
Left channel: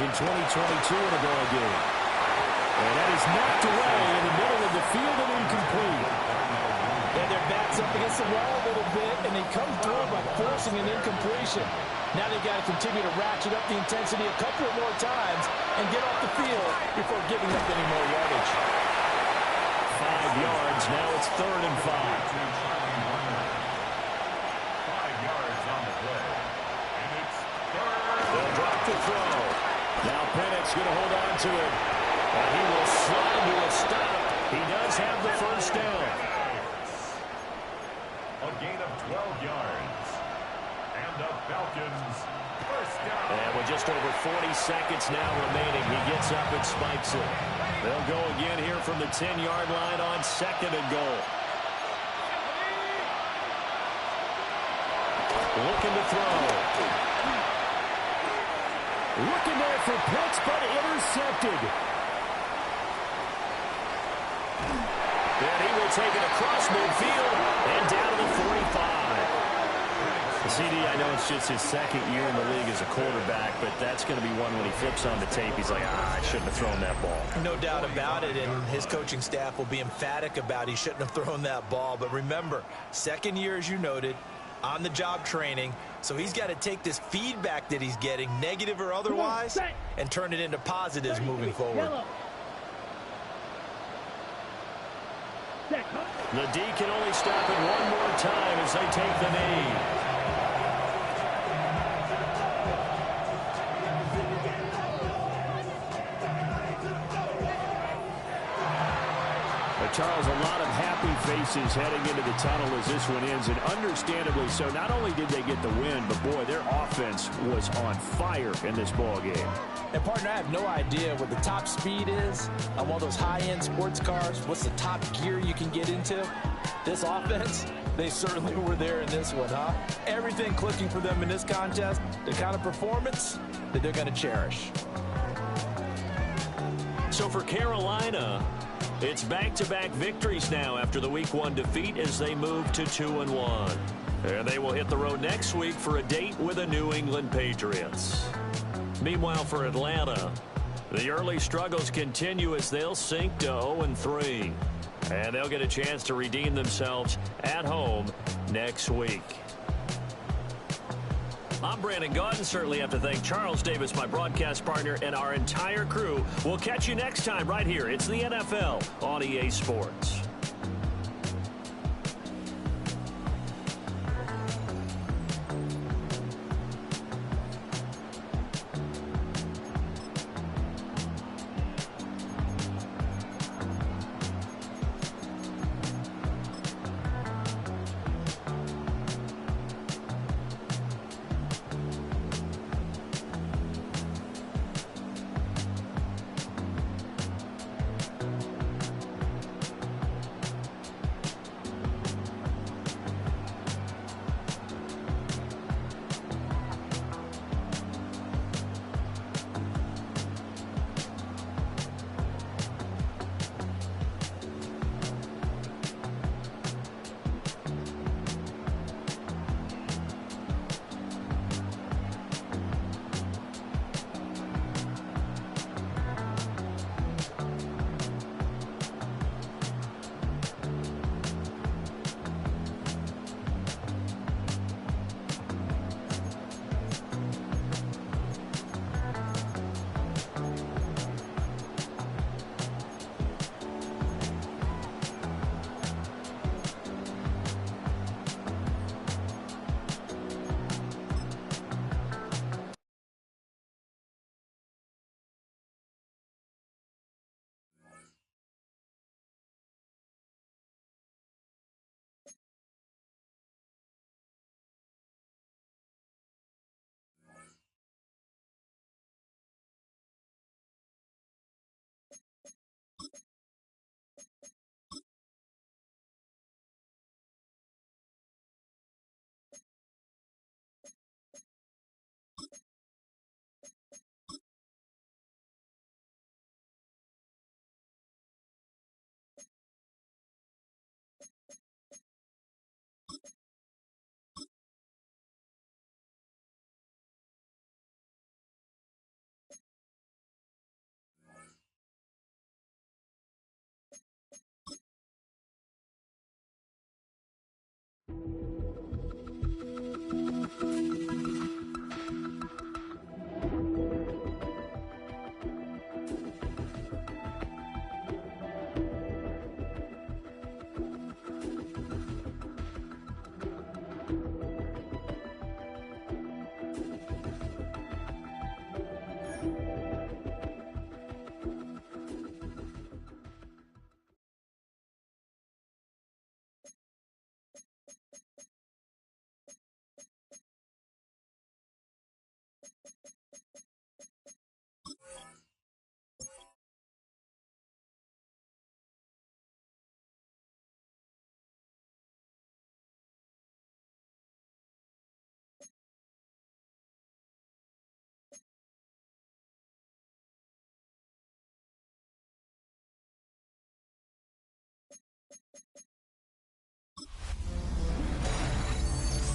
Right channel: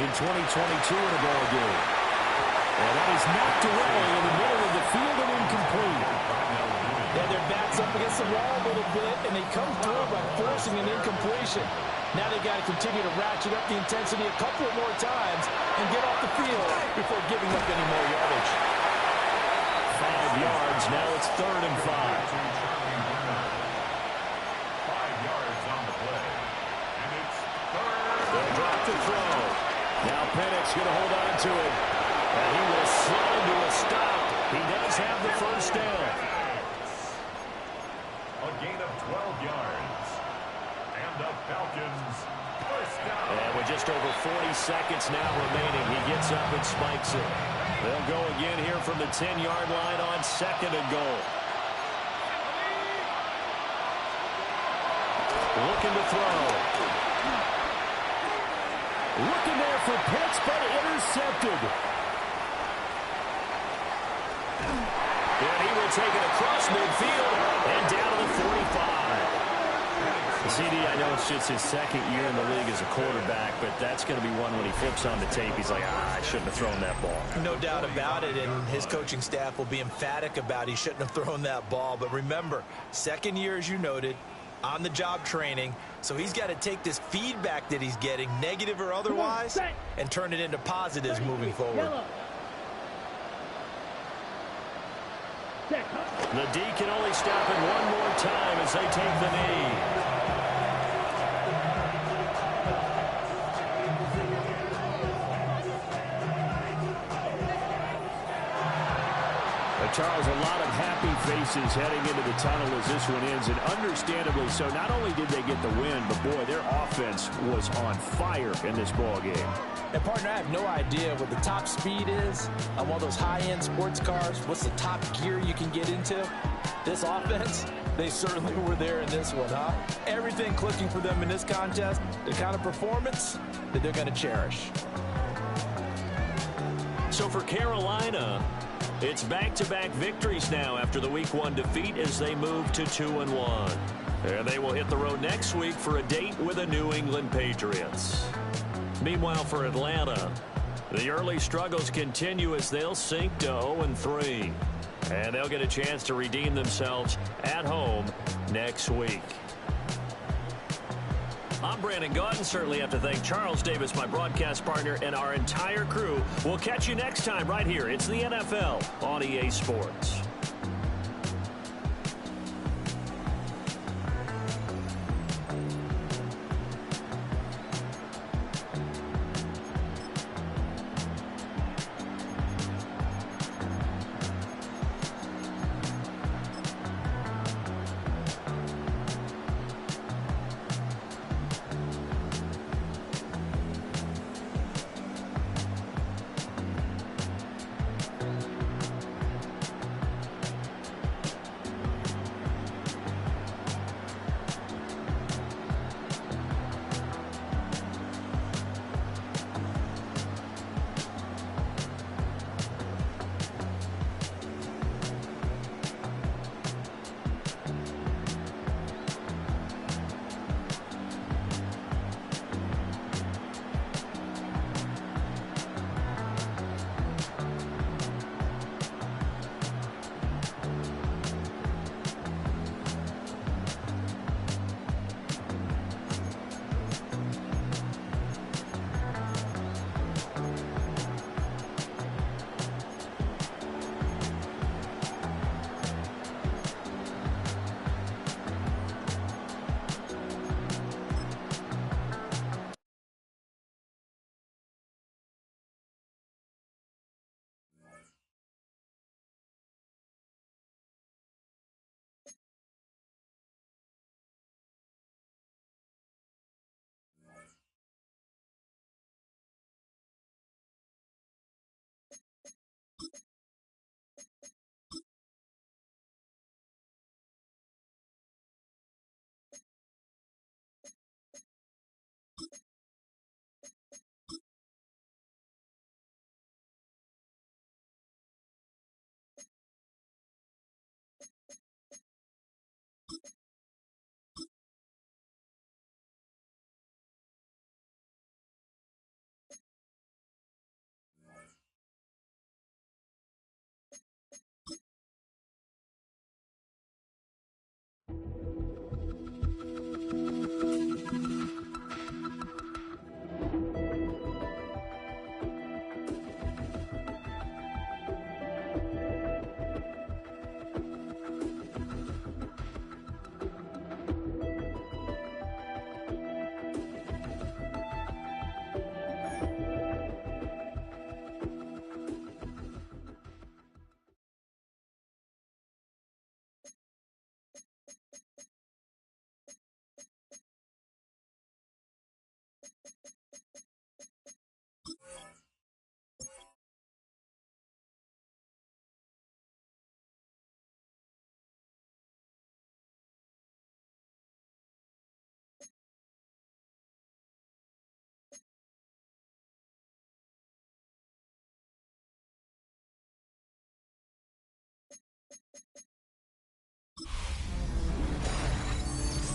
in 2022 in a ball game. And that is knocked away in the middle of the field and incomplete. And their back's up against the wall a little bit, and they come through by forcing an incompletion. Now they got to continue to ratchet up the intensity a couple more times and get off the field before giving up any more yardage. 5 yards. Now it's 3rd and 5. To Charlie Warner. 5 yards on the play. And it's 3rd. They'll drop the throw. Now Penix going to hold on to it. And he will slide to a stop. He does have the 1st down. A gain of 12 yards. And the Falcons 1st down. And with just over 40 seconds now remaining, he gets up and spikes it. They'll go again here from the 10-yard line on 2nd and goal. Looking to throw. Looking there for Pitts, but intercepted. And he will take it across midfield and down to the 45. CD, I know it's just his 2nd year in the league as a quarterback, but that's going to be one when he flips on the tape, he's like, I shouldn't have thrown that ball. No doubt about it, and his coaching staff will be emphatic about he shouldn't have thrown that ball. But remember, 2nd year, as you noted, on-the-job training, so he's got to take this feedback that he's getting, negative or otherwise, and turn it into positives moving forward. The D can only stop it one more time as they take the knee. But Charles, a lot of happy faces heading into the tunnel as this one ends, and understandably so. Not only did they get the win, but boy, their offense was on fire in this ball game. And partner, I have no idea what the top speed is on one of those high-end sports cars. What's the top gear you can get into? This offense, they certainly were there in this one, huh? Everything clicking for them in this contest, the kind of performance that they're going to cherish. So for Carolina, it's back-to-back victories now after the Week 1 defeat as they move to 2-1. And they will hit the road next week for a date with the New England Patriots. Meanwhile, for Atlanta, the early struggles continue as they'll sink to 0-3. And they'll get a chance to redeem themselves at home next week. I'm Brandon Gaudin. Certainly have to thank Charles Davis, my broadcast partner, and our entire crew. We'll catch you next time right here. It's the NFL on EA Sports.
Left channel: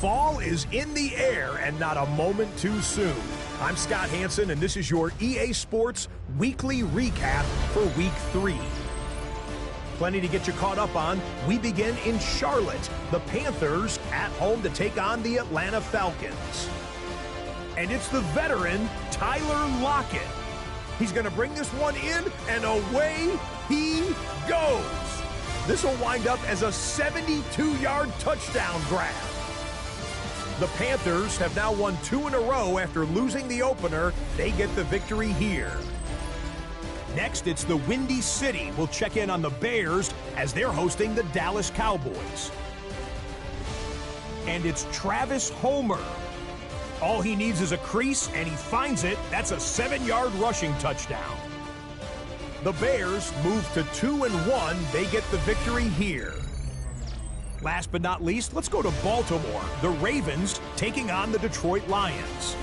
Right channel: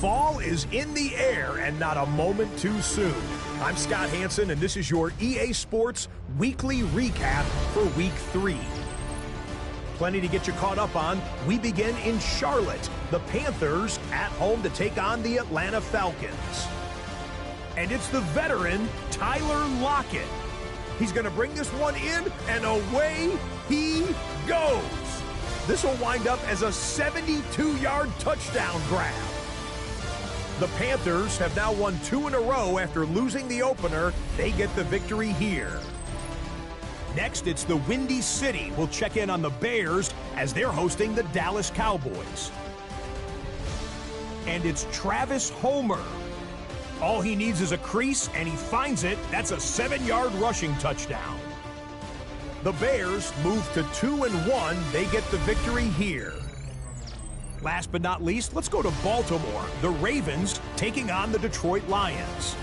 Fall is in the air and not a moment too soon. I'm Scott Hansen, and this is your EA Sports Weekly Recap for Week 3. Plenty to get you caught up on. We begin in Charlotte. The Panthers at home to take on the Atlanta Falcons. And it's the veteran, Tyler Lockett. He's going to bring this one in, and away he goes. This will wind up as a 72-yard touchdown grab. The Panthers have now won 2 in a row after losing the opener. They get the victory here. Next, it's the Windy City. We'll check in on the Bears as they're hosting the Dallas Cowboys. And it's Travis Homer. All he needs is a crease, and he finds it. That's a 7-yard rushing touchdown. The Bears move to 2-1. They get the victory here. Last but not least, let's go to Baltimore. The Ravens taking on the Detroit Lions.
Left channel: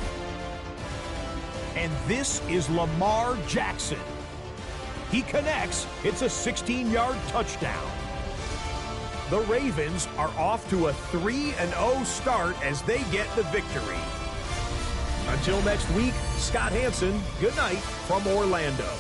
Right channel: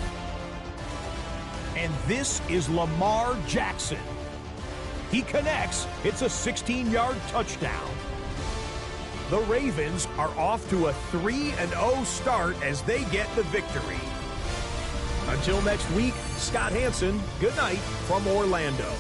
And this is Lamar Jackson. He connects. It's a 16-yard touchdown. The Ravens are off to a 3-0 start as they get the victory. Until next week, Scott Hansen, good night from Orlando.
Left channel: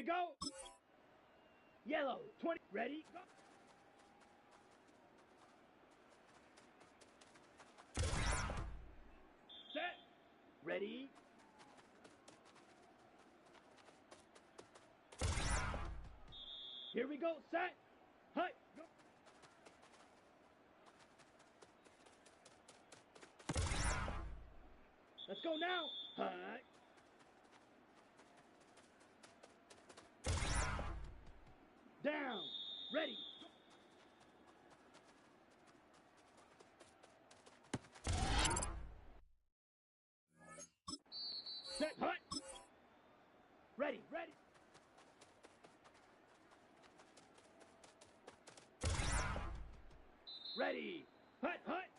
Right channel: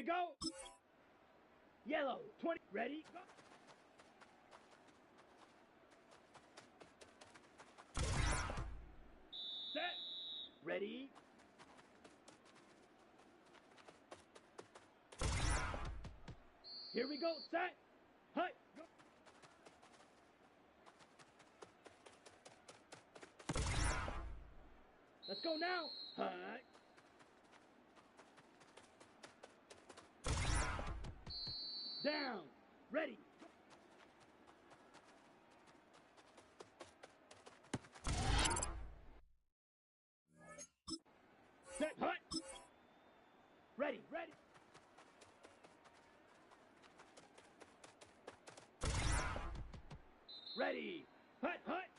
we go. Yellow, 20. Ready, go. Set. Ready. Here we go. Set. Hut. Go. Let's go now. Hut. Down. Ready. Set. Hut. Ready. Ready. Ready. Hut. Hut.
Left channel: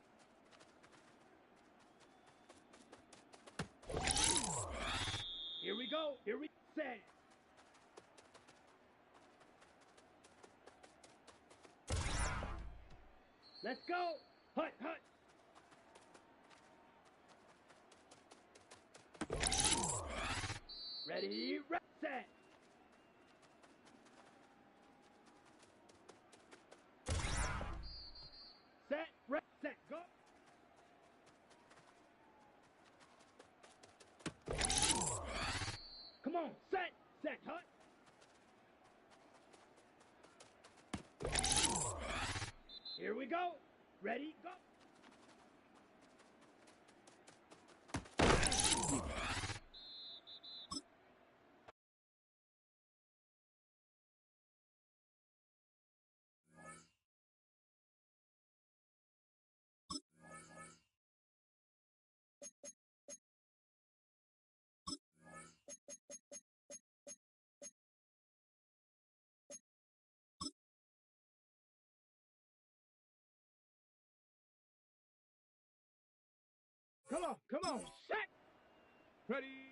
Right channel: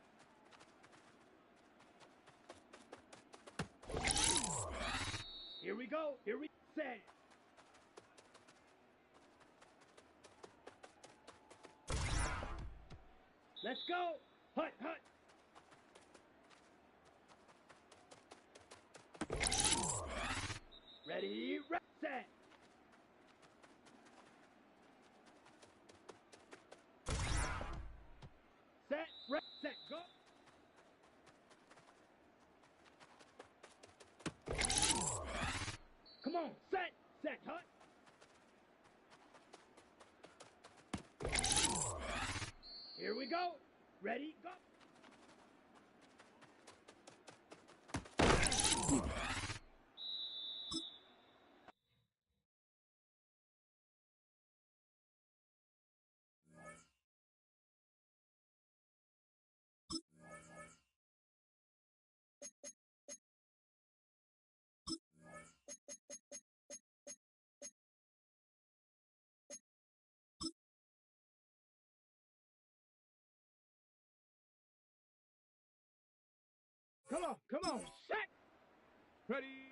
Here we go. Here we set. Let's go. Hut. Hut. Ready. Set. Set. Set. Go. Come on. Set. Set. Hut. Here we go. Ready. Go. Come on, set! Ready?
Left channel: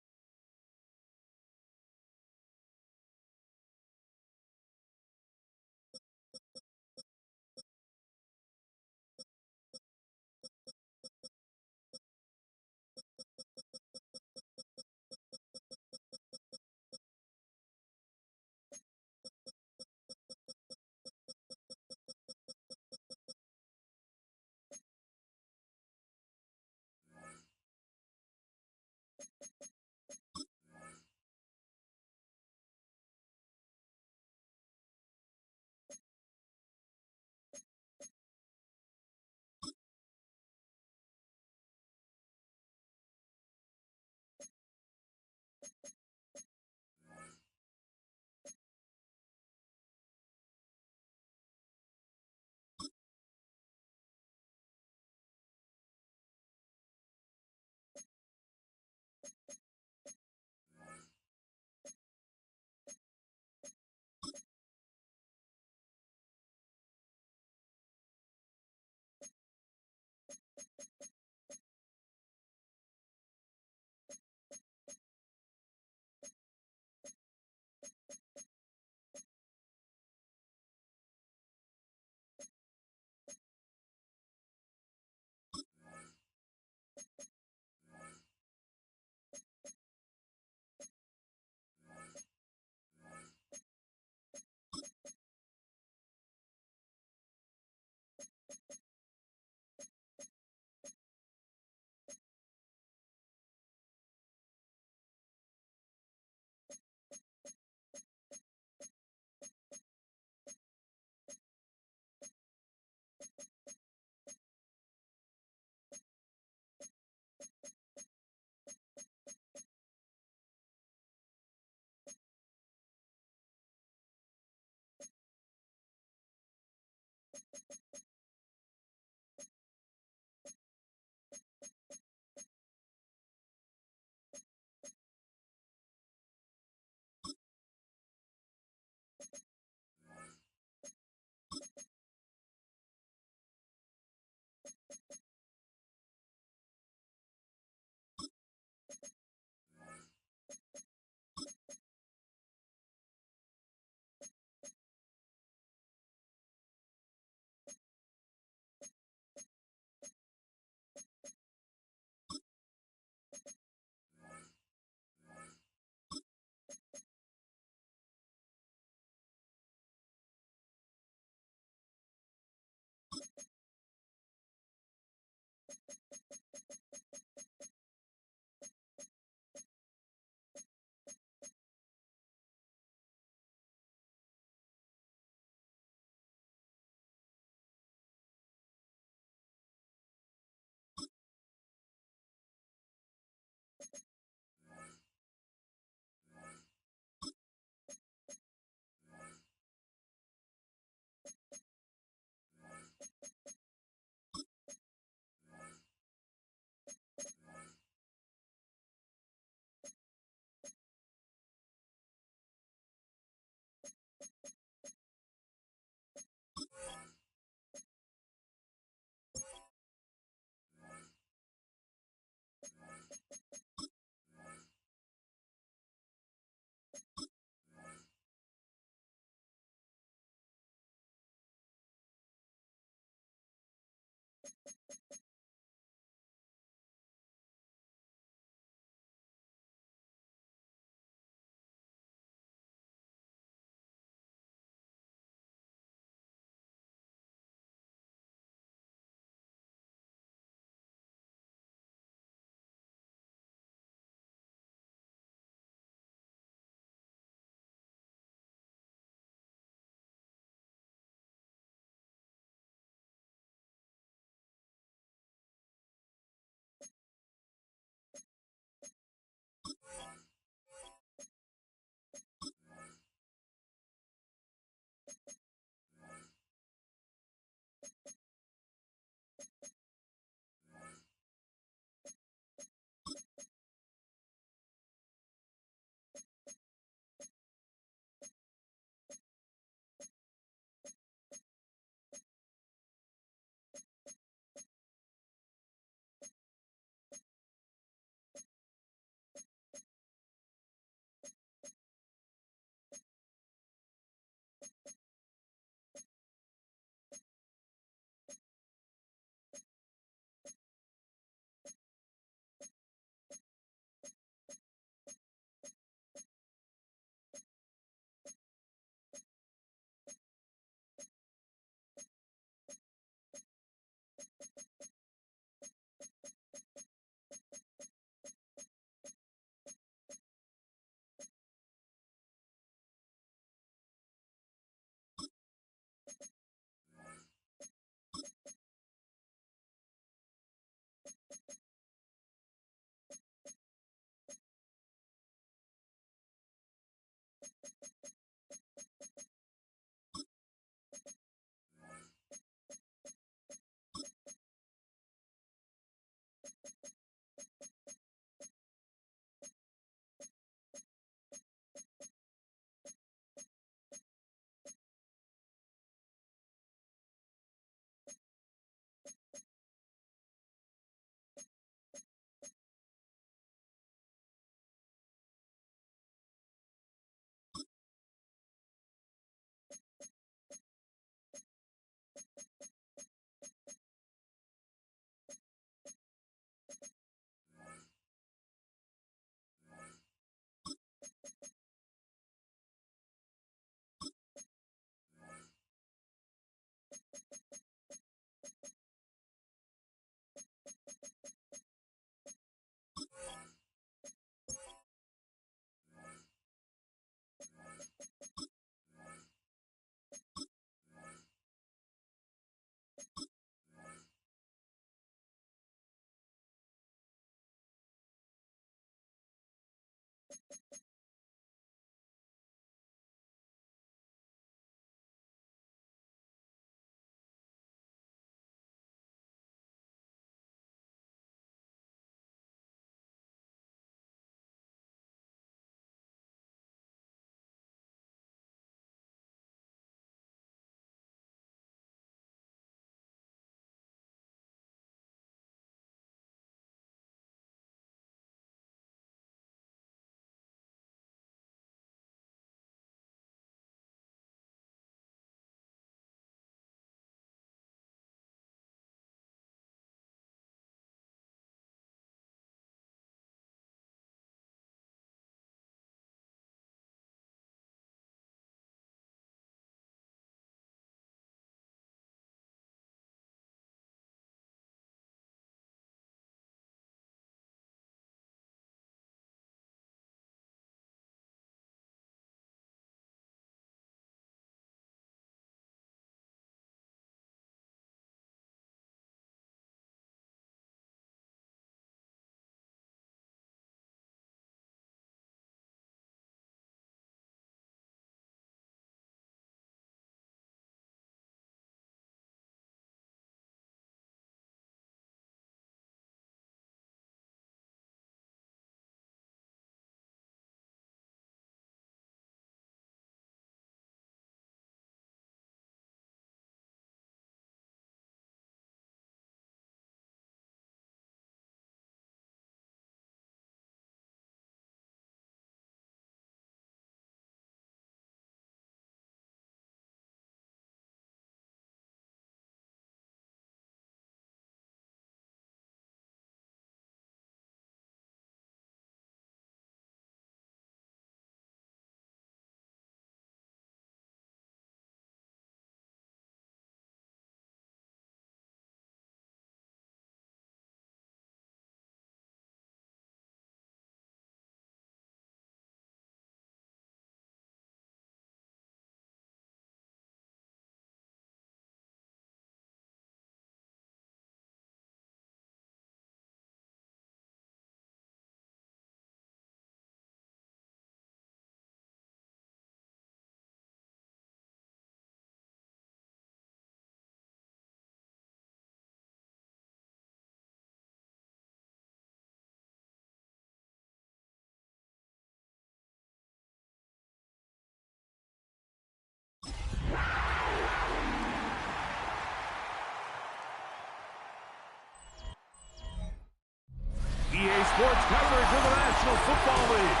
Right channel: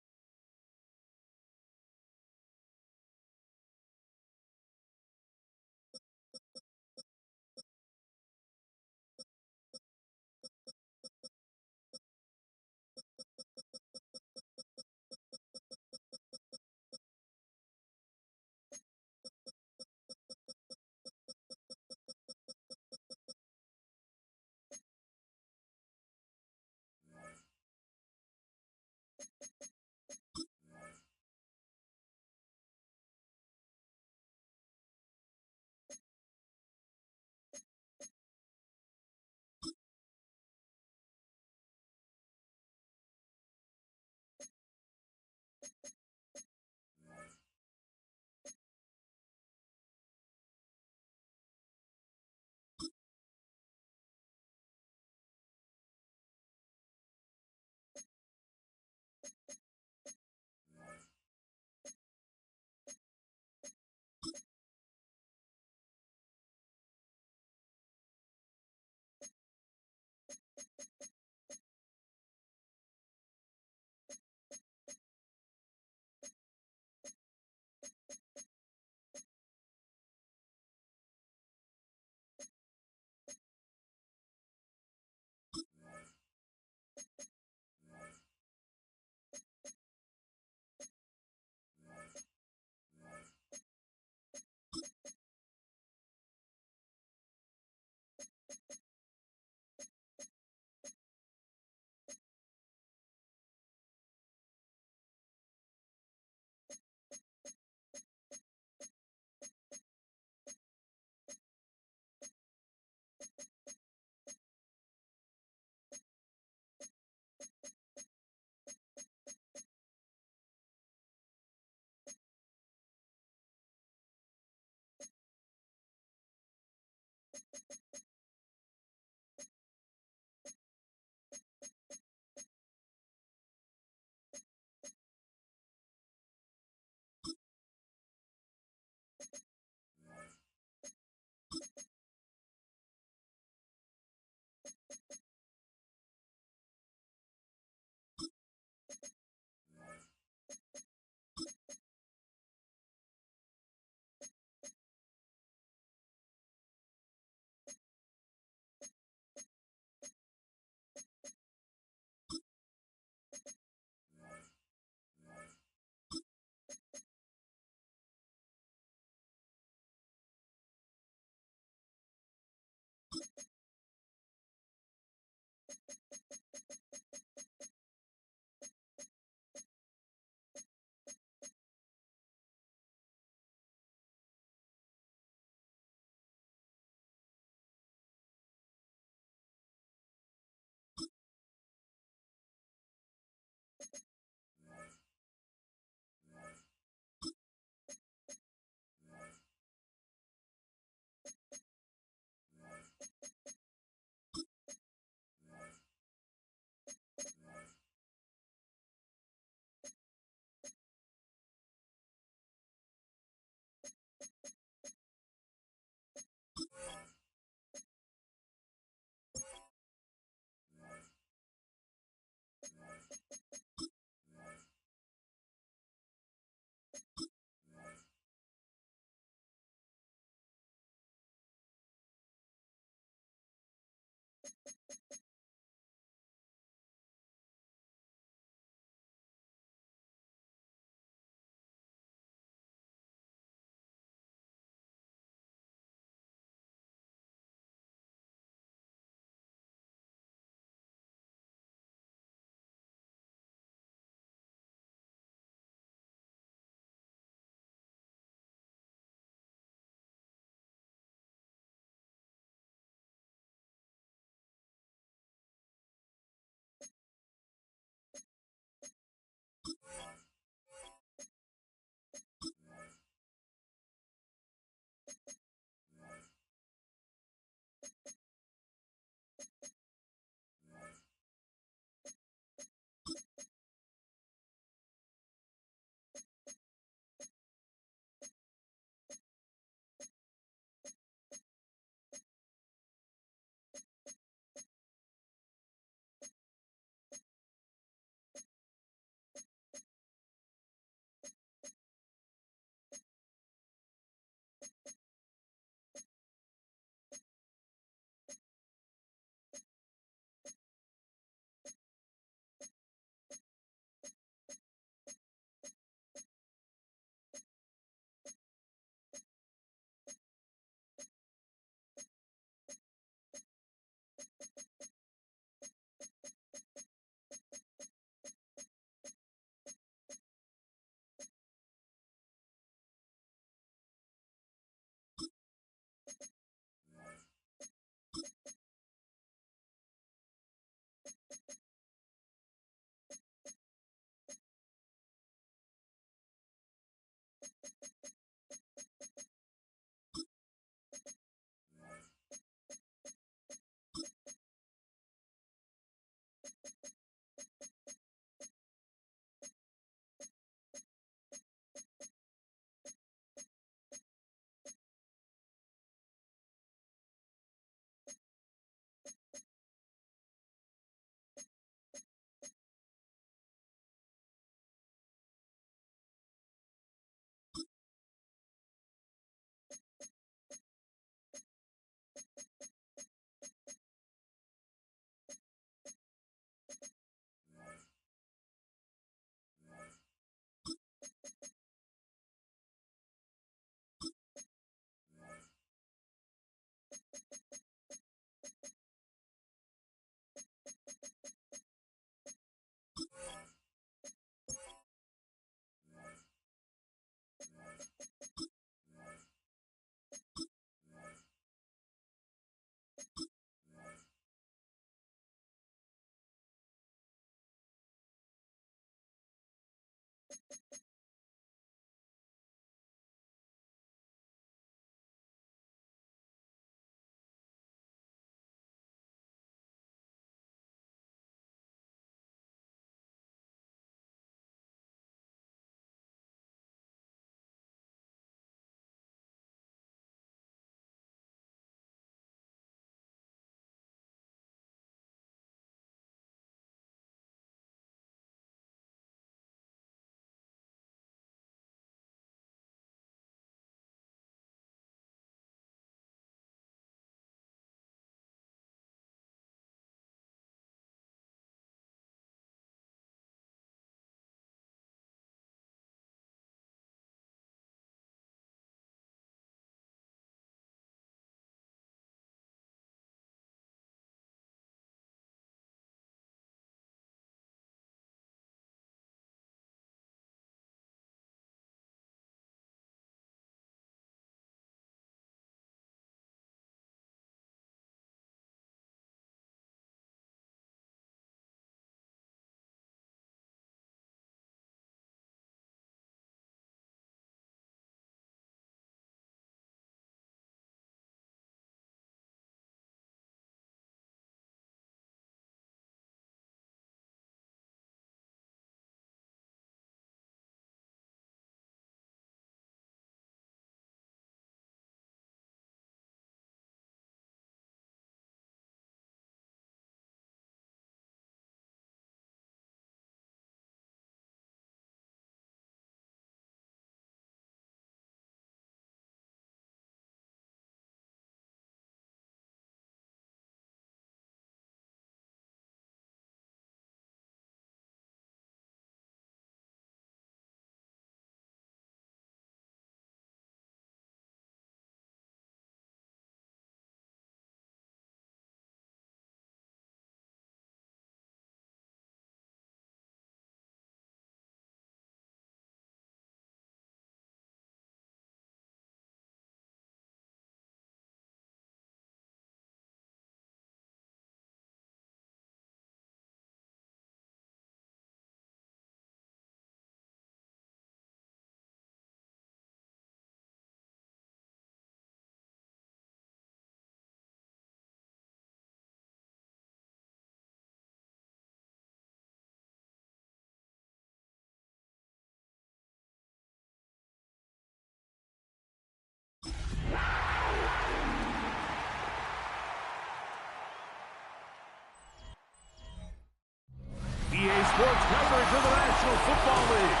to the National Football League.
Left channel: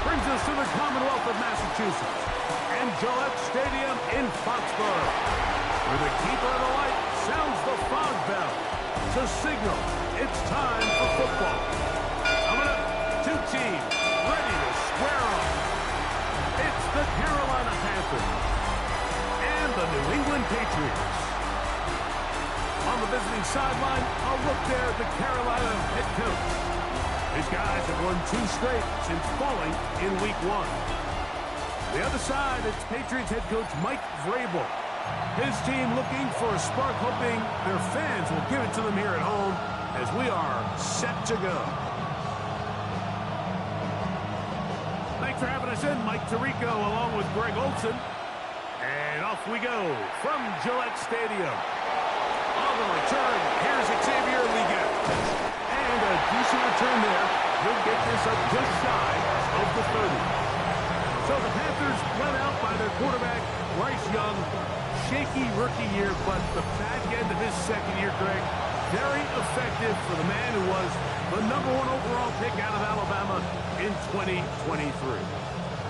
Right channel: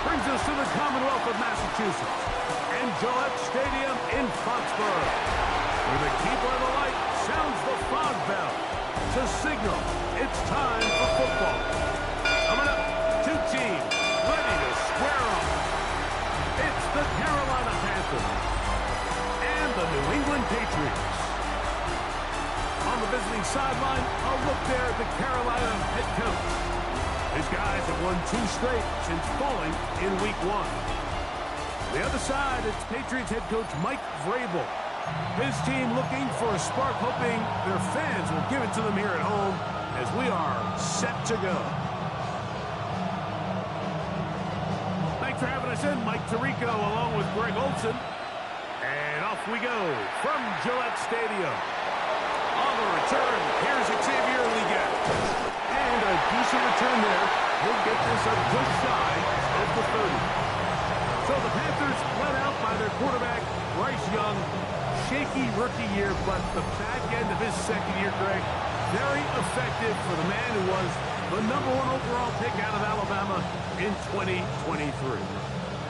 Brings us to the Commonwealth of Massachusetts and Gillette Stadium in Foxborough, where the keeper of the light sounds the fog bell to signal it's time for football. Coming up, two teams ready to square off. It's the Carolina Panthers and the New England Patriots. On the visiting sideline, I'll look there at the Carolina head coach. His guys have won 2 straight since falling in Week 1. The other side, it's Patriots head coach Mike Vrabel. His team looking for a spark, hoping their fans will give it to them here at home as we are set to go. Thanks for having us in, Mike Tirico, along with Greg Olson. And off we go from Gillette Stadium. On the return, here's Xavier Leggett. And a decent return there. He'll get this up just shy of the 30. So the Panthers led out by their quarterback, Bryce Young. Shaky rookie year, but the back end of his second year, Greg, very effective for the man who was the #1 overall pick out of Alabama in 2023.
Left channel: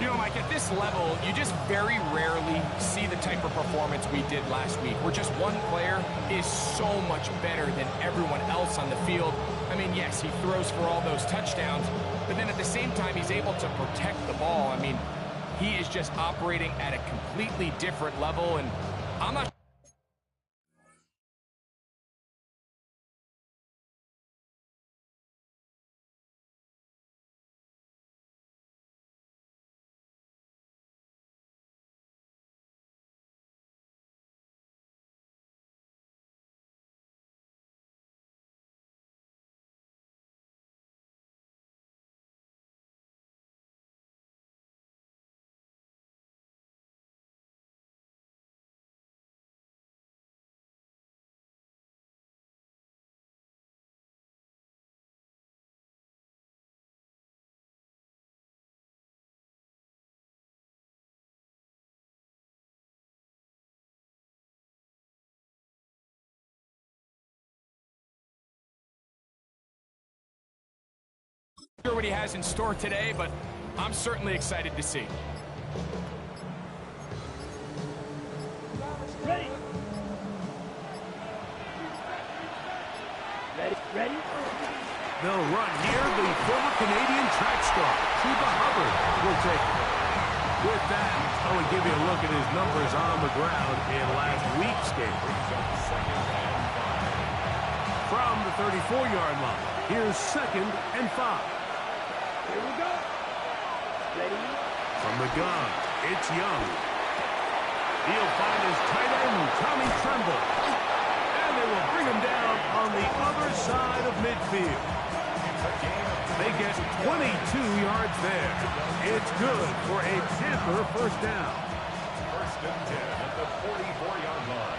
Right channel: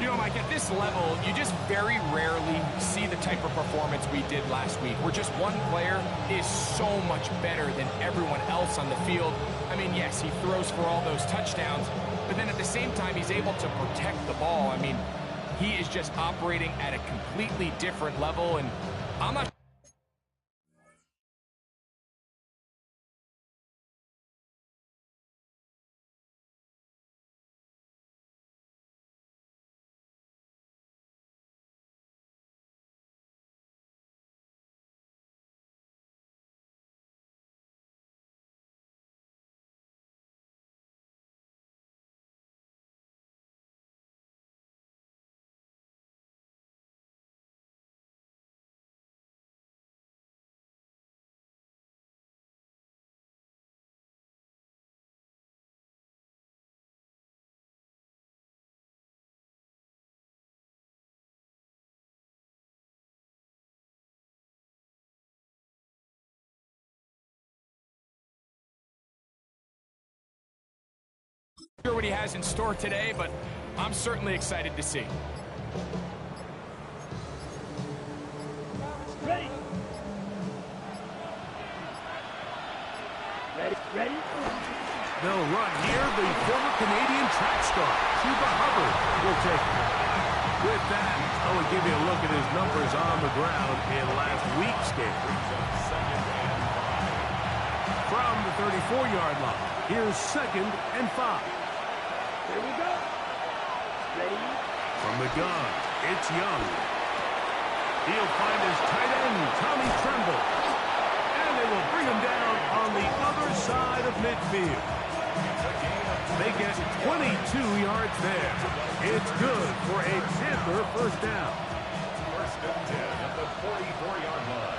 You know, Mike, at this level, you just very rarely see the type of performance we did last week, where just one player is so much better than everyone else on the field. I mean, yes, he throws for all those touchdowns, but then at the same time, he's able to protect the ball. I mean, he is just operating at a completely different level, and I'm not sure what he has in store today, but I'm certainly excited to see. Ready. Ready. They'll run here. The former Canadian track star, Chuba Hubbard, will take it. With that, I will give you a look at his numbers on the ground in last week's game. From the 34-yard line, here's 2nd and 5. Here we go. Ready. From the gun, it's Young. He'll find his tight end, Tommy Tremble. And they will bring him down on the other side of midfield. They get 22 yards there. It's good for a Panther first down. 1st and 10 at the 44-yard line.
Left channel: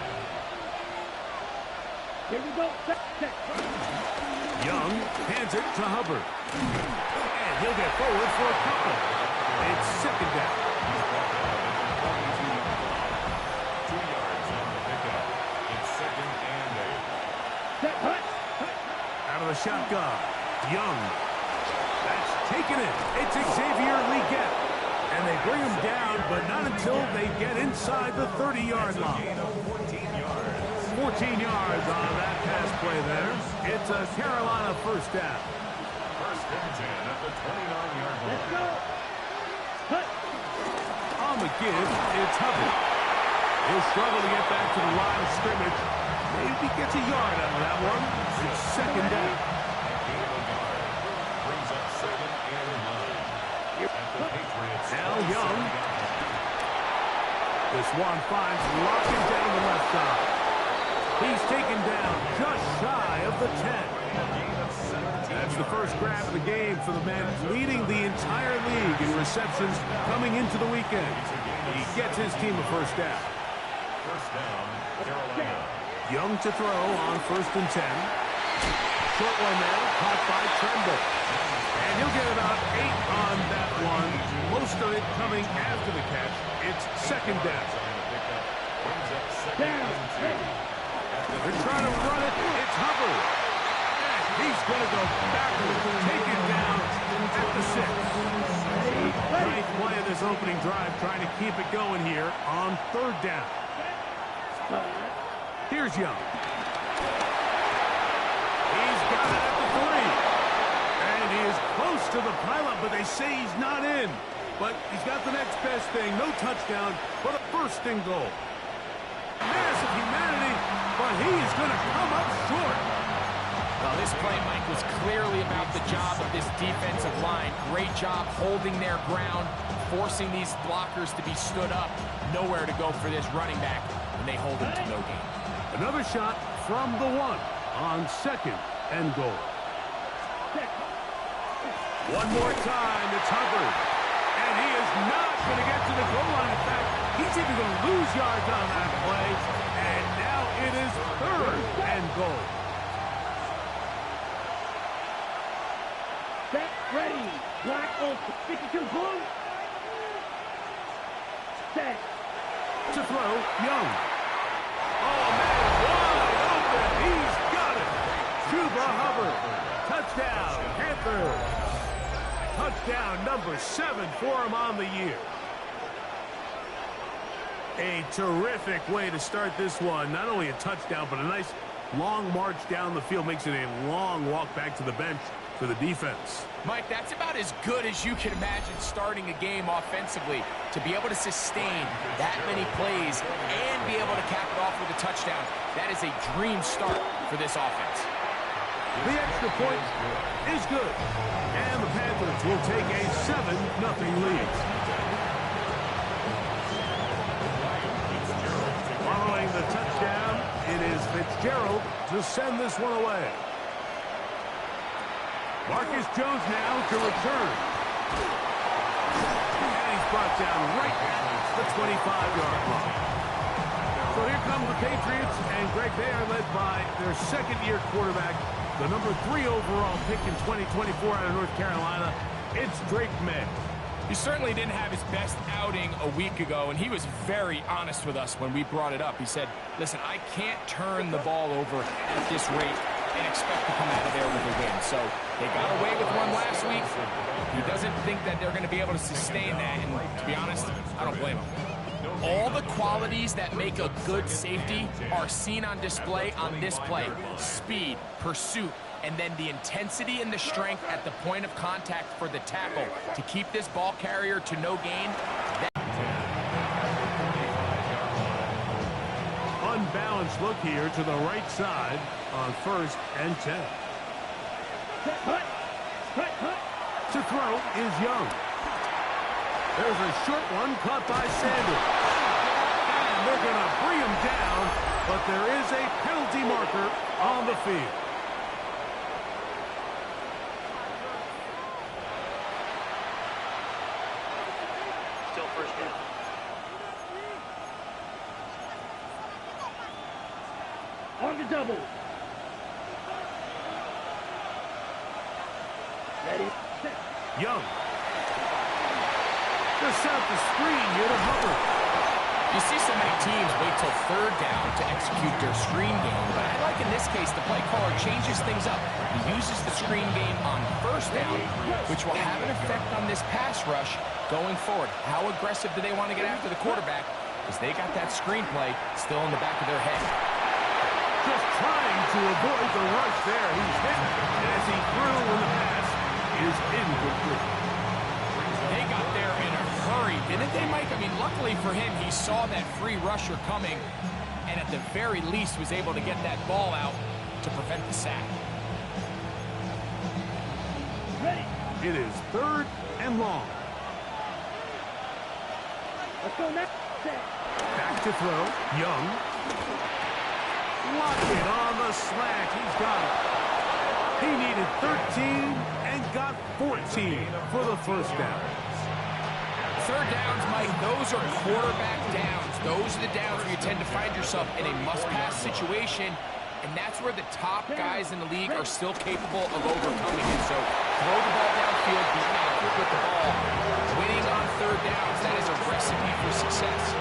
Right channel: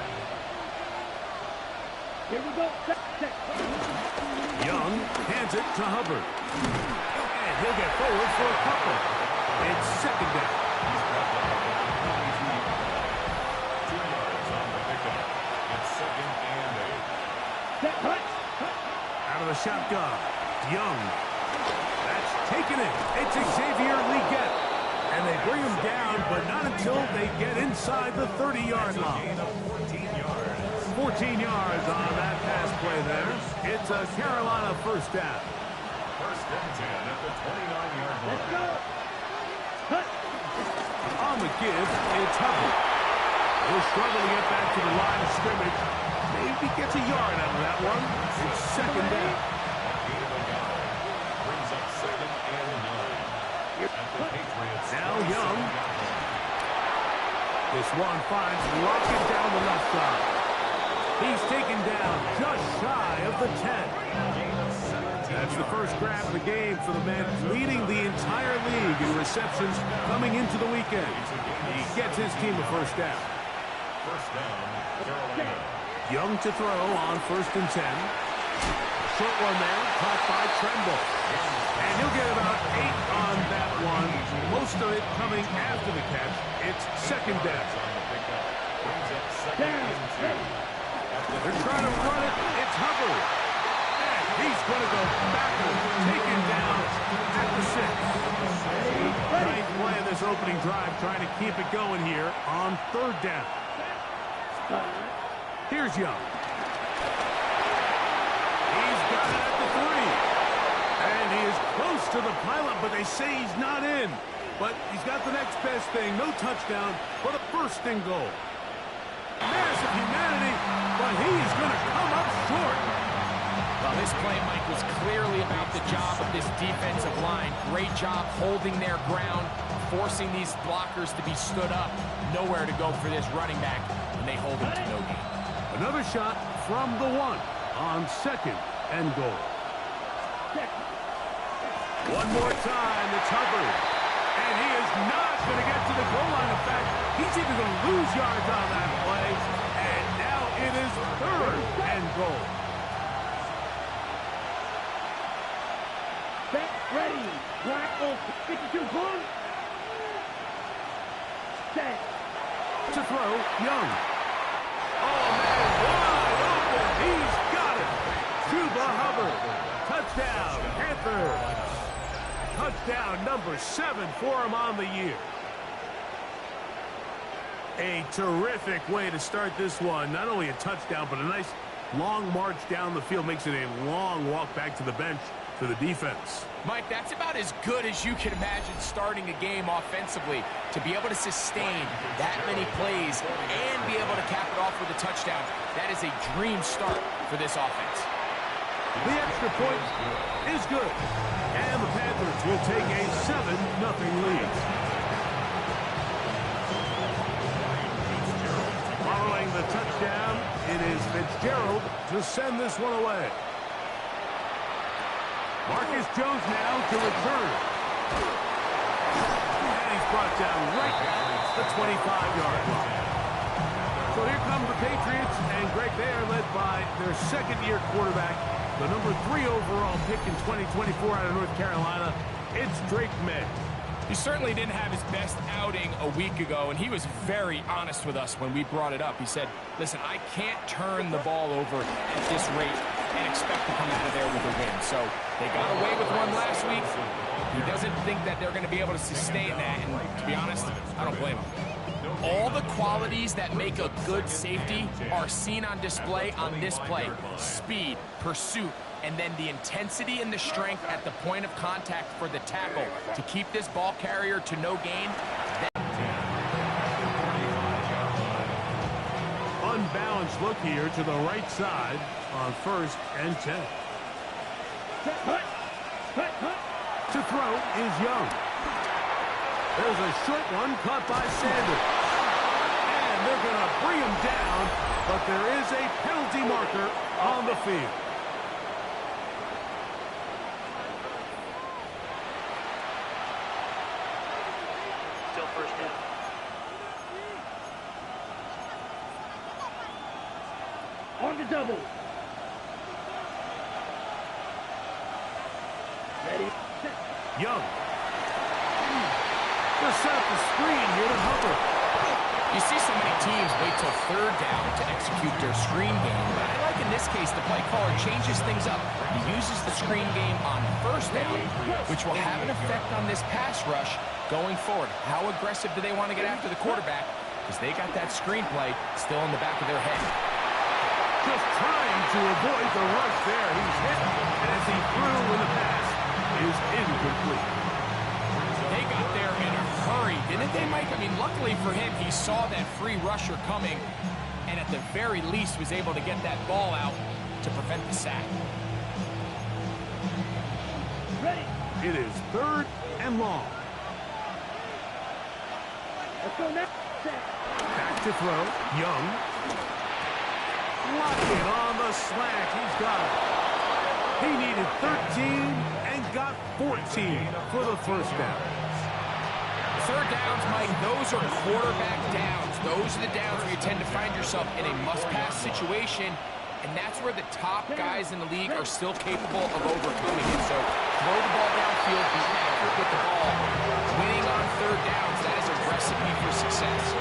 Here we go. Check. Young hands it to Hubbard. And he'll get forward for a couple. It's 2nd down. He's brought down at the 42-yard line. 2 yards on the pickup. It's 2nd and 8. Check. Hut. Out of the shotgun, Young. That's taken it. It's Xavier Leggett. And they bring him down, but not until they get inside the 30-yard line. Gain of 14 yards. 14 yards on that pass play there. It's a Carolina first down. 1st and 10 at the 29-yard line. Let's go. Hut. On the give, it's Hubbard. He'll struggle to get back to the line of scrimmage. Maybe gets a yard out of that one. It's 2nd down. A gain of a yard. Brings up 2nd and 9. At the Patriots. Now Young. This one finds Lockett down the left side. He's taken down just shy of the 10. That's the first grab of the game for the man leading the entire league in receptions coming into the weekend. He gets his team a first down. First down, Carolina. Young to throw on 1st and 10. Short one there, caught by Tremble. And he'll get about 8 on that one. Most of it coming after the catch. It's 2nd down. Brings up 2nd and 2. They're trying to run it. It's Hubbard. And He's going to go backwards, taken down at the 6. Ninth play of this opening drive, trying to keep it going here on 3rd down. Here's Young. He's got it at the 3. And he is close to the pylon, but they say he's not in. But he's got the next best thing. No touchdown, but a 1st and goal. Massive humanity, but he is going to come up short. Well, this play, Mike, was clearly about the job of this defensive line. Great job holding their ground, forcing these blockers to be stood up. Nowhere to go for this running back, and they hold him to no gain. Another shot from the 1 on 2nd and goal. One more time, it's Hubbard. And he is not going to get to the goal line. In fact, he's even going to lose yards on that play. And now it is 3rd and goal. Set, ready. Black Oak, 52 blue. Set. To throw, Young. Oh, man, wide open. He's got it. Chuba Hubbard. Touchdown, Panthers. Touchdown number 7 for him on the year. A terrific way to start this one. Not only a touchdown, but a nice long march down the field. Makes it a long walk back to the bench for the defense. Mike, that's about as good as you can imagine starting a game offensively. To be able to sustain that many plays and be able to cap it off with a touchdown, that is a dream start for this offense. The extra point is good. And the Panthers will take a 7-0 lead. Following the touchdown, it is Fitzgerald to send this one away. Marcus Jones now to return. And he's brought down right at the 25-yard line. So here come the Patriots, and Greg, they are led by their 2nd-year quarterback, the number 3 overall pick in 2024 out of North Carolina. It's Drake May. He certainly didn't have his best outing a week ago, and he was very honest with us when we brought it up. He said, listen, I can't turn the ball over at this rate and expect to come out of there with a win. So they got away with one last week. He doesn't think that they're going to be able to sustain that, and to be honest, I don't blame him. All the qualities that make a good safety are seen on display on this play. Speed, pursuit, and then the intensity and the strength at the point of contact for the tackle to keep this ball carrier to no gain. Unbalanced look here to the right side on 1st and 10. To throw is Young. There's a short one caught by Sanders. And they're going to bring him down, but there is a penalty marker on the field. Still 1st down. On the double. Ready, set. Young. Going to set up the screen here to Hubbard. You see so many teams wait till 3rd down to execute their screen game, but I like in this case the play caller changes things up. He uses the screen game on 1st down, which will have an effect on this pass rush going forward. How aggressive do they want to get after the quarterback? Because they got that screenplay still in the back of their head. Just trying to avoid the rush there. He's hit, and as he threw in the pass, is incomplete. They got there in a hurry, didn't they, Mike? I mean, luckily for him, he saw that free rusher coming, and at the very least was able to get that ball out to prevent the sack. Ready. It is 3rd and long. Let's go next. Set. Back to throw. Young. Lockett on the slant. He's got it. He needed 13 and got 14 for the 1st down. 3rd downs, Mike, those are quarterback downs. Those are the downs where you tend to find yourself in a must-pass situation, and that's where the top guys in the league are still capable of overcoming it. So throw the ball downfield, be accurate with the ball. Winning on 3rd downs, that is a recipe for success.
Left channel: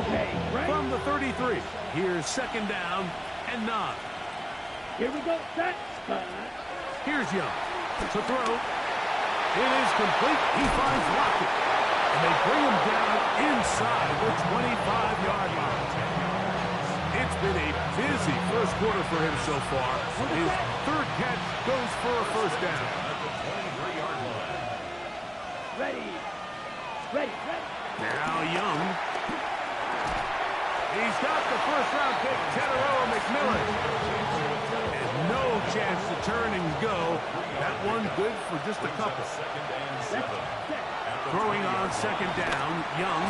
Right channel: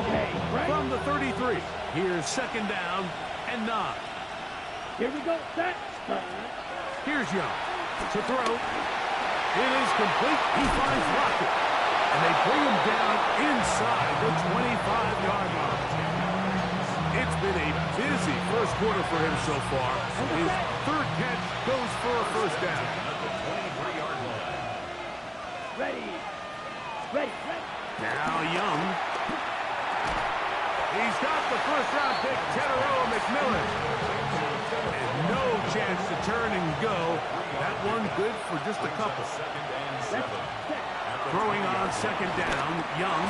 Okay. From the 33, here's second down and 9. Here we go. Set. Here's Young to throw. It is complete. He finds Lockett. And they bring him down inside the 25-yard line. It's been a busy first quarter for him so far. His third catch goes for a first down. At the 23-yard line. Ready. Ready. Now Young. He's got the first-round pick, Teteroa McMillan. And no chance to turn and go. That one good for just a couple. Throwing on second down, Young.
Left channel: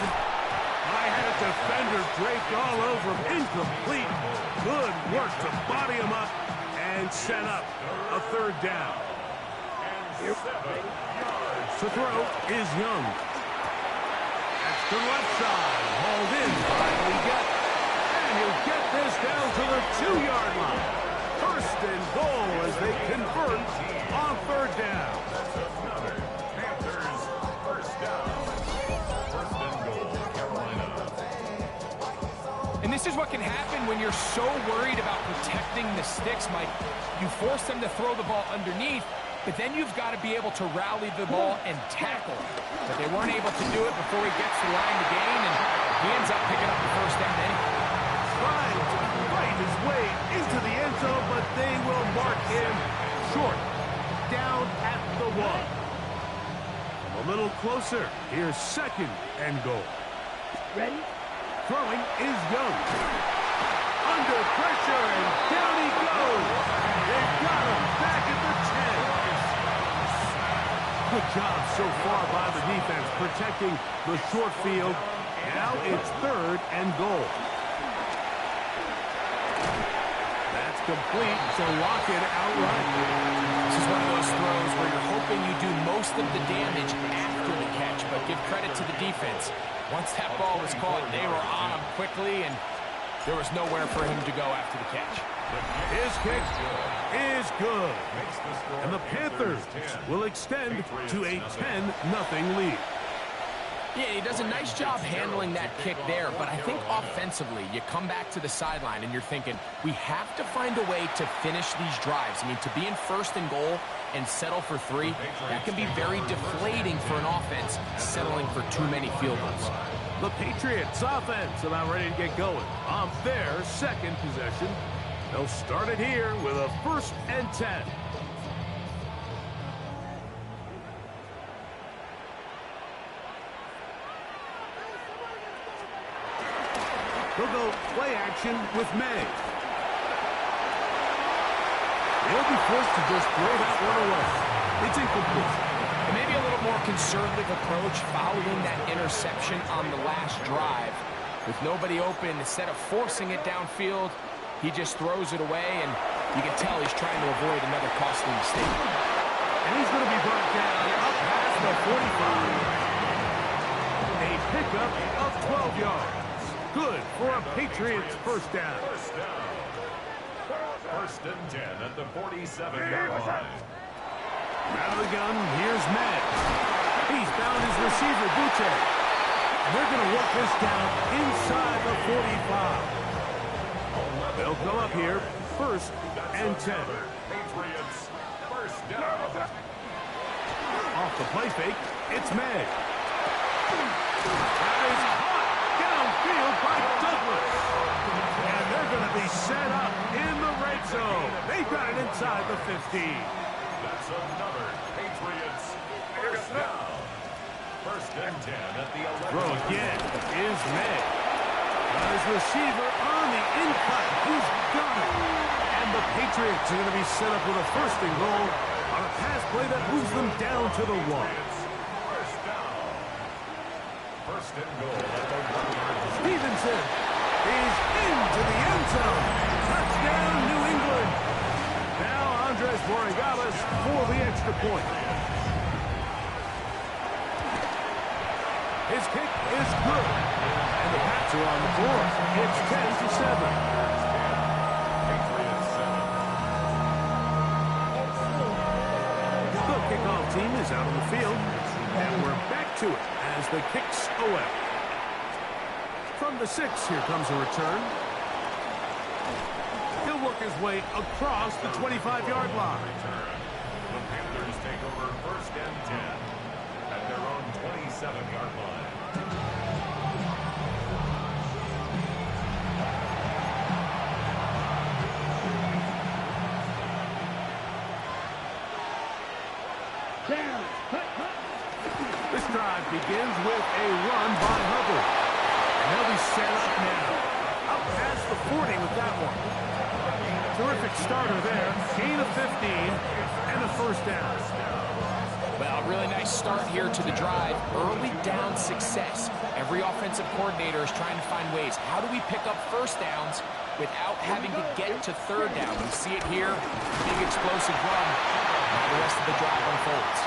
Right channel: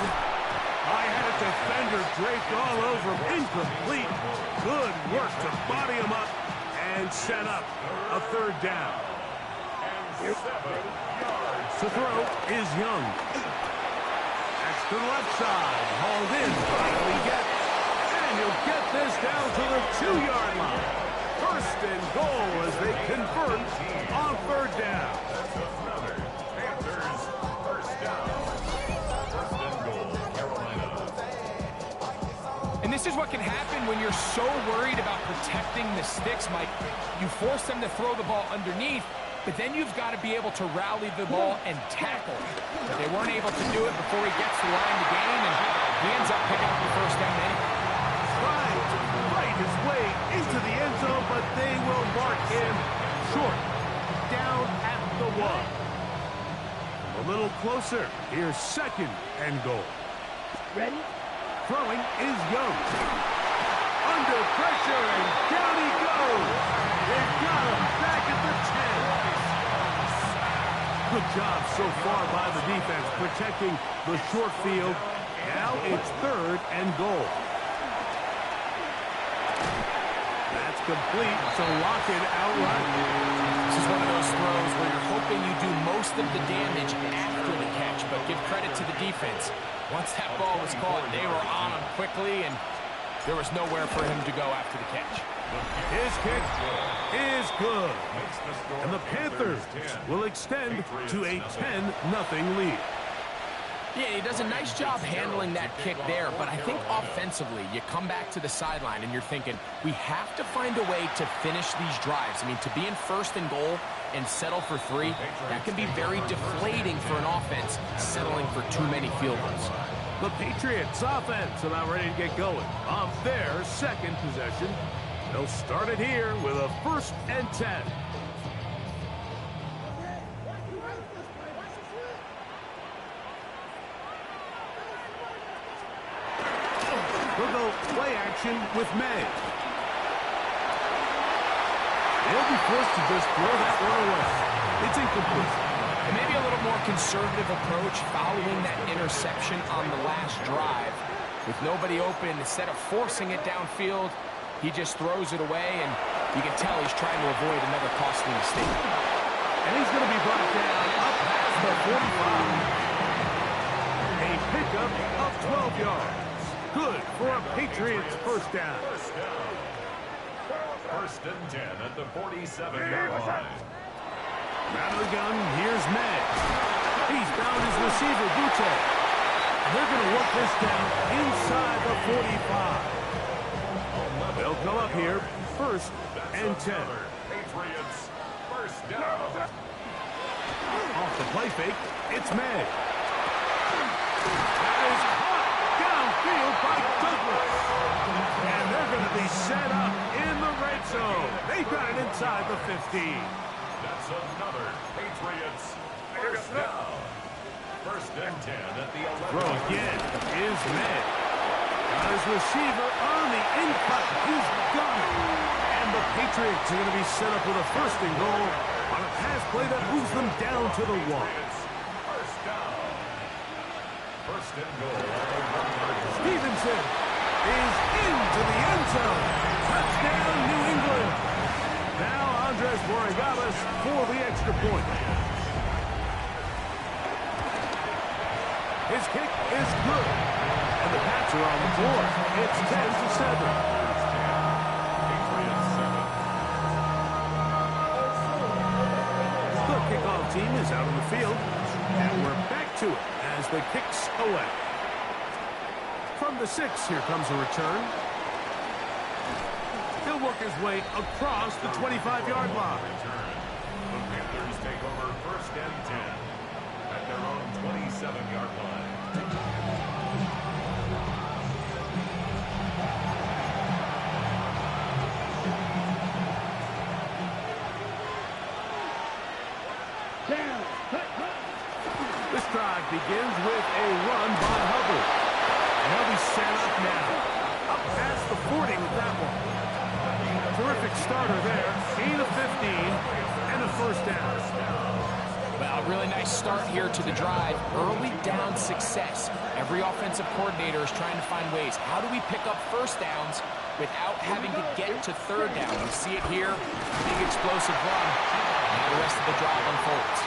I had a defender draped all over him. Incomplete. Good work to body him up and set up a third down. And 7 yards. To throw is Young. That's to the left side. Hauled in by Leggett. And he'll get this down to the 2-yard line. First and goal as they convert on third down. That's another Panthers first down. First and goal, Carolina. And this is what can happen when you're so worried about protecting the sticks, Mike. You force them to throw the ball underneath, but then you've got to be able to rally the ball and tackle. But they weren't able to do it before he gets to the line to gain, and he ends up picking up the first down anyway. Trying to fight his way into the end zone, but they will mark him short. Down at the 1. A little closer. Here's second and goal. Ready. Throwing is Young. Under pressure, and down he goes. They've got him back at the 10. Good job so far by the defense protecting the short field. Now it's third and goal. That's complete, so lock it outright. This is one of those throws where you're hoping you do most of the damage after the catch, but give credit to the defense. Once that ball was caught, they were on him quickly, and there was nowhere for him to go after the catch. His kick is good. And the Panthers will extend to a 10-0 lead. Yeah, he does a nice job handling that kick there, but I think offensively, you come back to the sideline and you're thinking, we have to find a way to finish these drives. I mean, to be in first and goal and settle for 3, that can be very deflating for an offense, settling for too many field goals. The Patriots offense about ready to get going on their second possession. They'll start it here with a 1st and 10. We'll go play action with May. They'll be forced to just throw that one away. It's incomplete. And maybe a little more conservative approach following that interception on the last drive. With nobody open, instead of forcing it downfield, he just throws it away, and you can tell he's trying to avoid another costly mistake. And he's going to be brought down up past the 45. A pickup of 12 yards. Good for a Patriots first down. First and 10 at the 47-yard line. Out of the gun, here's May. He's found his receiver, Butte. And they're going to work this down inside the 45. They'll come up here, 1st and 10. Patriots first down. Off the play fake, it's May. That is caught downfield by Douglas. And they're going to be set up in the red zone. They've got it inside the 15. That's another Patriots first down. First and 10 at the 11. Throw again is May. Got his receiver on the in-cut. He's got it. And the Patriots are going to be set up with a 1st and goal on a pass play that moves them down to the 1. First down. First and goal at the 1-yard line. Stevenson is into the end zone. Touchdown, New England. Now Andres Borregales for the extra point. His kick is good. And the Pats are on the board. It's 10-7. Patriots 7. The kickoff team is out on the field. And we're back to it as the kick's away. From the 6, here comes a return. He'll work his way across the 25-yard line. The Panthers take over 1st and 10 at their own 27-yard line. Down. This drive begins with a run by Hubbard. And he'll be set up now. Up past the 40 with that one. Terrific starter there. Gain of 15 and a first down. Well, really nice start here to the drive. Early down success. Every offensive coordinator is trying to find ways. How do we pick up first downs without having to get to third down? We see it here. Big explosive run. Now the rest of the drive unfolds.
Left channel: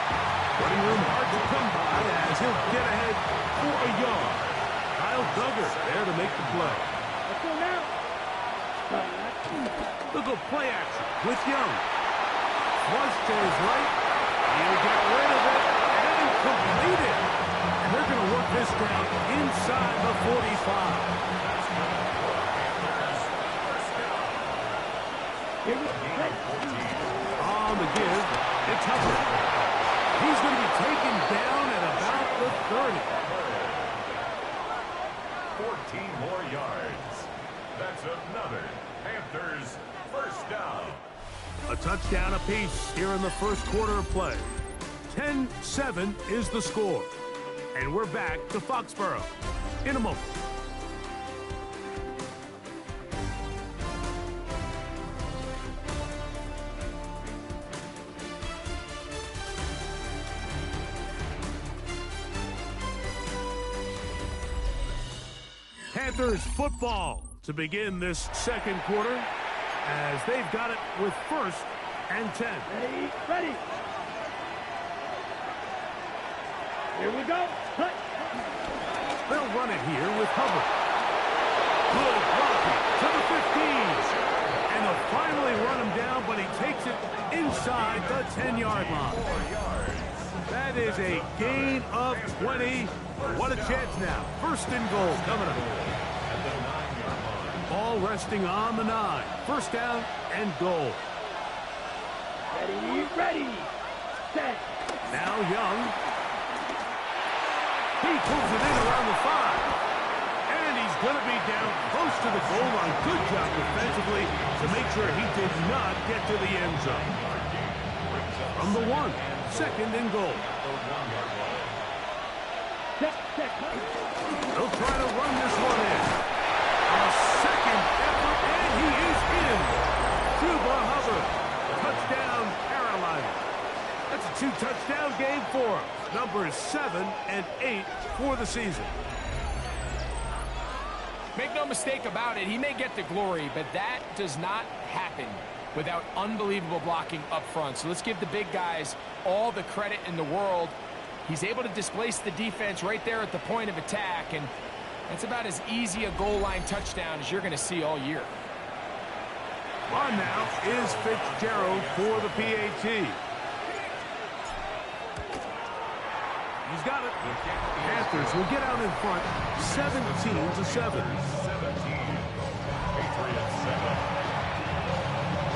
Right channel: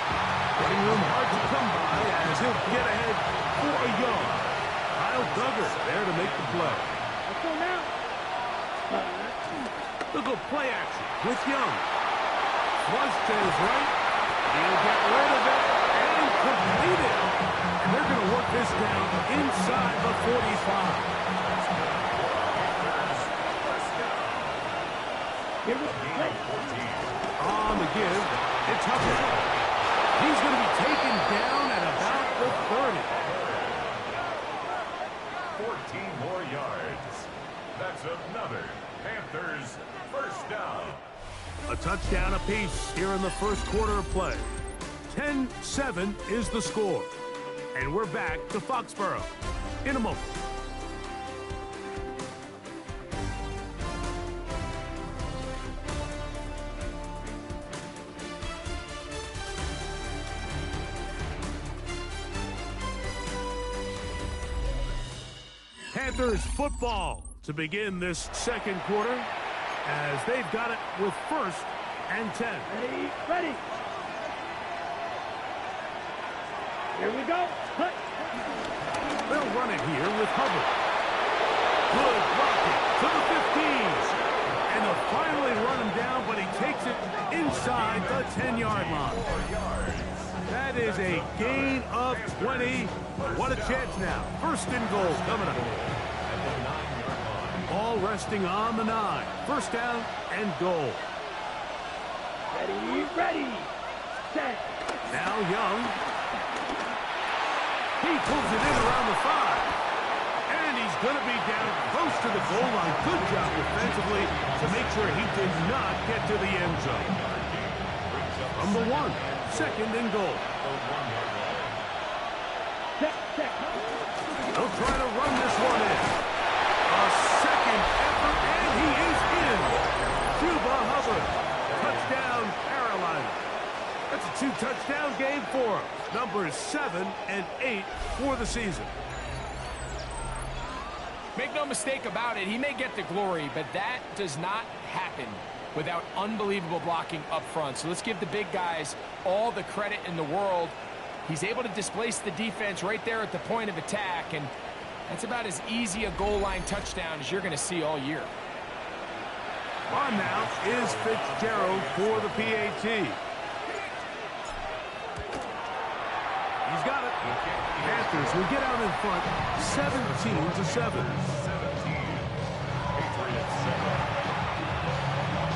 Running room hard to come by as he'll get ahead for a yard. Kyle Duggar there to make the play. Let's go now. Look at play action with Young. Flush to his right. He'll get rid of it and complete it. And they're going to work this down inside the 45. That's good. Panthers, 1st down. Here we go. 14. On the give, it's Hubbard. He's going to be taken down at about the 30. 14 more yards. That's another Panthers 1st down. A touchdown apiece here in the first quarter of play. 10-7 is the score. And we're back to Foxborough in a moment. Panthers football to begin this second quarter as they've got it with 1st and 10. Ready. Here we go. Cut. They'll run it here with Hubbard. Good blocking to the 15s. And they'll finally run him down, but he takes it inside the 10-yard line. That is a gain of 20. What a chance now. 1st and goal coming up. At the 9-yard line. Ball resting on the 9. 1st down and goal. Ready. Set. Now Young. He pulls it in around the 5. And he's going to be down close to the goal line. Good job defensively to make sure he did not get to the end zone. From the 1. 2nd and goal. They'll try to run this one in. A second effort, and he is in. Chuba Hubbard. Touchdown, Carolina. That's a 2-touchdown game for him. Numbers 7 and 8 for the season. Make no mistake about it, he may get the glory, but that does not happen without unbelievable blocking up front. So let's give the big guys all the credit in the world. He's able to displace the defense right there at the point of attack, and that's about as easy a goal line touchdown as you're going to see all year. On now is Fitzgerald for the PAT. He's got it. Panthers will get out in front 17-7. 17. Patriots set up.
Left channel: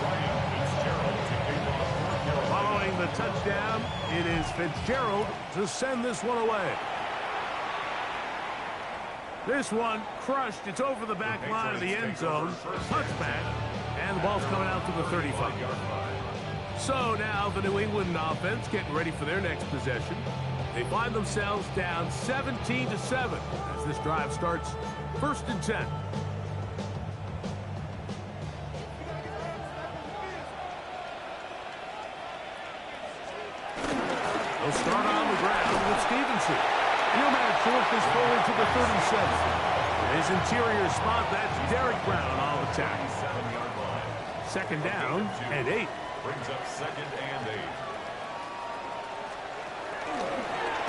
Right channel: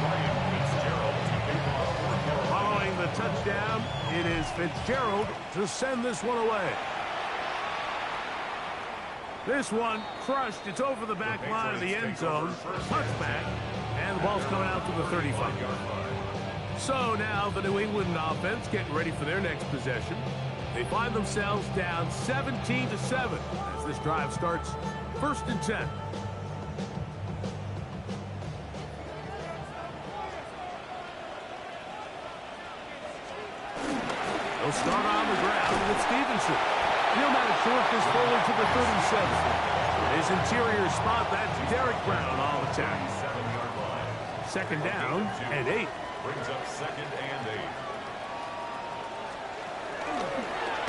Ryan Fitzgerald to kick off for Carolina. Following the touchdown, it is Fitzgerald to send this one away. This one crushed. It's over the back line of the end zone. Touchback. And the ball's coming out to the 35. So now the New England offense getting ready for their next possession. They find themselves down 17-7 as this drive starts 1st and 10. They'll start on the ground with Stevenson. And he'll manage to work this forward to the 37. His interior spot, that's Derek Brown on the tackle. 7-yard line. 2nd down and 8. Brings up 2nd and 8.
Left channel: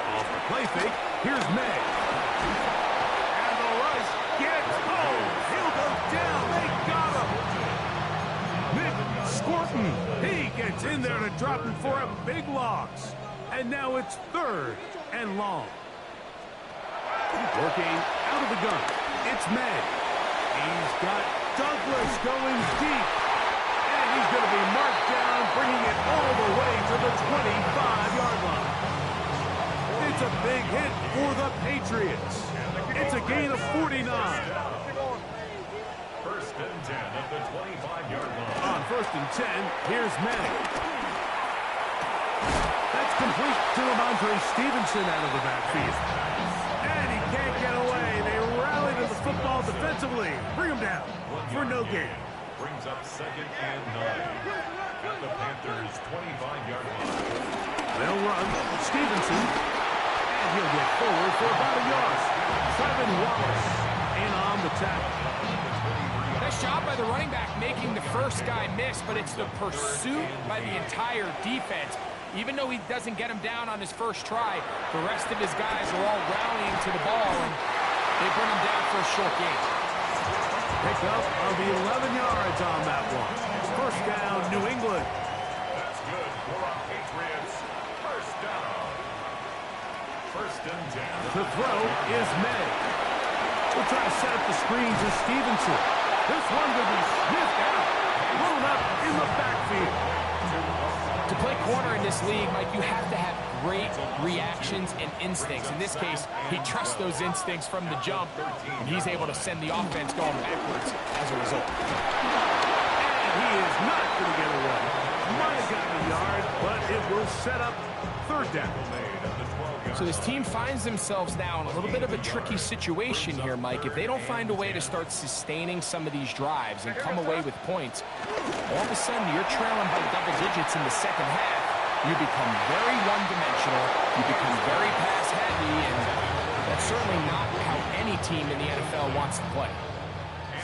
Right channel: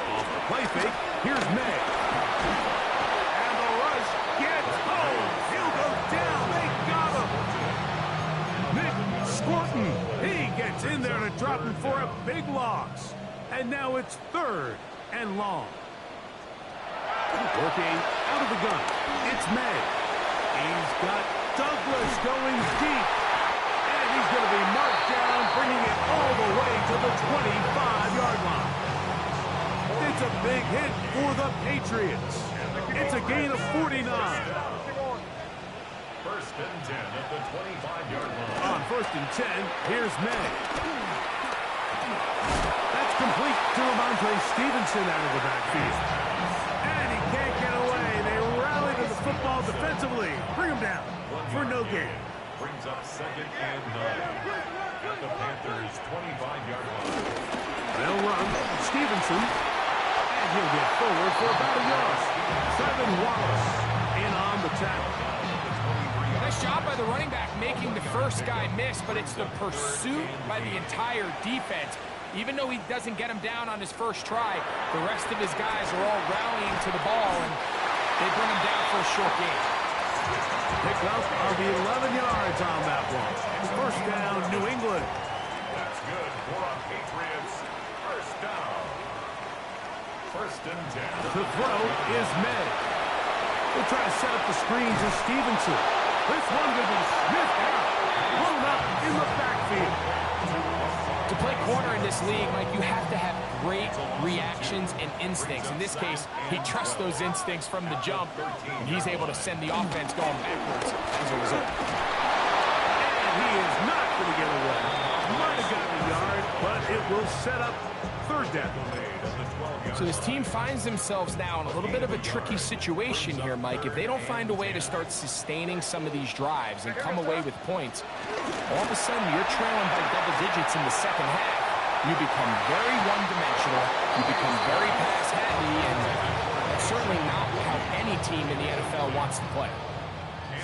Off the play fake, here's May. And the rush gets home. He'll go down. They got him. Nick Scorton. He gets in there to drop him for a big loss. And now it's 3rd and long. Working out of the gun It's May. He's got Douglas going deep. And he's going to be marked down, bringing it all the way to the 25-yard line. It's a big hit for the Patriots. It's a gain of 49. First and 10 at the 25-yard line. On first and 10, here's May. That's complete to Ramondre Stevenson out of the backfield. And he can't get away. They rally to the football defensively. Bring him down for no gain. Brings up second and 9 at the Panthers' 25-yard line. They'll run Stevenson, and he'll get forward for about a yard. Trevin Wallace in on the tackle. Nice job by the running back making the first guy miss, but it's the pursuit by the entire defense. Even though he doesn't get him down on his first try, the rest of his guys are all rallying to the ball, and they bring him down for a short gain. Pickup of 11 yards on that one. First down, New England. That's good for our Patriots. First down. First and 10. The throw is May. We'll try to set up the screen to Stevenson. This one going to be sniffed out. Blown up in the backfield. To play corner in this league, Mike, you have to have great reactions and instincts. In this case, he trusts those instincts from the jump, and he's able to send the offense going backwards as a result. And he is not going to get away. Might have gotten a yard, but it will set up third down. So this team finds themselves now in a little bit of a tricky situation here, Mike. If they don't find a way to start sustaining some of these drives and come away with points, all of a sudden you're trailing by double digits in the second half. You become very one-dimensional. You become very pass-heavy, and that's certainly not how any team in the NFL wants to play.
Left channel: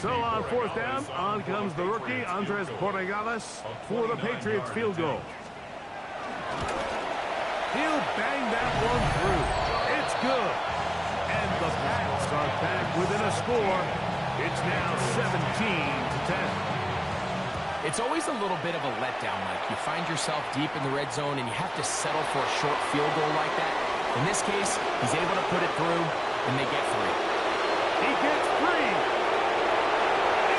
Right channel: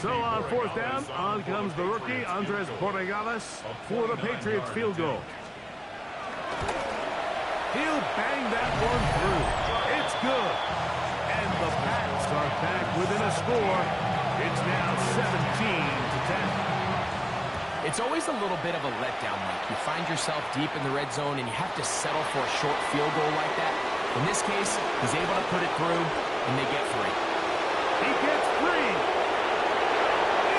So on fourth down, on comes the rookie, Andres Borregales, for the Patriots field goal. He'll bang that one through. It's good. And the Pats are back within a score. It's now 17-10. It's always a little bit of a letdown, Mike. You find yourself deep in the red zone, and you have to settle for a short field goal like that. In this case, he's able to put it through, and they get free. He gets free.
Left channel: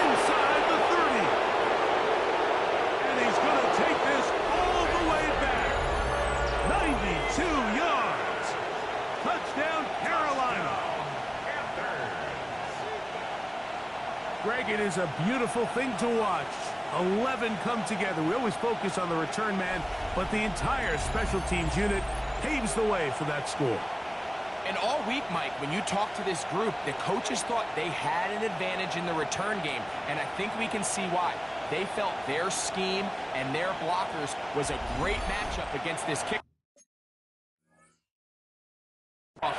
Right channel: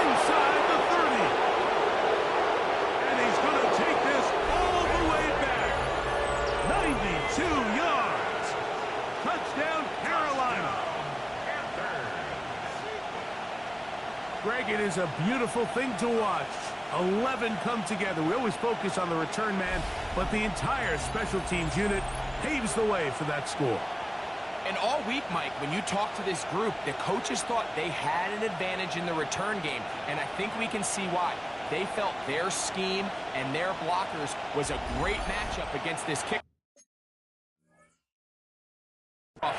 Inside the 30. And he's going to take this all the way back. 92 yards. Touchdown, Carolina. Greg, it is a beautiful thing to watch. 11 come together. We always focus on the return man, but the entire special teams unit paves the way for that score. And all week, Mike, when you talk to this group, the coaches thought they had an advantage in the return game, and I think we can see why. They felt their scheme and their blockers was a great matchup against this kickoff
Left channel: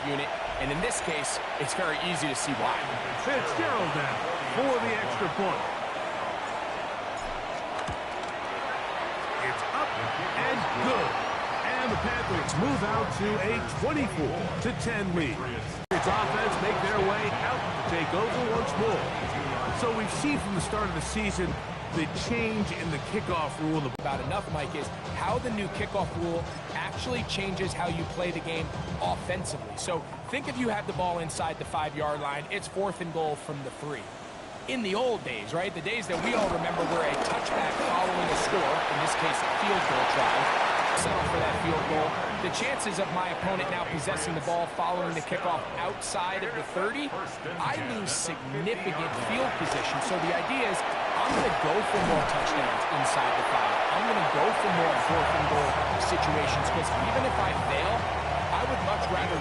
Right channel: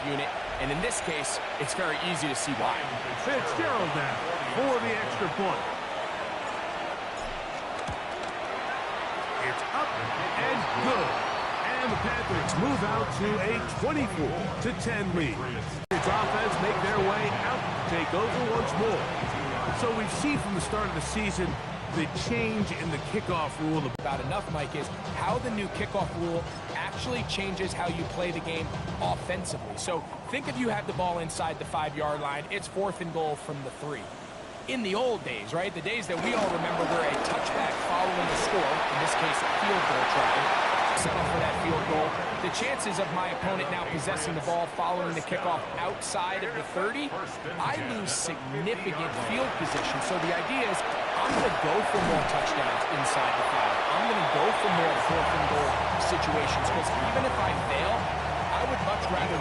unit, and in this case, it's very easy to see why. Fitzgerald now for the extra point. It's up and good. And the Panthers move out to a 24-10 lead. Its offense make their way out to take over once more. So we've seen from the start of the season the change in the kickoff rule. About enough, Mike, is how the new kickoff rule actually changes how you play the game offensively. So think if you have the ball inside the 5-yard line, it's 4th and goal from the 3. In the old days, right, the days that we all remember where a touchback following a score, in this case a field goal try, settle for that field goal, the chances of my opponent now possessing the ball following the kickoff outside of the 30, I lose significant field position. So the idea is I'm going to go for more touchdowns inside the 5. I'm going to go for more 4th and goal situations, because even if I fail, I would much rather